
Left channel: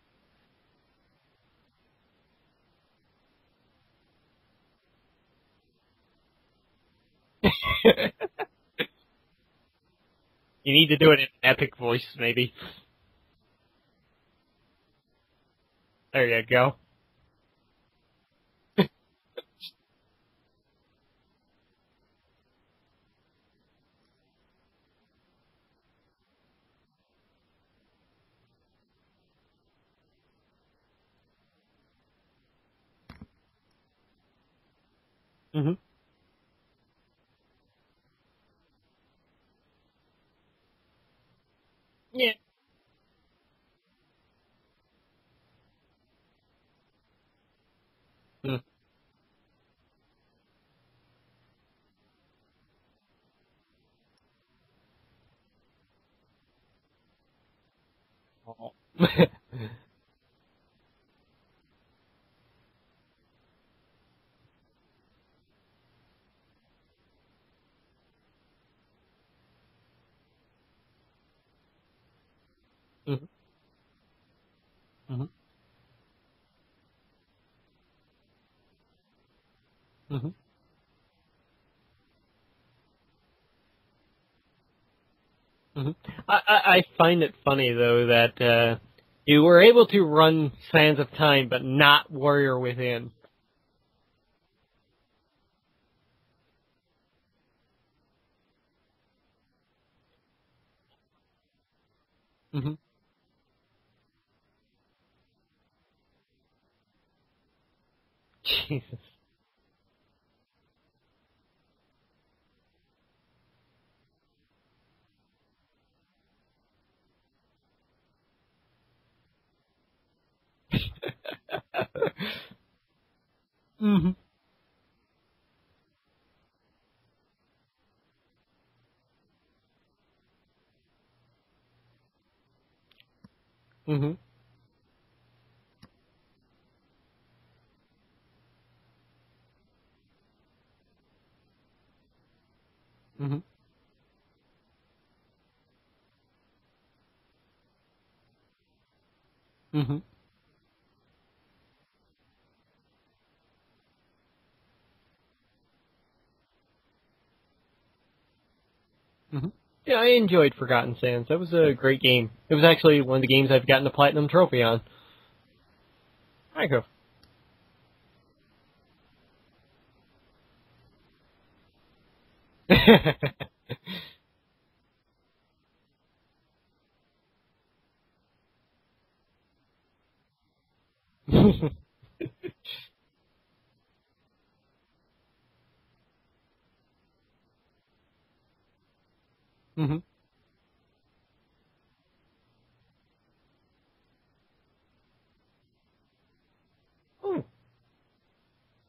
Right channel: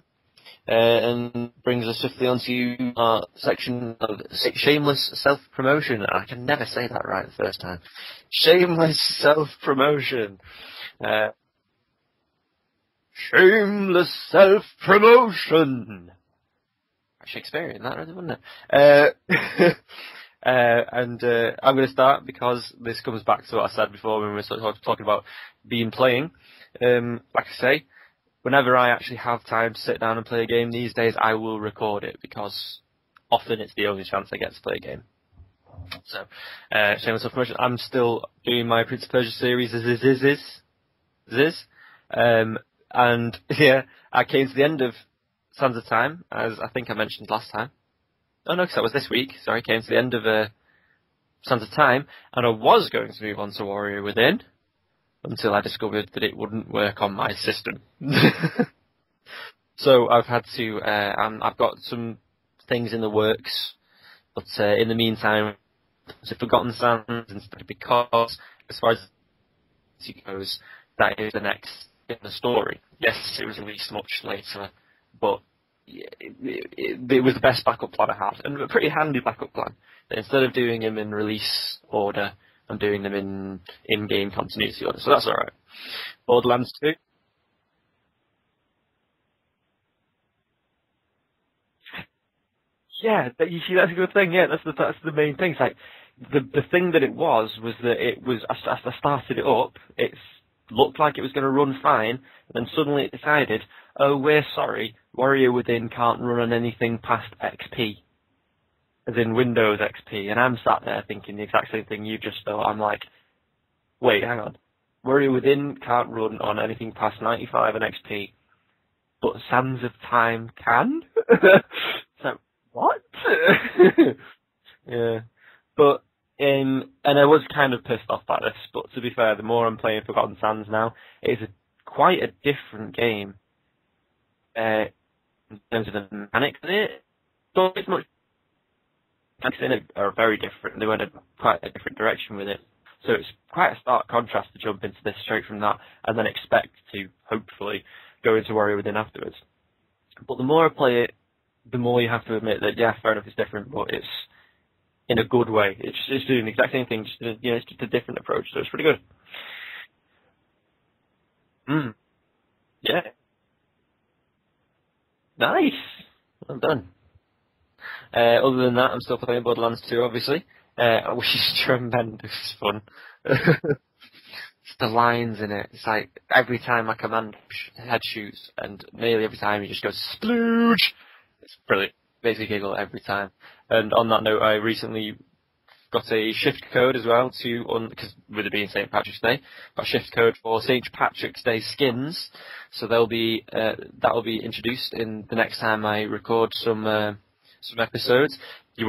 And brings us swiftly onto our section of shameless self-promotion. I can never say that right the first time. Shameless self-promotion. You need to do it in epic voice, maybe. Shameless self-promotion. There you go. Shakespearean, that really, wouldn't it? And I'm going to start because this comes back to what I said before when we were talking about playing. Like I say, whenever I actually have time to sit down and play a game these days, I will record it because often it's the only chance I get to play a game. Mm-hmm. So, shameless self-promotion. I'm still doing my Prince of Persia series and yeah, I came to the end of Sands of Time, as I think I mentioned last time. No, because that was this week. Sorry, came to the end of Sands of Time, and I was going to move on to Warrior Within until I discovered that it wouldn't work on my system. So I've had to. I've got some things in the works, but in the meantime, it's Forgotten Sands instead, because as far as it goes, that is the next in the story. Yes, it was released much later, but it was the best backup plan I had, and a pretty handy backup plan. Instead of doing them in release order, I'm doing them in-game continuity order, so that's alright. I find it funny, though, that you were able to run Sands of Time, but not Warrior Within. Yeah, you see, that's a good thing, yeah, that's the main thing. It's like, the thing that it was that it was, I started it up, it looked like it was going to run fine, and then suddenly it decided, oh, we're sorry, Warrior Within can't run on anything past XP. Jesus. As in Windows XP. And I'm sat there thinking the exact same thing you just thought. I'm like, wait, hang on. Warrior Within can't run on anything past 95 and XP, but Sands of Time can? What? Yeah. But, and I was kind of pissed off by this, but to be fair, the more I'm playing Forgotten Sands now, it's quite a different game. In terms of the mechanics in it, so it's much mechanics in it are very different. They went quite a different direction with it. So it's quite a stark contrast to jump into this straight from that and then expect to, hopefully, go into Warrior Within afterwards. But the more I play it, the more you have to admit that, yeah, fair enough, it's different, but it's in a good way. It's doing the exact same thing, it's just a different approach, so it's pretty good. Yeah, I enjoyed Forgotten Sands. That was a great game. It was actually one of the games I've gotten the Platinum Trophy on. Nice. Other than that, I'm still playing Borderlands 2, obviously, which is tremendous fun. It's the lines in it. It's like every time my command head shoots, and nearly every time he just goes splooge. It's brilliant. Basically giggle every time. And on that note, I recently got a shift code as well because with it being St. Patrick's Day, got a shift code for St. Patrick's Day skins. So that'll be introduced in the next time I record some episodes. I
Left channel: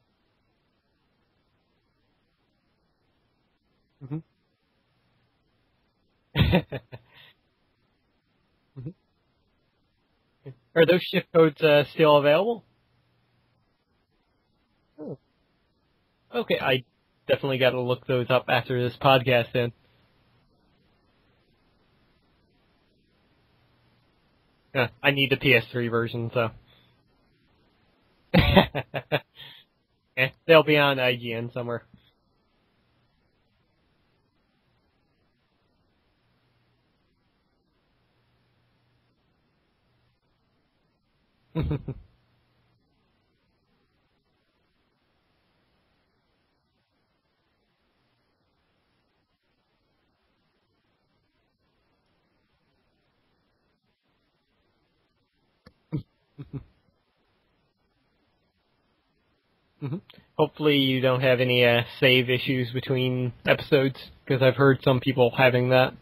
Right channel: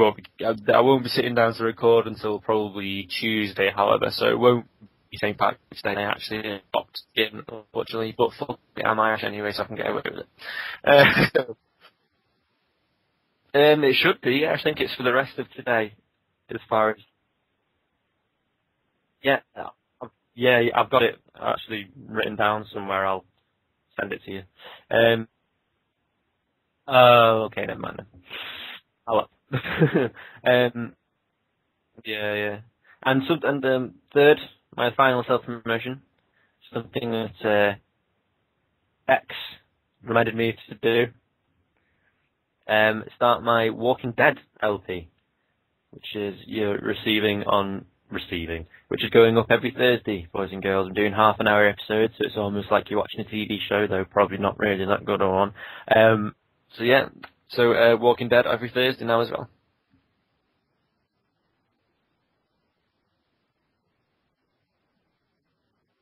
won't be sitting down to record until probably Tuesday, however, so it won't be St. Patrick's Day actually box skin, unfortunately. But fuck it, I'm Irish anyway, so I can get away with it. Are those shift codes still available? It should be. I think it's for the rest of today. Okay, I definitely got to look those up after this podcast then. Yeah, I've got it actually written down somewhere. I'll send it to you. I need the PS3 version, so. Oh, okay, never mind then. They'll be on IGN somewhere. Yeah. And third, my final self-promotion, something that X reminded me to do. Start my Walking Dead LP, which is which is going up every Thursday, boys and girls. I'm doing half an hour episodes, so it's almost like you're watching a TV show, though probably not really that good on. So Walking Dead every Thursday now as well. Mm-hmm. Hopefully you don't have any save issues between episodes, because I've heard some people having that.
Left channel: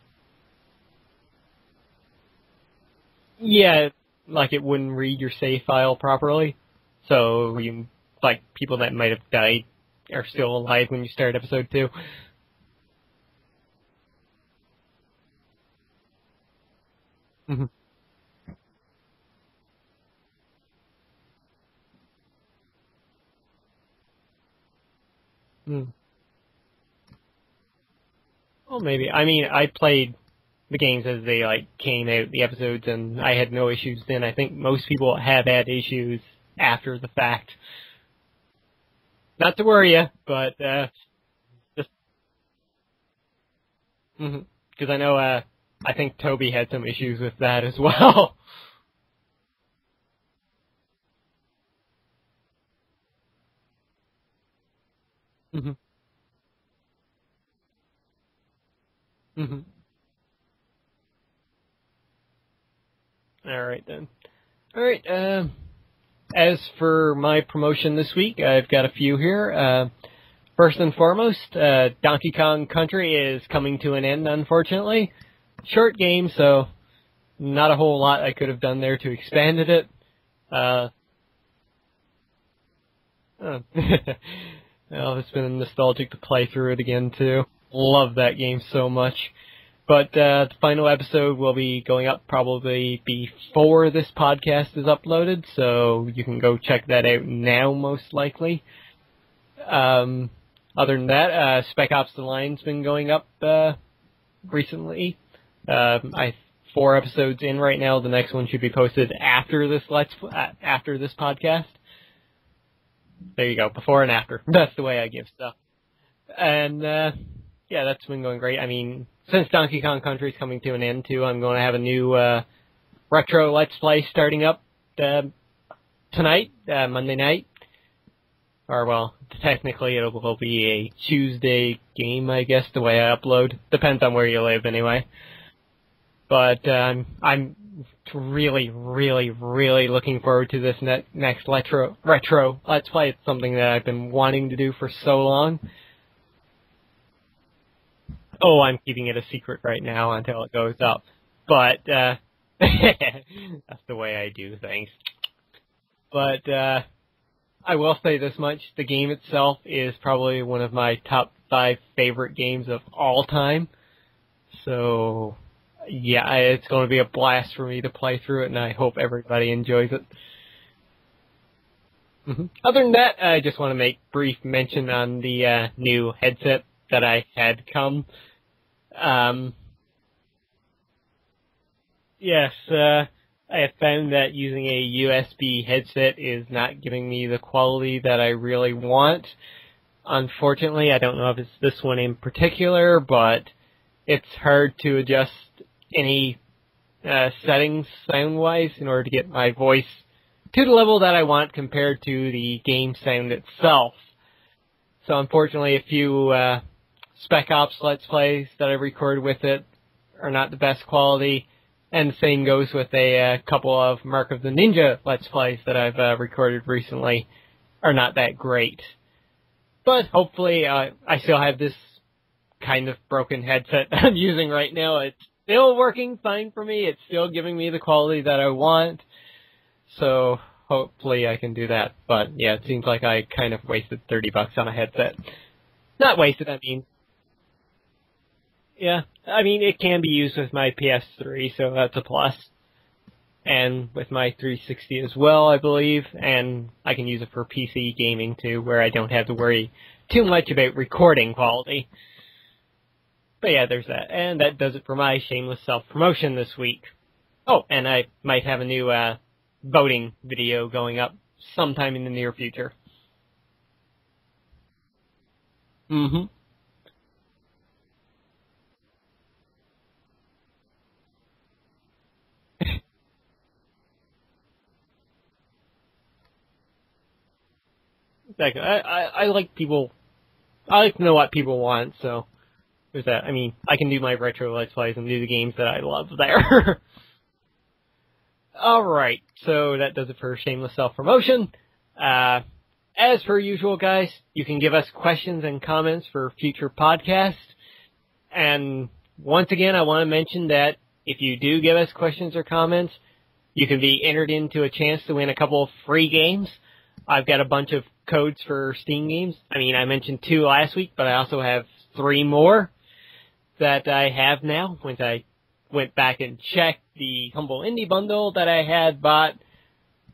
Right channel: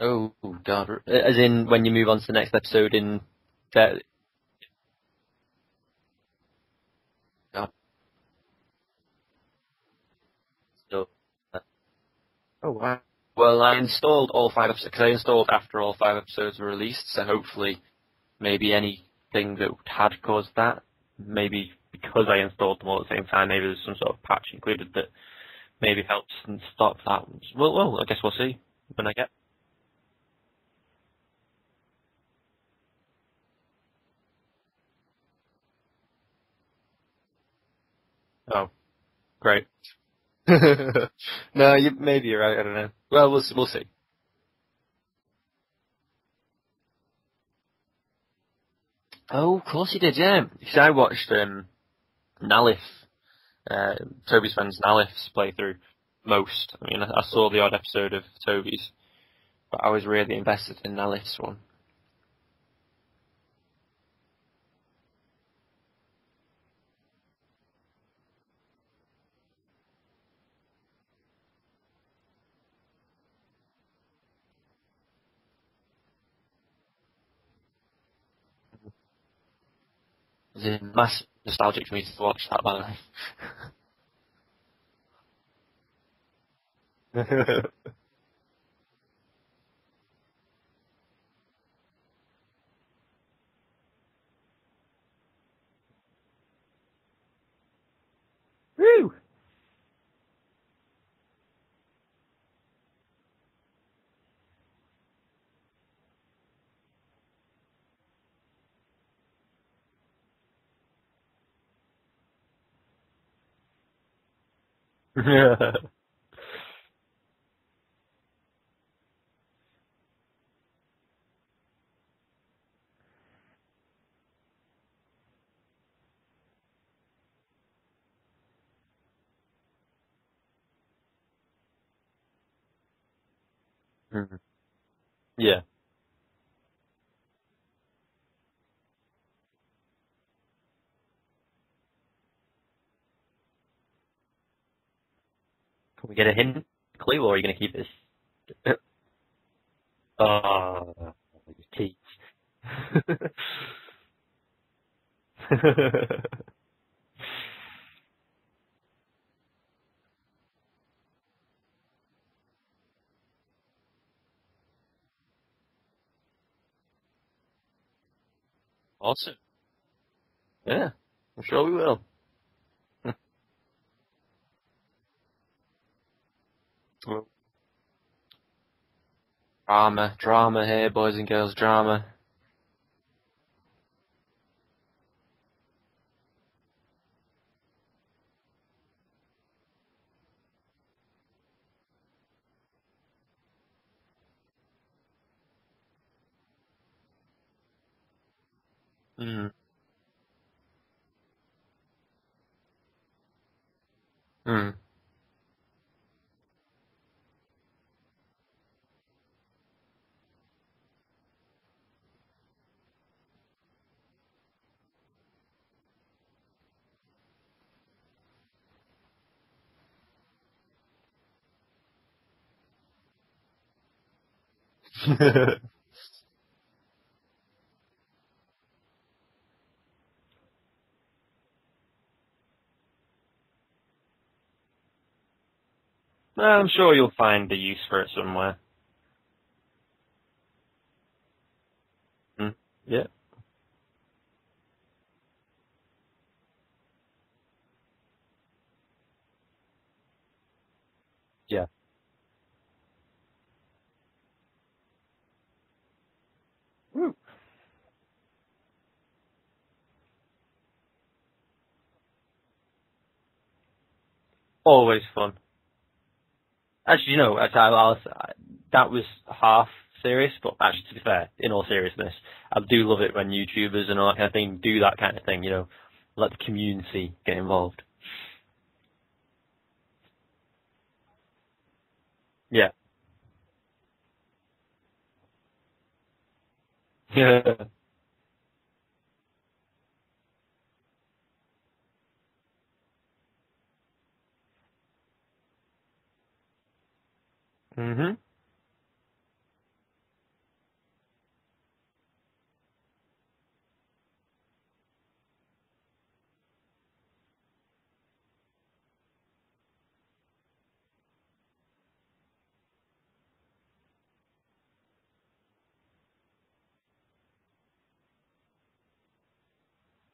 Oh, God. As in when you move on to the next episode in... Yeah, like it wouldn't read your save file properly. So, people that might have died are still alive when you start episode 2. Oh, wow. Well, I installed all 5 episodes, because I installed after all 5 episodes were released, so hopefully maybe anything that had caused that, maybe because I installed them all at the same time, maybe there's some sort of patch included that maybe helps and stop that. Well, I guess we'll see. Well, maybe. I mean, I played the games as they came out, the episodes, and I had no issues then. I think most people have had issues after the fact. Oh. Not to worry you, but... No, maybe you're right, I don't know. Well, we'll see. Because I know, I think Toby had some issues with that as well. Oh, of course he did, yeah. Because I watched Nalif, Toby's friend's Nalif's playthrough most. I mean, I saw the odd episode of Toby's, but I was really invested in Nalif's one. Alright then. Alright, as for my promotion this week, I've got a few here. First and foremost, Donkey Kong Country is coming to an end, unfortunately. Short game, so not a whole lot I could have done there to expand it. Massive nostalgic for me to watch that, by the way. Well, it's been nostalgic to play through it again, too. Love that game so much. But the final episode will be going up probably before this podcast is uploaded, so you can go check that out now, most likely. Woo! Other than that, Spec Ops The Line's been going up recently. 4 episodes in right now. The next one should be posted after this podcast. There you go, before and after. That's the way I give it. And yeah, that's been going great. I mean, since Donkey Kong Country is coming to an end too, I'm going to have a new retro Let's Play starting up tonight, Monday night. Or, well, technically it will be a Tuesday game, I guess, the way I upload. Depends on where you live, anyway. Yeah. But I'm really, really, really looking forward to this next retro Let's Play. It's something that I've been wanting to do for so long. Can we get a hint, clue, or are you going to keep this? Oh, I'm keeping it a secret right now until it goes up. But that's the way I do things. But I will say this much. The game itself is probably one of my top 5 favorite games of all time. So, yeah, it's going to be a blast for me to play through it, and I hope everybody enjoys it. Yeah, I'm sure we will. Other than that, I just want to make brief mention on the new headset that I had come. Drama here, boys and girls, drama. Yes, I have found that using a USB headset is not giving me the quality that I really want. Unfortunately, I don't know if it's this one in particular, but it's hard to adjust any settings sound-wise in order to get my voice to the level that I want compared to the game sound itself. So unfortunately, a few Spec Ops Let's Plays that I recorded with it are not the best quality, and the same goes with a couple of Mark of the Ninja Let's Plays that I've recorded recently are not that great. But hopefully I still have this kind of broken headset that I'm using right now, and it's still working fine for me. It's still giving me the quality that I want. So hopefully I can do that. But yeah, it seems like I kind of wasted $30 on a headset. Not wasted. I'm sure you'll find a use for it somewhere. Yeah, I mean, it can be used with my PS3, so that's a plus. Yeah. And with my 360 as well, I believe, and I can use it for PC gaming too, where I don't have to worry too much about recording quality. Yeah. But yeah, there's that. And that does it for my shameless self-promotion this week. Oh, and I might have a new voting video going up sometime in the near future. Always fun. Mm-hmm. Actually, that was half serious, but actually, to be fair, in all seriousness, I do love it when YouTubers and all that kind of thing do that kind of thing, let the community get involved. Exactly. I like people, I like to know what people want, so. Yeah. There's that. I mean, I can do my retro Let's Plays and do the games that I love there. Yeah. Alright, so that does it for shameless self-promotion. As per usual, guys, you can give us questions and comments for future podcasts. Mm-hmm. And once again, I want to mention that if you do give us questions or comments, you can be entered into a chance to win a couple of free games. I've got a bunch of codes for Steam games. I mean, I mentioned 2 last week, but I also have 3 more that I have now. Once I went back and checked the Humble Indie Bundle that I had bought,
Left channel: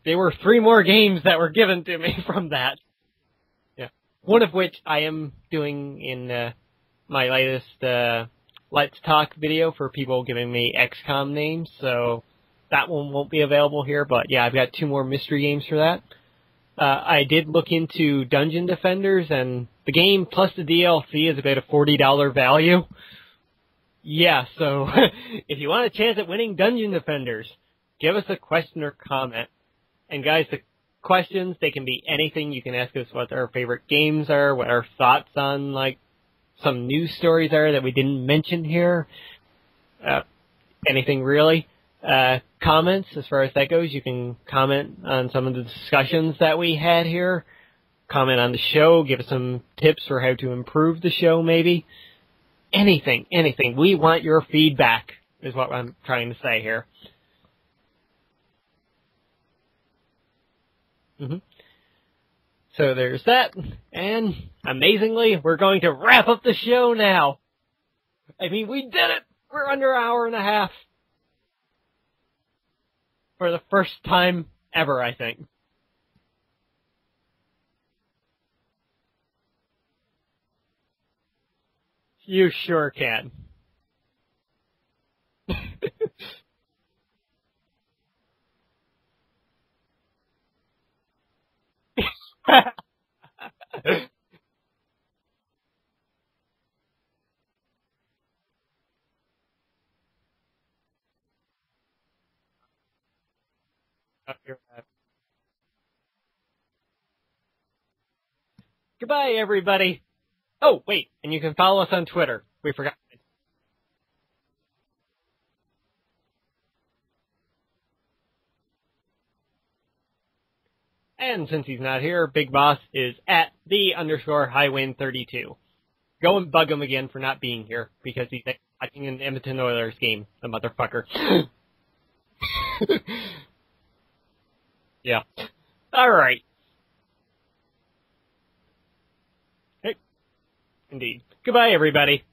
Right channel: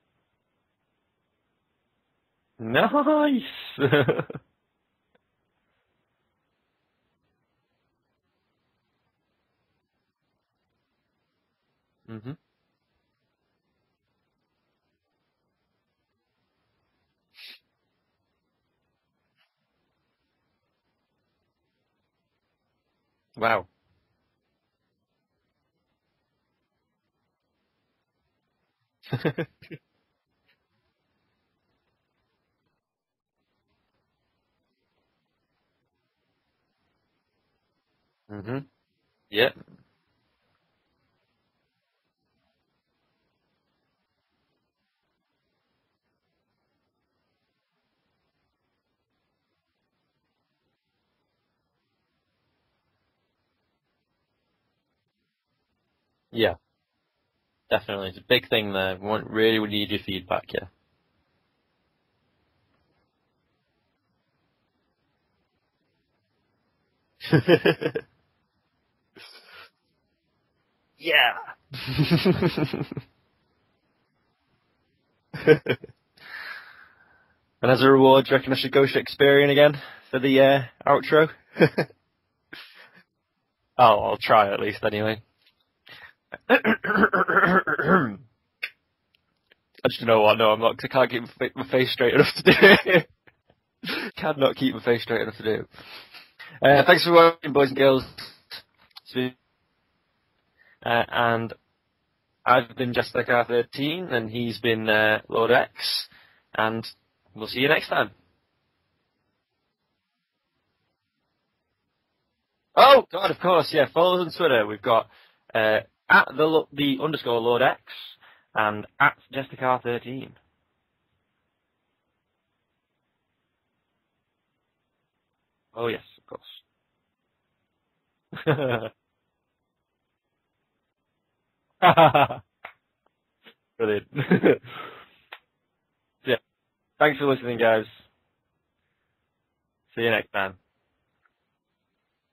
there were 3 more games that were given to me from that. Nice! One of which I am doing in my latest Let's Talk video for people giving me XCOM names, so that one won't be available here, but yeah, I've got 2 more mystery games for that. I did look into Dungeon Defenders, and the game plus the DLC is about a $40 value. Wow. Yeah, so if you want a chance at winning Dungeon Defenders, give us a question or comment. And guys, the questions, they can be anything. You can ask us what our favorite games are, what our thoughts on, like, some news stories are that we didn't mention here. Yeah. Anything really. Comments, as far as that goes, you can comment on some of the discussions that we had here. Comment on the show, give us some tips for how to improve the show, maybe. Anything. We want your feedback, is what I'm trying to say here. Definitely. It's a big thing there. We need your feedback, yeah. Mm-hmm. So there's that, and amazingly, we're going to wrap up the show now. I mean, we did it! We're under an hour and a half. Yeah! For the first time ever, I think. And as a reward, do you reckon I should go Shakespearean again for the outro? You sure can. Oh, I'll try at least anyway. Actually, you know what? No, I'm not, 'cause I can't keep my face straight enough to do it. Cannot keep my face straight enough to do it. Thanks for watching, boys and girls. And I've been Jester 13, and he's been Lord X, and we'll see you next time. Goodbye, everybody. Oh, wait, and you can follow us on Twitter. Oh, God, of course, yeah. Follow us on Twitter. We've got at the underscore Lord X and at Jester13. And since he's not here, Big Boss is at the underscore Highwind32. Oh, yes. Go and bug him again for not being here, because he's typing an Edmonton Oilers game, the motherfucker. Brilliant. Yeah. All right. Yeah. Thanks for listening, guys. Hey. See you next time. Indeed. Goodbye, everybody.